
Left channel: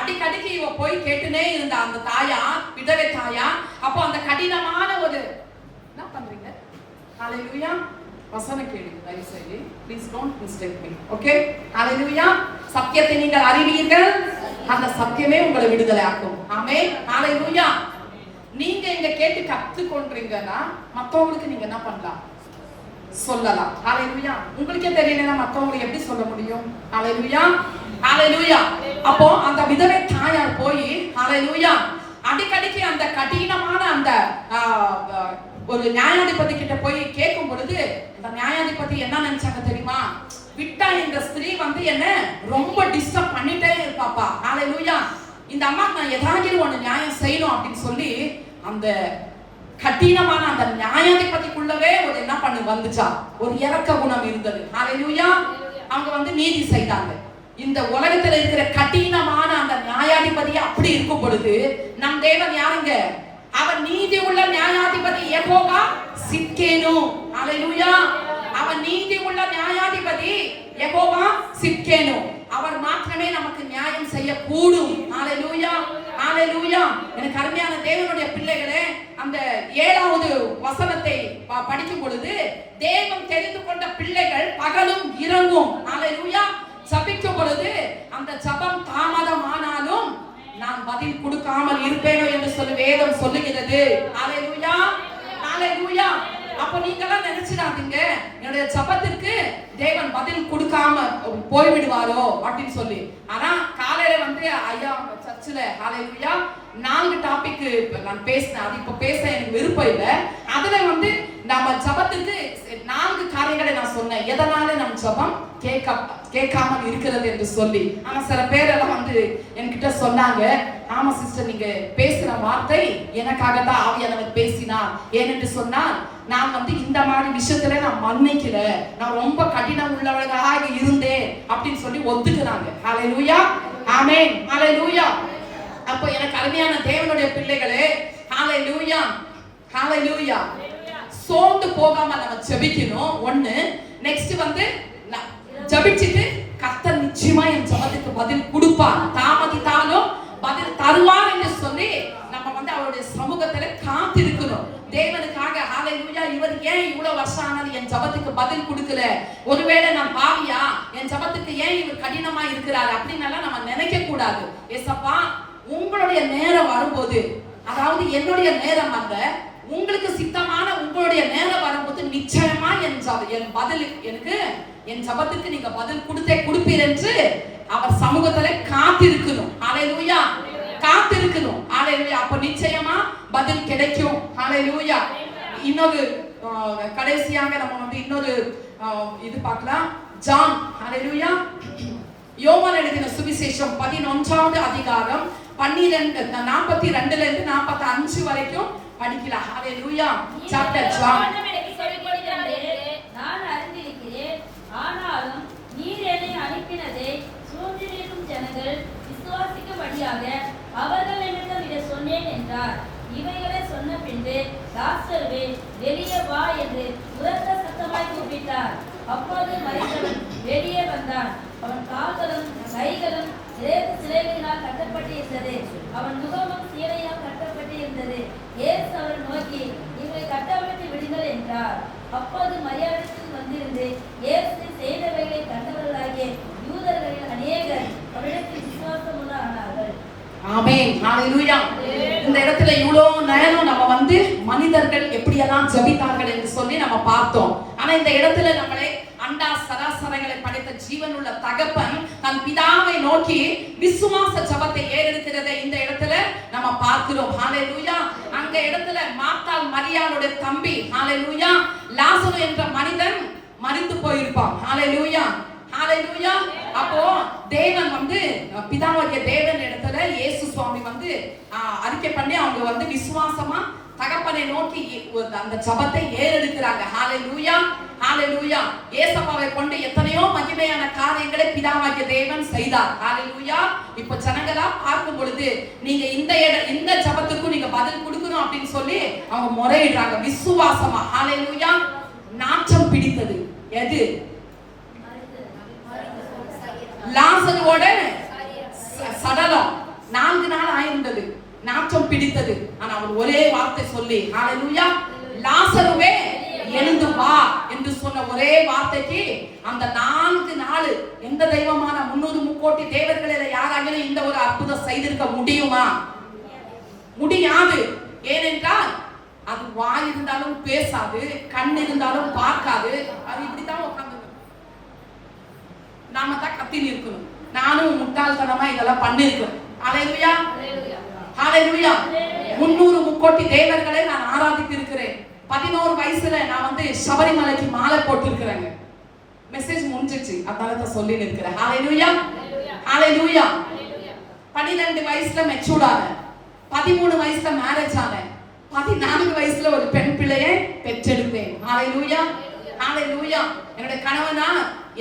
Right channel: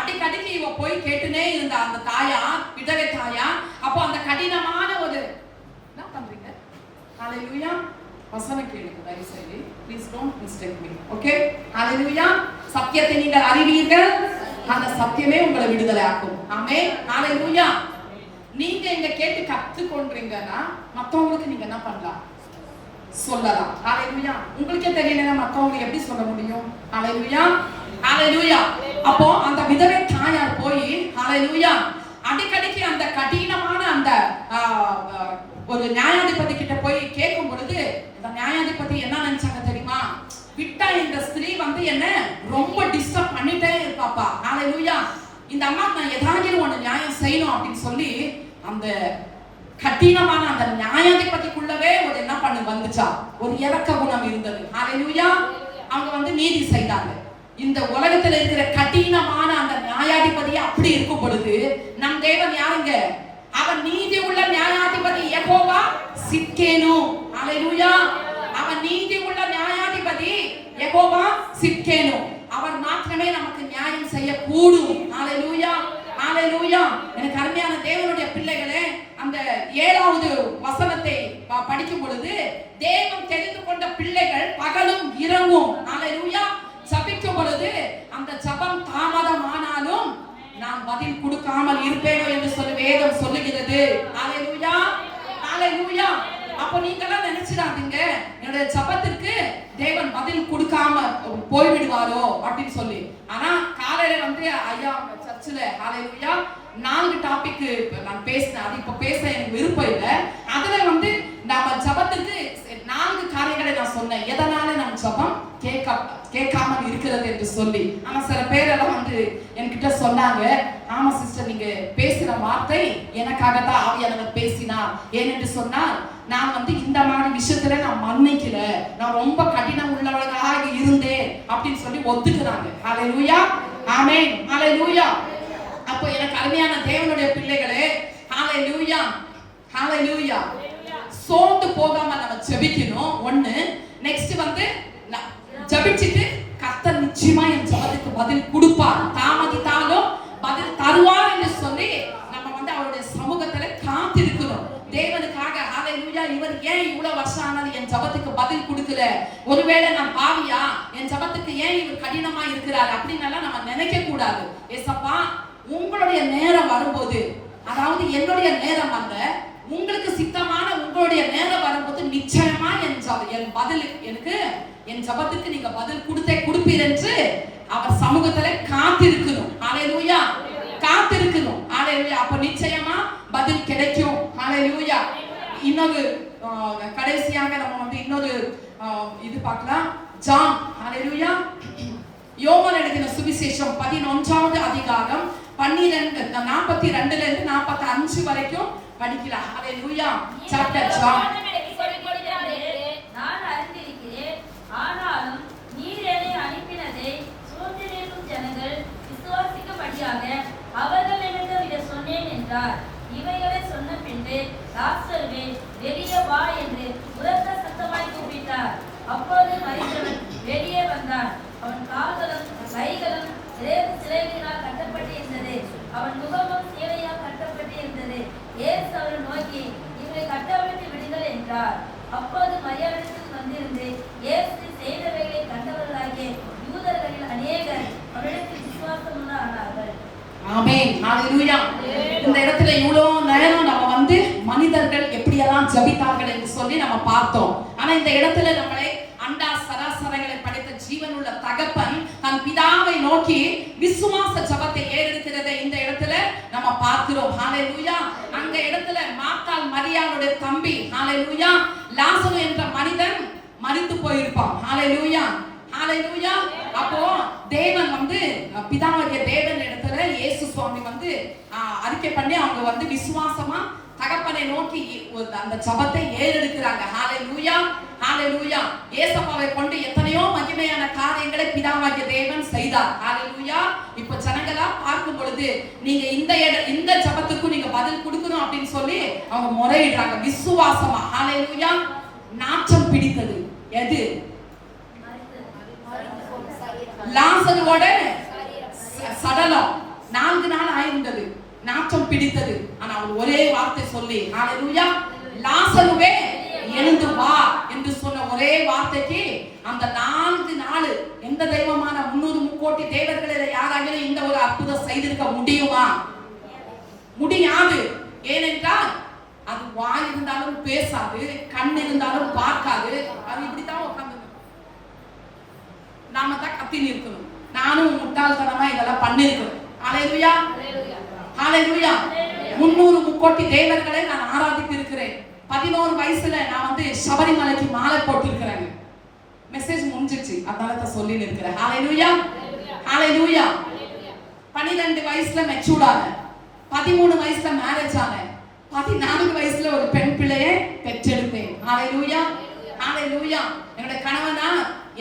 அடிக்கடிக்கு இவ போய் கேட்டுனே இருந்த அந்த தாயா, விதவை தாயா. அப்போ அந்த கடினமான ஒரு என்ன பண்றீங்க? ஹalleluya. வசனம் கேளுங்க தயவு செய்து. Please don't mistake me. Okay? Hallelujah. சத்தியத்தை நீங்கள் அறிவீர்கள், அந்த சத்தியமே உங்களை விடுதலை ஆக்கும். ஆமென். ஹalleluya. நீங்க இங்க கேட்டு கத்துக்கொண்டீங்கன்னா மத்தவங்களுக்கு நீங்க என்ன பண்ணலாம்? சொல்லலாம். ஹalleluya. உங்களுக்கே தெரியலனா மத்தவங்களுக்கு எப்படி சொல்ல முடியும்? ஹalleluya. ஹalleluya. அப்போ அந்த விதவை தாயார் போய் ஹalleluya அடிக்கடிக்கு அந்த கடினமான அந்த ஒரு நியாயாதிபதி கிட்ட போய் கேட்கும் பொழுது அந்த நியாயாதிபதி என்ன நினைச்சாங்க தெரியுமா? விட்டா இந்த ஸ்திரீ வந்து என்ன ரொம்ப டிஸ்டர்ப் பண்ணிட்டே இருப்பாப்பா. ஹalleluya. இந்த அம்மா நான் ஏதாவது ஒண்ணு நியாயம் செய்யணும் அப்படின்னு சொல்லி அந்த கடினமான அந்த நியாயாதிபதிக்குள்ளவே ஒரு என்ன பண்ணு வந்துச்சா, ஒரு இரக்க குணம் இருந்தது. ஹalleluya. அவங்க வந்து நீதி செய்தாங்க. இந்த உலகத்துல இருக்கிற கடினமான அந்த நியாயாதிபதி அப்படி இருக்கும் பொழுது நம் தேவன் யாருங்க? அவன் நீதி உள்ள நியாயாதிபதி யெகோவா சித்கேனு. ஹalleluya. அவன் நீதி உள்ள நியாயாதிபதி யெகோவா சித்கேனு. அவர் மாத்திரமே நமக்கு நியாயம் செய்ய கூடும். ஹalleluya. ஹalleluya. எனக்கு அருமையான தேவனுடைய பிள்ளைகளே, அந்த 7வது வசனத்தை படிக்கும் பொழுது தேவன் தெரிந்து கொண்ட பிள்ளைகள் பகலும் இரவும் ஹalleluya ஜெபிக்கும் பொழுது அந்த ஜெபம் தாமதமானாலும் நான் பதில் கொடுக்காமல் இருப்பேனோ என்று சொல்லி வேதம் சொல்லுகிறது. ஹalleluya. ஹalleluya. அப்ப நீங்க எல்லாம் நினைச்சிடாதீங்க என்னுடைய ஜெபத்திற்கு தேவன் பதில் கொடுக்காம போய்விடுவாரோ அப்படின்னு சொல்லி. ஆனா காலையில வந்து ஐயா சர்ச்சில் ஹalleluya 4 டாபிக் நான் பேசினேன். அது இப்ப பேச எனக்கு விருப்பம் இல்லை. அதுல வந்து நம்ம ஜெபத்துக்கு 4 காரியங்களை நான் சொன்னேன். எதனால நம்ம ஜெபம் கேட்காமல் இருக்கிறது என்று சொல்லி. ஆனா சில பேரெல்லாம் வந்து என்கிட்ட சொன்னாங்க, ஆமா சிஸ்டர் நீங்க பேசுற வார்த்தை எனக்காகத்தான் ஆவியானவர் பேசினார். ஏனென்று சொன்னால் நான் வந்து இந்த மாதிரி விஷயத்துல நான் மன்னிக்கல, நான் ரொம்ப கடினம் உள்ளவர்களாக இருந்தேன் அப்படின்னு சொல்லி ஒத்துக்கிறாங்க. ஹalleluya. ஆமென். ஹalleluya. அப்போ எனக்கு அருமையான தேவனுடைய பிள்ளைகளே, ஹalleluya. ஹalleluya. சோர்ந்து போகாம நம்ம ஜெபிக்கணும். ஒண்ணு. நெக்ஸ்ட் வந்து ஜெபிச்சிட்டு கர்த்தர் நிச்சயமா என் ஜெபத்துக்கு பதில் கொடுப்பார், தாமதித்தாலும் பதில் தருவார் என்று சொல்லி நம்ம வந்து அவருடைய சமூகத்துல காத்திருக்கணும் தேவனுக்காக. ஹalleluya. இவர் ஏன் இவ்வளவு வருஷம் ஆனாலும் என் ஜெபத்துக்கு பதில் கொடுக்கல, ஒருவேளை நான் பாவியா, என் ஜெபத்துக்கு ஏன் இவர் கடினமா இருக்கிறார் அப்படின்னு நம்ம நினைக்க கூடாது. ஏசப்பா உங்களுடைய நேரம் வரும்போது, அதாவது என்னுடைய நேரம் அல்ல, உங்களுக்கு சித்தமான உங்களுடைய நேரம் வரும்போது நிச்சயமா என் பதில் எனக்கு என் ஜெபத்துக்கு நீங்க பதில் கொடுப்பீர் என்று அவர் சமூகத்துல காத்திருக்கணும். ஹalleluya. காத்திருக்கணும். ஹalleluya. அப்ப நிச்சயமா பதில் கிடைக்கும். ஹalleluya. இன்னொரு கடைசியாக நம்ம வந்து இன்னொரு இது பார்க்கலாம். ஜான் ஹalleluya யோவான் எழுதின சுவிசேஷம் 11வது அதிகாரம் 42ல இருந்து 45 வரைக்கும் படிக்கலாம். ஹalleluya. Chapter John. நான் அறிந்திருக்கிறேன், ஆனாலும் நீர் என்னை அனுப்பினதை சூழ்ந்திருக்கும் ஜனங்கள் விசுவாசிக்கும்படியாக அவர்கள் என்னிடம் இதை சொன்னேன் என்றார். இவைகளை சொன்ன பின்பு லாசருவே வெளியே வா என்று உரத்த சத்தமாய் கூப்பிட்டார். அப்போது மரித்தவன் வெளியே வந்தான். அவன் கால்களும் கைகளும் சிலைகளினால் கட்டப்பட்டு இருந்தது, அவன் முகமும் சீலையால் கட்டப்பட்டு இருந்தது. இயேசு அவரை நோக்கி இவரை கட்டப்பட்டு விடுங்கள் என்றார். அப்போது மரியாதைக்கு வந்திருந்து இயேசு செய்தவைகளை கண்டவர்களாகிய யூதர்களில் அநேகர் அவரிடத்தில் விசுவாசமுள்ள ஆனார்கள். ஆமென். ஹalleluya. இந்த இடத்துல இவ்வளவு நேரம் நம்ம வந்து மனிதர்கள் எப்படியெல்லாம் ஜெபித்தார்கள் என்று சொல்லி நம்ம பார்த்தோம். ஆனா இந்த இடத்துல நம்மளை அண்டா சராசரங்களை படைத்த ஜீவனுள்ள தகப்பன் தன் பிதாவை நோக்கி விசுவாச ஜெபத்தை ஏறெடுக்கிறதை இந்த இடத்துல நம்ம பார்க்கிறோம். ஹalleluya. அந்த இடத்துல மார்த்தாள் மரியாளுடைய தம்பி ஹalleluya லாசரு என்ற மனிதன் மரித்து போயிருப்பான். ஹalleluya. ஹalleluya. அப்போ தேவன் வந்து பிதாவாகிய தேவன் இடத்துல இயேசு சுவாமி வந்து அறிக்கை பண்ணி அவங்க வந்து விசுவாசமா தகப்பனை நோக்கி அந்த ஜெபத்தை ஏறெடுக்கிறாங்க. ஹalleluya. ஹalleluya. இயேசுவை கொண்டு எத்தனையோ மகிமையான காரியங்களை பிதாவாகிய தேவன் செய்தார். ஹalleluya. இப்போ ஜனங்களா பார்க்கும் பொழுது நீங்க இந்த ஜெபத்துக்கு நீங்க பதில் கொடுக்கணும் அப்படின்னு சொல்லி அவங்க முறையிடுறாங்க விசுவாசமா. ஹalleluya. நாச்சம் பிடித்தது எது? லாசருவோட சடலம் 4 நாள் ஆயிருந்தது, நாற்றம் பிடித்தது. ஆனா அவர் ஒரே வார்த்தை சொல்லி ஹalleluya லாசருவே எழுந்து வா என்று சொன்ன ஒரே வார்த்தைக்கு அந்த 4 நாள் எந்த தெய்வமான 300 முக்கோடி தேவர்களில யாராகிலும் இந்த ஒரு அற்புதம் செய்திருக்க முடியுமா? முடியாது. ஏனென்றால் அது வாய் இருந்தாலும் பேசாது, கண் இருந்தாலும் பார்க்காது, அது இப்படித்தான் உட்கார்ந்து நாம தான் கத்தின்னு இருக்கணும். நானும் முட்டாள்தனமா இதெல்லாம் பண்ணிருக்கேன். ஹalleluya ஹalleluya 300 முக்கோடி தேவர்களை நான் ஆராதித்து இருக்கிறேன். 11 வயசுல நான் வந்து சபரிமலைக்கு மாலை போட்டு இருக்கிறேன். மெசேஜ் முடிஞ்சிச்சு, அதனால தான் சொல்லி இருக்கிறேன். ஹalleluya ஹalleluya 12 வயசுல மெச்சூர்ட் ஆனேன், 13 வயசுல மேரேஜ் ஆனேன், 14 வயசுல ஒரு பெண் பிள்ளையை பெற்றெடுத்தேன். ஹalleluya ஹalleluya என்னோட கணவனா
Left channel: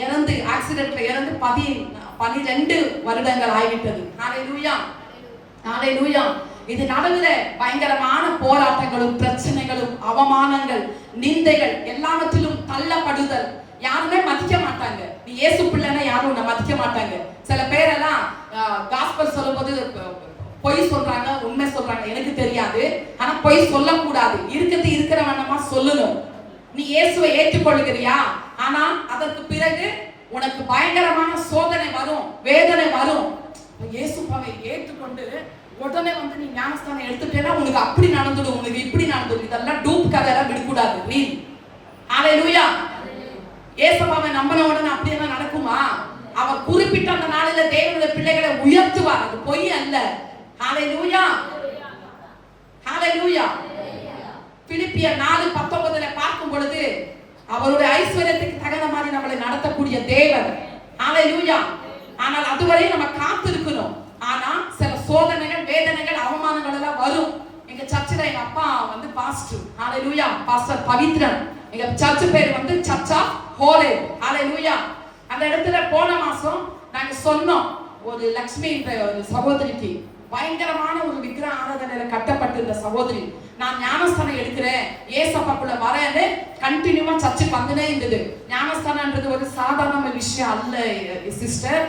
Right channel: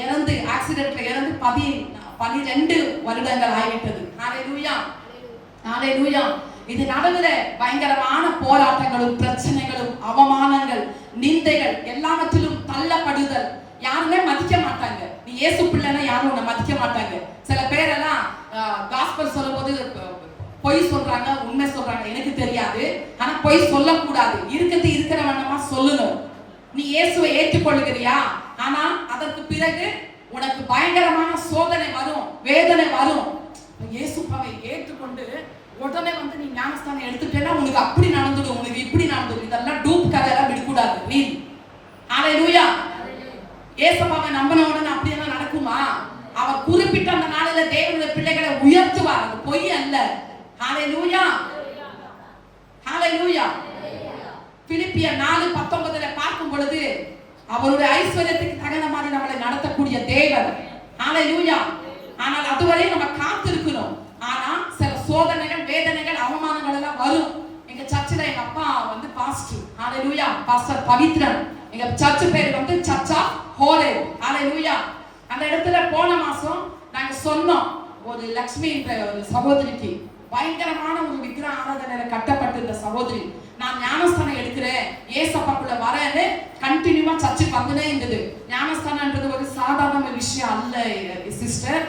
இறந்து ஆக்சிடென்ட்ல இறந்து 12 வருடங்கள் ஆகிவிட்டது. ஹalleluya ஹalleluya இது நடுவுல பயங்கரமான போராட்டங்களும் பிரச்சனைகளும் அவமானங்கள் நிந்தைகள் எல்லாவற்றிலும் தள்ளப்படுதல். யாருமே மதிக்க மாட்டாங்க. நீ இயேசு பிள்ளைன்னா யாரும் உன்னை மதிக்க மாட்டாங்க. சில பேரெல்லாம் காஸ்பல் சொல்லும்போது பொய் சொல்றாங்க, உண்மை சொல்றாங்க, எனக்கு தெரியாது. ஆனா பொய் சொல்லக்கூடாது, இருக்கிற வண்ணமா சொல்லணும். நீ இயேசுவை ஏற்றுக்கொள்கிறியா? ஆனா அதற்கு பிறகு உனக்கு பயங்கரமான சோதனை வரும், வேதனை வரும். இயேசுவை ஏற்றுக்கொண்டு உடனே வந்து நீ ஞானஸ்தானம் எடுத்துட்டேன்னா உனக்கு அப்படி நடந்துடும், உனக்கு இப்படி நடந்துடும். இதெல்லாம் டூப் கதையெல்லாம் விடக்கூடாது. நீ ஹalleluya இயேசுவை நம்பின உடனே அப்படியெல்லாம் நடக்குமா? அவர் குறிப்பிட்ட அந்த நாளில தேவனுடைய பிள்ளைகளை உயர்த்துவார், அது பொய் அல்ல. ஹalleluya ஹalleluya பிலிப்பியர் 4:19 பார்க்கும் பொழுது அவருடைய ஐஸ்வர்யத்துக்கு தகுந்த மாதிரி நம்மளை நடத்தக்கூடிய தேவன். ஹalleluya ஆனால் அதுவரை நம்ம காத்திருக்கணும். ஆனா சில சோதனைகள் வேதனைகள் அவமானங்கள் எல்லாம் வரும். எங்க சர்ச்சில் எங்க அப்பா வந்து பாஸ்டர். ஹalleluya பாஸ்டர் பவித்ரன். எங்க சர்ச் பேர் வந்து சர்ச் ஆஃப் ஹோலே. ஹalleluya அந்த இடத்துல போன மாசம் நாங்க சொன்னோம், ஒரு லட்சுமி என்ற ஒரு சகோதரிக்கு பயங்கரமான ஒரு விக்கிரக ஆராதனையில கட்டப்பட்டிருந்த சகோதரி, நான் ஞானஸ்தானம் எடுக்கிறேன், ஏசப்பாக்குள்ள வரேன்னு கண்டினியூவா சர்ச்சுக்கு வந்துனே இருந்தது. ஞானஸ்தானம்ன்றது ஒரு சாதாரண விஷயம் அல்ல சிஸ்டர்.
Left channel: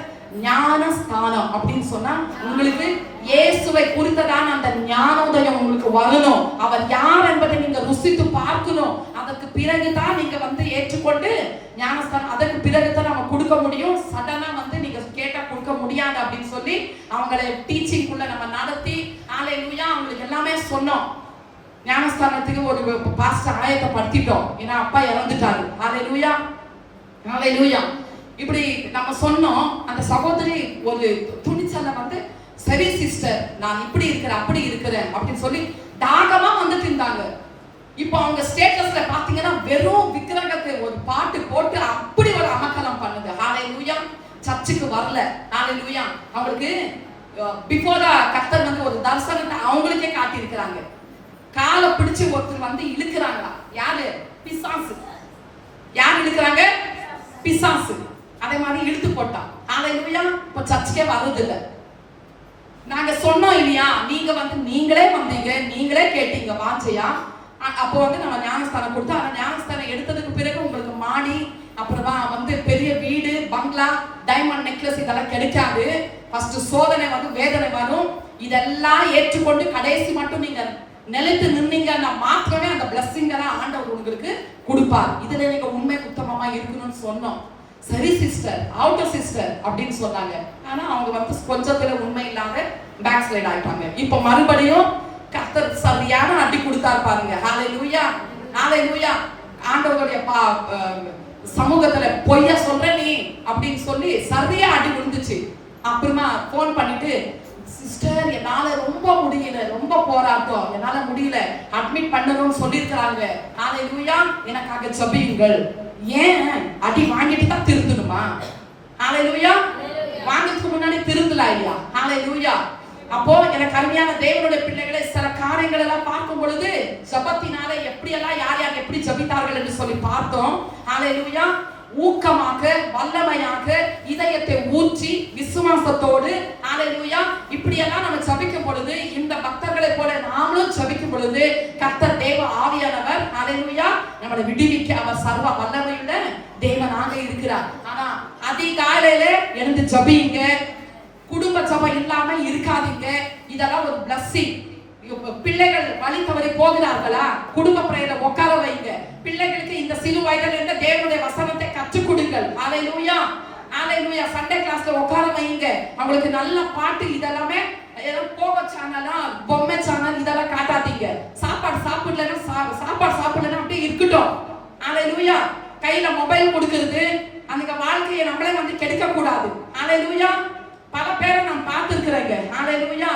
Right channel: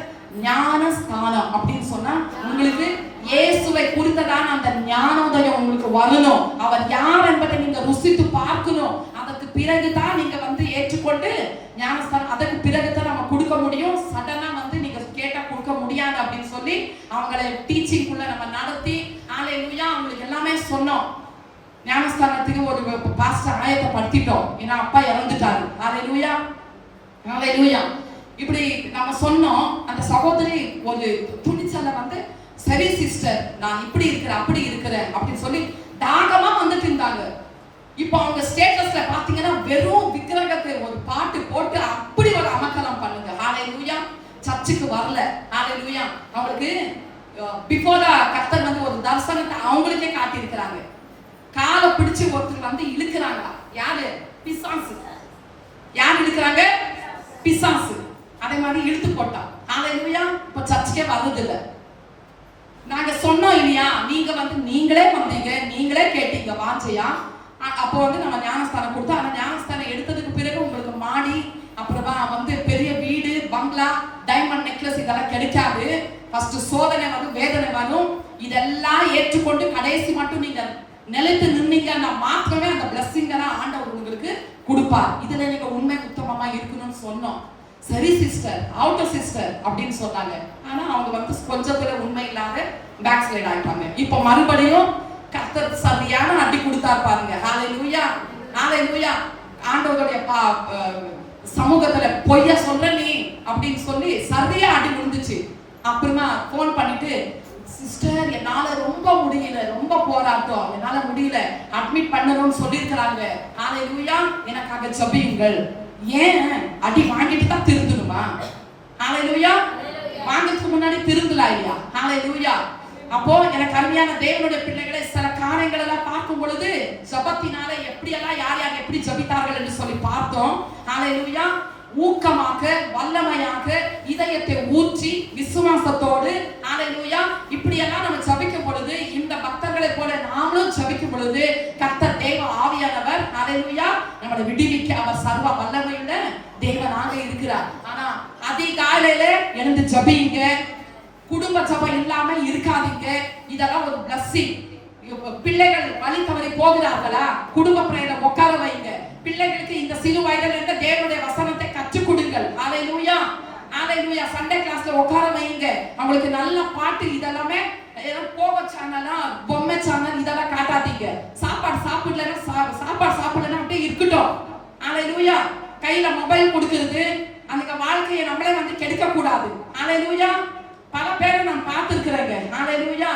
ஞானஸ்தானம் அப்படின்னு சொன்னா உங்களுக்கு இயேசுவை குறித்ததான அந்த ஞானோதயம் உங்களுக்கு வரணும். அவர் யார் என்பதை நீங்க ருசித்து பார்க்கணும். அதற்கு பிறகுதான் நீங்க வந்து ஏற்றுக்கொண்டு ஞானஸ்தானம், அதற்கு பிறகுதான் நம்ம கொடுக்க முடியும். சடனா வந்து நீங்க கேட்டா கொடுக்க முடியாது அப்படின்னு சொல்லி அவங்களை டீச்சிங்குள்ள நம்ம நடத்தி ஹalleluya அவங்களுக்கு எல்லாமே சொன்னோம். ஞானஸ்தானத்துக்கு ஒரு பாஸ்டர் ஆயத்தப்படுத்திட்டோம், ஏன்னா அப்பா இறந்துட்டாரு. ஹalleluya ஹalleluya இப்படி நம்ம சொன்னோம். அந்த சகோதரி ஒரு துணிச்சல்ல வந்து சரி சிஸ்டர் நான் இப்படி இருக்கிறேன் அப்படி இருக்கிறேன் அப்படின்னு சொல்லி தாகமா வந்துட்டு இருந்தாங்க. இப்போ அவங்க ஸ்டேட்டஸ்ல பாத்தீங்கன்னா வெறும் விக்கிரகத்தை ஒரு பாட்டு போட்டு அப்படி ஒரு அமக்கலம் பண்ணுங்க. ஹalleluya சர்ச்சுக்கு வரல. ஹalleluya அவங்களுக்கு பிஃபோரா கர்த்தர் வந்து ஒரு தரிசனத்தை அவங்களுக்கே காட்டி இருக்கிறாங்க. காலை பிடிச்சு ஒருத்தர் வந்து இழுக்கிறாங்க. யாரு? பிசாசு. யார் இழுக்கிறாங்க? பிசாசு. அதே மாதிரி இழுத்து போட்டான். ஹalleluya இப்ப சர்ச்சுக்கே வர்றதில்லை. நாங்க சொன்னோம் இல்லையா, நீங்க வந்து நீங்களே வந்தீங்க, நீங்களே கேட்டீங்க வாஞ்சையா. அப்போ வந்து நம்ம ஞானஸ்தானம் கொடுத்தோம். அந்த ஞானஸ்தானம் எடுத்ததுக்கு பிறகு உங்களுக்கு மாடி, அப்புறமா வந்து பெரிய வீடு, பங்களா, டைமண்ட் நெக்லஸ் இதெல்லாம் கிடைக்காது. ஃபர்ஸ்ட் சோதனை வரும், வேதனை வரும். இதெல்லாம் ஏற்றுக்கொண்டு கடைசி மட்டும் நீங்க நிலைத்து நின்னீங்கன்னா மாத்திரமே அந்த பிளஸ்ஸிங்கை ஆண்டவர் உங்களுக்கு கொடுப்பார். இதுல நீங்க உண்மை உத்தமமா இருக்கணும்னு சொன்னோம். சரி சிஸ்டர், அவுட்டர் சிஸ்டர் அப்படின்னு சொன்னாங்க. ஆனா அவங்க வந்து கொஞ்சத்துல உண்மை இல்லாத பேக் ஸ்லைட் ஆயிட்டாங்க. இப்ப மறுபடியும் கர்த்தர் சரியான அடி கொடுத்தாரு பாருங்க. ஹalleluya ஹalleluya ஆண்டவருடைய சமூகத்துல பொய்ய சொல்ற நீ அப்படின்னு சொல்லி சரியா அடி விழுந்துச்சு. அப்புறமா போன் பண்ணிட்டு சிஸ்டர் என்னால ரொம்ப முடியல, ரொம்ப போராட்டம், என்னால முடியல, அட்மிட் பண்ணணும்னு சொல்லியிருக்கிறாங்க. ஹalleluya எனக்காக ஜெபியுங்கள். ஏன் அடி வாங்கிட்டு தான் திருந்தணுமா? ஹalleluya வாங்கிறதுக்கு முன்னாடி திருந்தலாம் இல்லையா? ஹalleluya அப்போ எனக்கு அருமையான தேவனுடைய பிள்ளைகளை சில காரியங்கள் எல்லாம் பார்க்கும் பொழுது ஜெபத்தினால எப்படி எல்லாம் யார் யார் எப்படி ஜெபித்தார்கள் என்று சொல்லி பார்த்தோம். ஹalleluya ஊக்கமாக வல்லமையாக இதயத்தை ஊற்றி விசுவாசத்தோடு ஹalleluya இப்படி எல்லாம் நம்ம ஜெபிக்கும் பொழுது இந்த பக்தர்களை போல நாமளும் ஜெபிக்கும் பொழுது கர்த்தர் தேவ ஆவியானவர் ஹalleluya நம்மளை விடுவிக்க அவர் சர்வ வல்லமையுள்ள தேவனாக இருக்கிறார். ஆனா அதிகாலையில எழுந்து எடுத்து ஜபிங்க. குடும்ப ஜபம் இல்லாம இருக்காதீங்க. இதெல்லாம் ஒரு பிளஸ்ஸிங். பிள்ளைகள் வழி தவறி போகிறார்களா, குடும்ப பிரேயர்ல உட்கார வைங்க. பிள்ளைகளுக்கு இந்த சிறு வயதில் இருந்த தேவனுடைய வசனத்தை கற்றுக் கொடுங்கள். ஹalleluya, ஹalleluya. சண்டே கிளாஸ்ல உட்கார வைங்க. அவங்களுக்கு நல்ல பாட்டு இதெல்லாமே போக சேனலா, பொம்மை சேனல் இதெல்லாம் காட்டாதீங்க. சாப்பாடு சாப்பிடலன்னா அப்படியே இருக்கட்டும். ஹalleluya. கையில மொபைல் கொடுக்கிறது அந்த வாழ்க்கையை நம்மளே வந்து கெடுக்க கூடாது. ஹalleluya. பல பேரை நான் பார்த்திருக்கிறேங்க. ஹalleluya.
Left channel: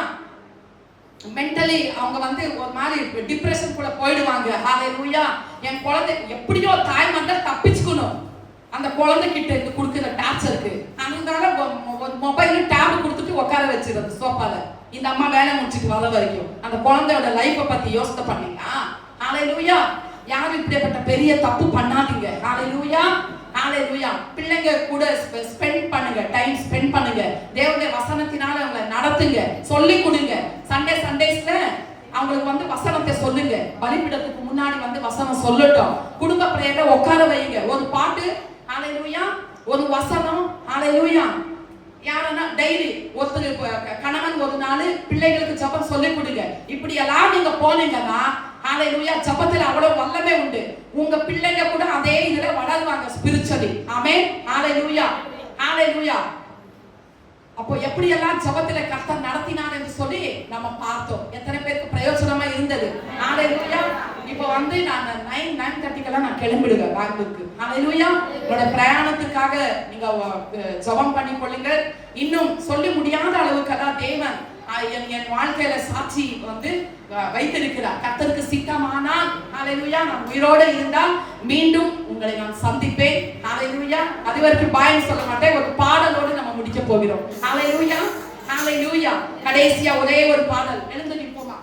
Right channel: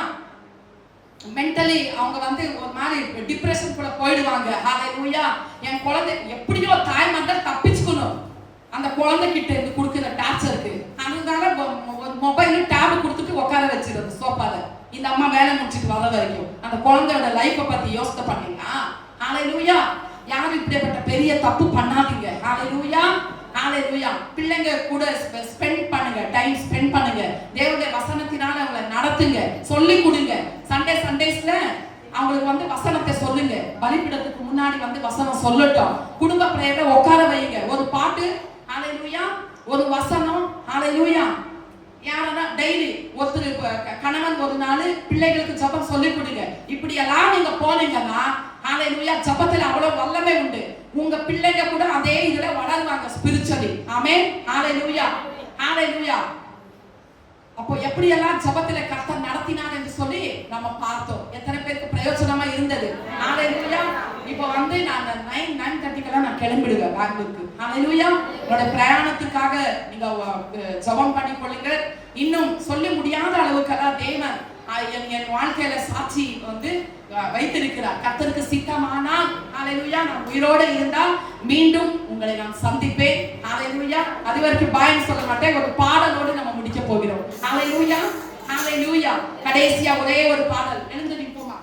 மென்டலி அவங்க வந்து ஒரு மாதிரி டிப்ரெஷன் கூட போயிடுவாங்க. ஹalleluya. என் குழந்தை எப்படியோ தாய் மந்தர் தப்பிச்சுக்கணும் அந்த குழந்தை கிட்ட இருந்து கொடுக்கிற டார்ச்சருக்கு. அதனால மொபைல் டேப் கொடுத்துட்டு உட்கார வச்சிருது சோஃபால. இந்த அம்மா வேலை முடிச்சிட்டு வர வரைக்கும் அந்த குழந்தையோட லைஃபை பத்தி யோசனை பண்ணீங்களா? ஹalleluya. யாரும் இப்படிப்பட்ட பெரிய தப்பு பண்ணாதீங்க. ஹalleluya, ஹalleluya. பிள்ளைங்க கூட ஸ்பெண்ட் பண்ணுங்க, டைம் ஸ்பெண்ட் பண்ணுங்க. தேவனுடைய வசனத்தினால அவங்களை நடத்துங்க, சொல்லி கொடுங்க. சண்டேஸ்ல அவங்களுக்கு வந்து வசனத்தை சொல்லுங்க. பலிபீடத்துக்கு முன்னாடி வந்து வசனம் சொல்லட்டும். குடும்ப பிரேயர்ல உட்கார வைங்க. ஒரு பாட்டு, ஹalleluya, ஒரு வசனம், ஹalleluya. யாரனா டெய்லி ஒருத்தர் கணவன் ஒரு நாள் பிள்ளைகளுக்கு ஜெபம் சொல்லி கொடுங்க. இப்படி எல்லாம் நீங்க போனீங்கன்னா ஹalleluya, ஜெபத்துல அவ்வளவு வல்லமை உண்டு. உங்க பிள்ளைங்க கூட அதே இதுல வளருவாங்க ஸ்பிரிச்சுவலி. ஆமென், ஹalleluya, ஹalleluya. அப்போ எப்படி எல்லாம் ஜெபத்துல கர்த்தர் நடத்தினார் என்று சொல்லி நம்ம பார்த்தோம். எத்தனை பேருக்கு பிரயோஜனமா இருந்தது? ஹalleluya. இப்போ வந்து நான் 9:30 நான் கிளம்பிடுவேன் பேங்க்குக்கு. ஹalleluya. என்னோட பிரயாணத்துக்காக நீங்க ஜெபம் பண்ணி கொள்ளுங்க. இன்னும் சொல்லி முடியாத அளவுக்கு தேவன் என் வாழ்க்கையில சாட்சி வந்து வைத்திருக்கிறார். கர்த்தருக்கு சித்தமானால் ஹalleluya நான் உயிரோடு இருந்தால் மீண்டும் உங்களை நான் சந்திப்பேன். ஹalleluya. அது வரைக்கும் பாயம் சொல்ல மாட்டேன். ஒரு பாடலோடு நம்ம முடிக்க போகிறோம். ஹalleluya, ஹalleluya. கடைசியா ஒரே ஒரு பாடல். எழுந்து நிப்போமா?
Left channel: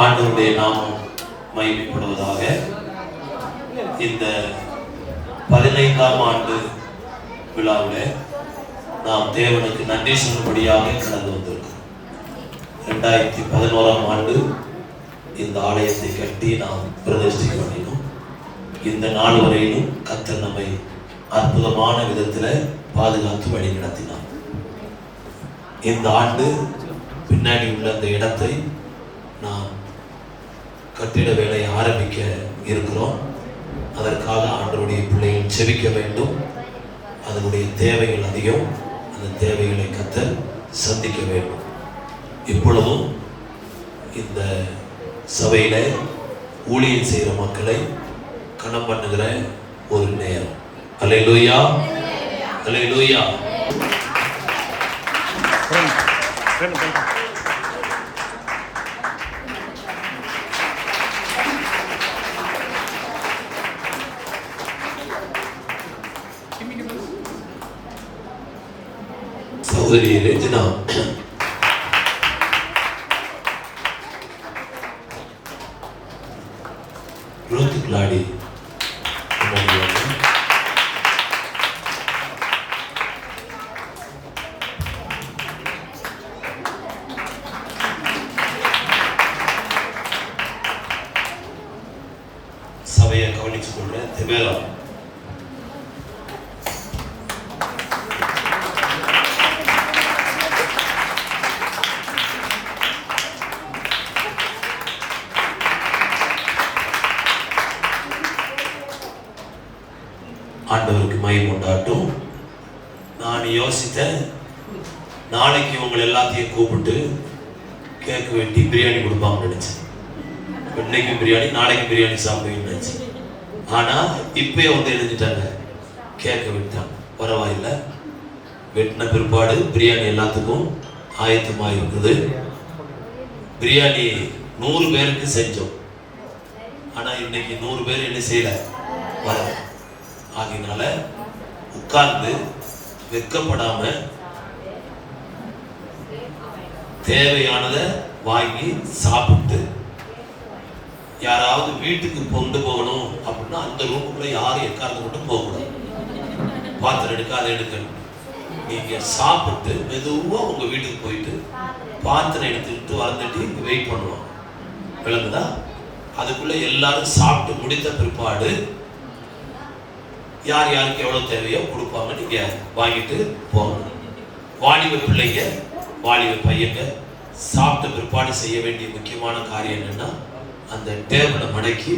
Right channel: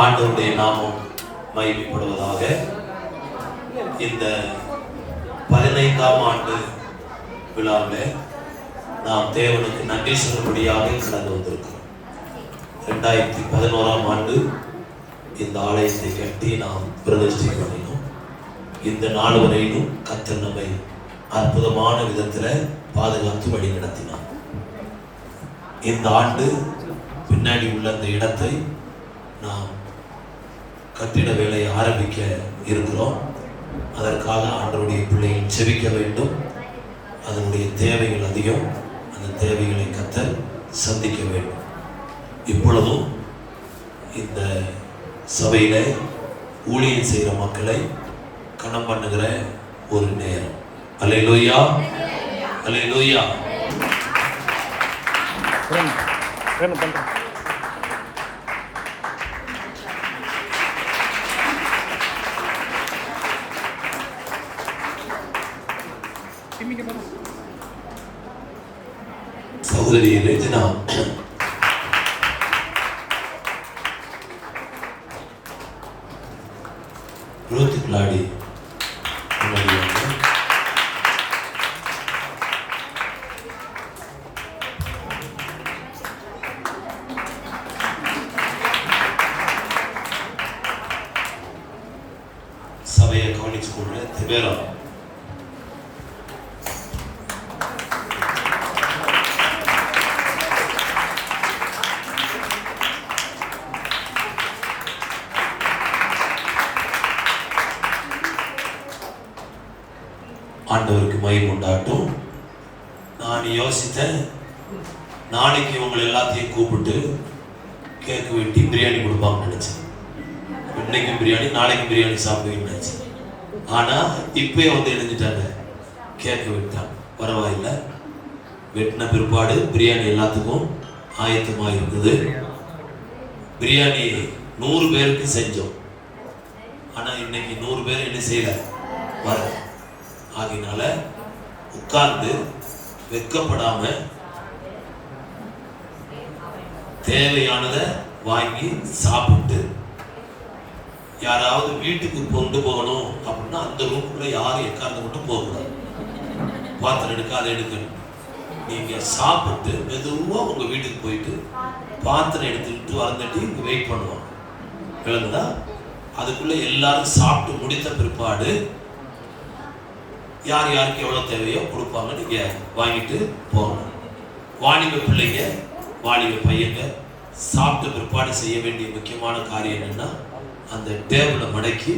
ஆண்டவருடைய நாமம் மகிமைப்படுவதாக. இந்த 15ஆம் ஆண்டு விழாவில் நாம் தேவனுக்கு நன்றி சொல்லும்படியாக கடந்து வந்திருக்கிறோம். 2011ஆம் ஆண்டு இந்த ஆலயத்தை கட்டி நாம் பிரதிஷ்டை பண்ணினோம். இந்த நாள் வரையிலும் கர்த்தர் நம்மை அற்புதமான விதத்தில் பாதுகாத்து வழி நடத்தினார். இந்த ஆண்டு பின்னாடி உள்ள அந்த இடத்தை நாம் கட்டிட வேலையை ஆரம்பிக்க இருக்கிறோம். அதற்காக ஆண்டவருடைய பிள்ளைகள் செபிக்க வேண்டும். அதனுடைய தேவைகள் அதிகம். அந்த தேவைகளை கர்த்தர் சந்திக்க வேண்டும். இப்பொழுதும் இந்த சபையில ஊழியம் செய்கிற மக்களை கணம் பண்ணுகிற ஒரு நேரம். அல்லேலூயா, அல்லேலூயா. சகோதரி ரெஜினா ரூத் கிளாடி சபையை கவனிச்சு கொண்டு திபேரா ஆண்டவருக்கு மகிமை உண்டாட்டும். நான் யோசித்தேன், நாளைக்கு உங்களை எல்லாத்தையும் கூப்பிட்டு கேக்கு வெட்டி பிரியாணி கொடுப்பாங்கன்னு நினைச்சேன். இன்னைக்கு பிரியாணி, நாளைக்கு பிரியாணி சாப்பிடுவீங்கன்னு நினைச்சேன். ஆனா இப்பயே வந்து எழுந்துட்டாங்க, கேக்கு வெட்டாங்க. பரவாயில்லை, வெட்டின பிற்பாடு பிரியாணி எல்லாத்துக்கும் ஆயத்தமாக இருக்குது. பிரியாணி 100 பேருக்கு செஞ்சோம். ஆனா இன்னைக்கு 100 பேர் என்ன செய்யல, வரல. ஆகினால உட்கார்ந்து வெட்கப்படாம தேவையானதை வாங்கி சாப்பிட்டு, யாராவது வீட்டுக்கு கொண்டு போகணும் அப்படின்னா அந்த ரூம்குள்ள யாரும் எக்கார்ந்து மட்டும் போகக்கூடாது. பாத்திரம் எடுக்காத எடுக்கணும். நீங்க சாப்பிட்டு மெதுவா உங்க வீட்டுக்கு போயிட்டு பாத்திரம் எடுத்துக்கிட்டு வரந்துட்டு வெயிட் பண்ணுவோம். விளங்குதா? அதுக்குள்ள எல்லாரும் சாப்பிட்டு முடித்த பிற்பாடு யார் யாருக்கு எவ்வளவு தேவையோ கொடுப்பாங்க. நீங்க வாங்கிட்டு போகணும். வாலிப பிள்ளைங்க, வாலிப பையங்க சாப்பிட்ட பிற்பாடு செய்ய வேண்டிய முக்கியமான காரியம் என்னன்னா, அந்த டேபிளை மடக்கி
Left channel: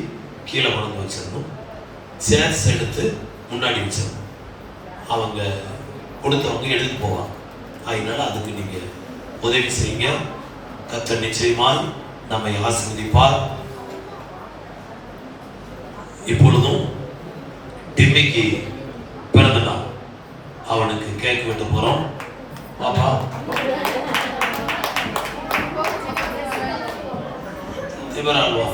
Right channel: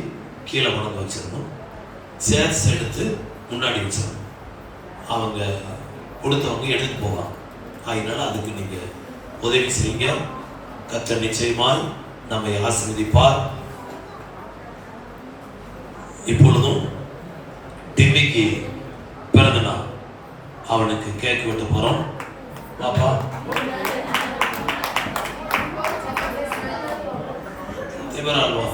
கீழே கொண்டு வச்சிடணும். சேர்ஸ் எடுத்து முன்னாடி வச்சிடணும். அவங்க கொடுத்தவங்க எடுத்து போவாங்க. அதனால அதுக்கு நீங்க உதவி செய்யுங்க. கர்த்தர் நிச்சயமாய் நம்மை ஆசீர்வதிப்பார். இப்பொழுதும் டிம்மிக்கு பிறந்த நாள், அவனுக்கு கேக் வெட்ட போறோம். பாப்பா திபரால்வா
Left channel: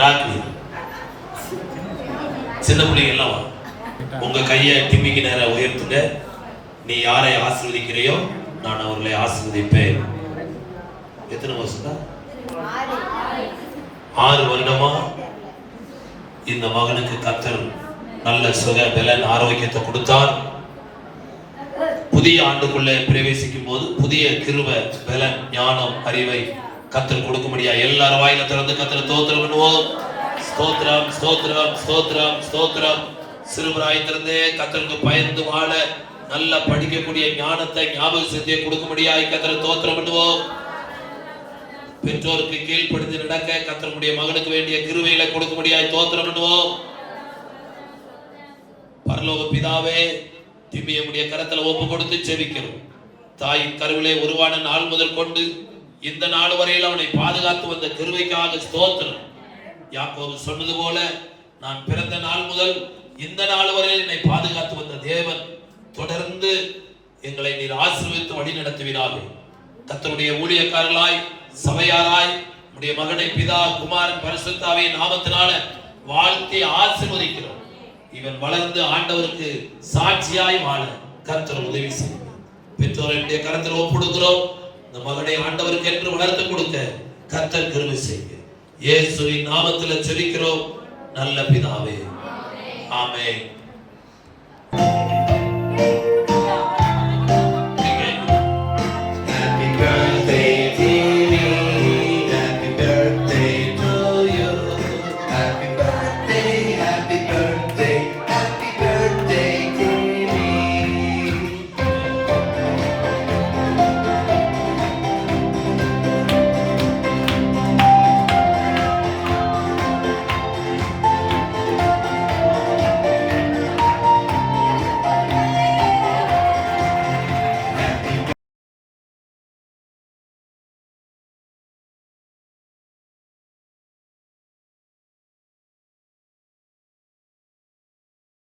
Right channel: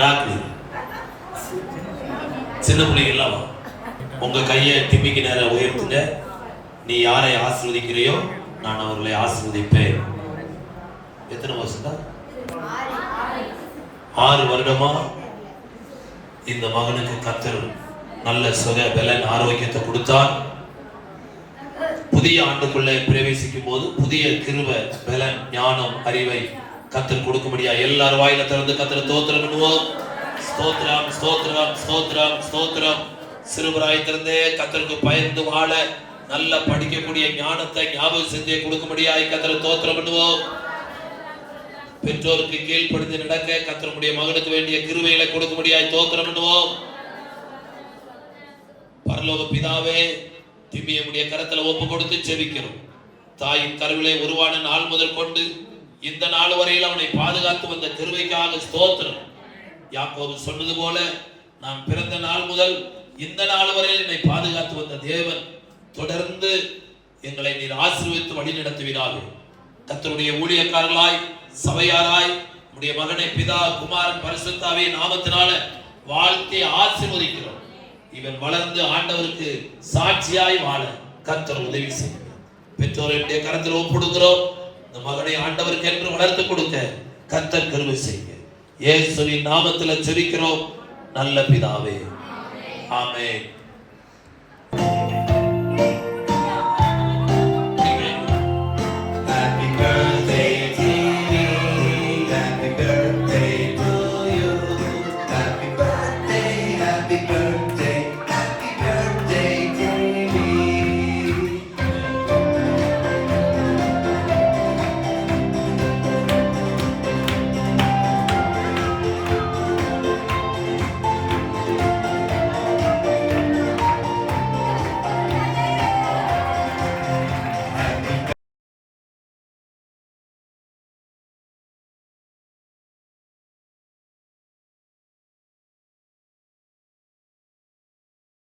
ராக்கி சின்ன பிள்ளைங்க எல்லாம் உங்க கையை டிம்மிக்கு நேர உயர்த்துங்க. நீ யாரை ஆசீர்வதிக்கிறையோ நான் அவர்களை ஆசீர்வதிப்பேன். எத்தனை வருஷம்? 6 வருடமா இந்த மகனுக்கு கர்த்தர் நல்ல சுக பலன் ஆரோக்கியத்தை கொடுத்தார். புதிய ஆண்டுக்குள்ளே பிரவேசிக்கும் போது புதிய கிருபை பலன் ஞானம் அறிவை கர்த்தர் கொடுக்க முடியாது. எல்லாரும் வாயில திறந்து கர்த்தரை ஸ்தோத்திரம் பண்ணுவோம். ஸ்தோத்திரம் ஸ்தோத்திரம் ஸ்தோத்திரம் ஸ்தோத்திரம். சிறுவராய்த்திருந்தே கர்த்தருக்கு பயந்து வாழ நல்ல படிக்கக்கூடிய ஞானத்தை ஞாபக சக்தியை கொடுக்க முடியாது. கர்த்தரை ஸ்தோத்திரம் பண்ணுவோம். பெற்றோருக்கு கீழ்ப்படிந்து நடக்க கர்த்தருடைய மகனுக்கு வேண்டிய கிருபைகளை கொடுக்க முடியாது. ஸ்தோத்திரம் பண்ணுவோம். பரலோக பிதாவே, திவ்யமுடைய கரத்துல ஒப்பு கொடுத்து ஜெபிக்கிறோம். தாயின் கருவிலே உருவான நாள் முதல் கொண்டு இந்த நாள் வரையில் அவனை பாதுகாத்து வந்த கிருபைக்காக ஸ்தோத்திரம். யாக்கோபு சொன்னது போல, நான் பிறந்த நாள் முதல் இந்த நாள் வரையில் என்னை பாதுகாத்து வந்த தேவன் தொடர்ந்து எங்களை நீர் ஆசீர்வதித்து வழி நடத்துவீராக. கர்த்தருடைய ஊழியக்காரர்களாய் சபையாராய் உடைய மகனை பிதா குமாரன் பரிசுத்தாவே நாமத்தினால வாழ்த்தி ஆசீர்வதிக்கிறோம். இவன் வளர்ந்து ஆண்டவருக்கு சாட்சியாய் வாழ கர்த்தர் உதவி செய்யும். பெற்றோருடைய கரத்தில் ஒப்புடுகிறோம். இந்த மகனை ஆண்டவருக்கு என்று வளர்த்து கொடுக்க கர்த்தர் கிருபை செய்யுங்க. இயேசுவின் நாமத்தில் ஜெபிக்கிறோம் நல்ல பிதாவே. ஆமென்.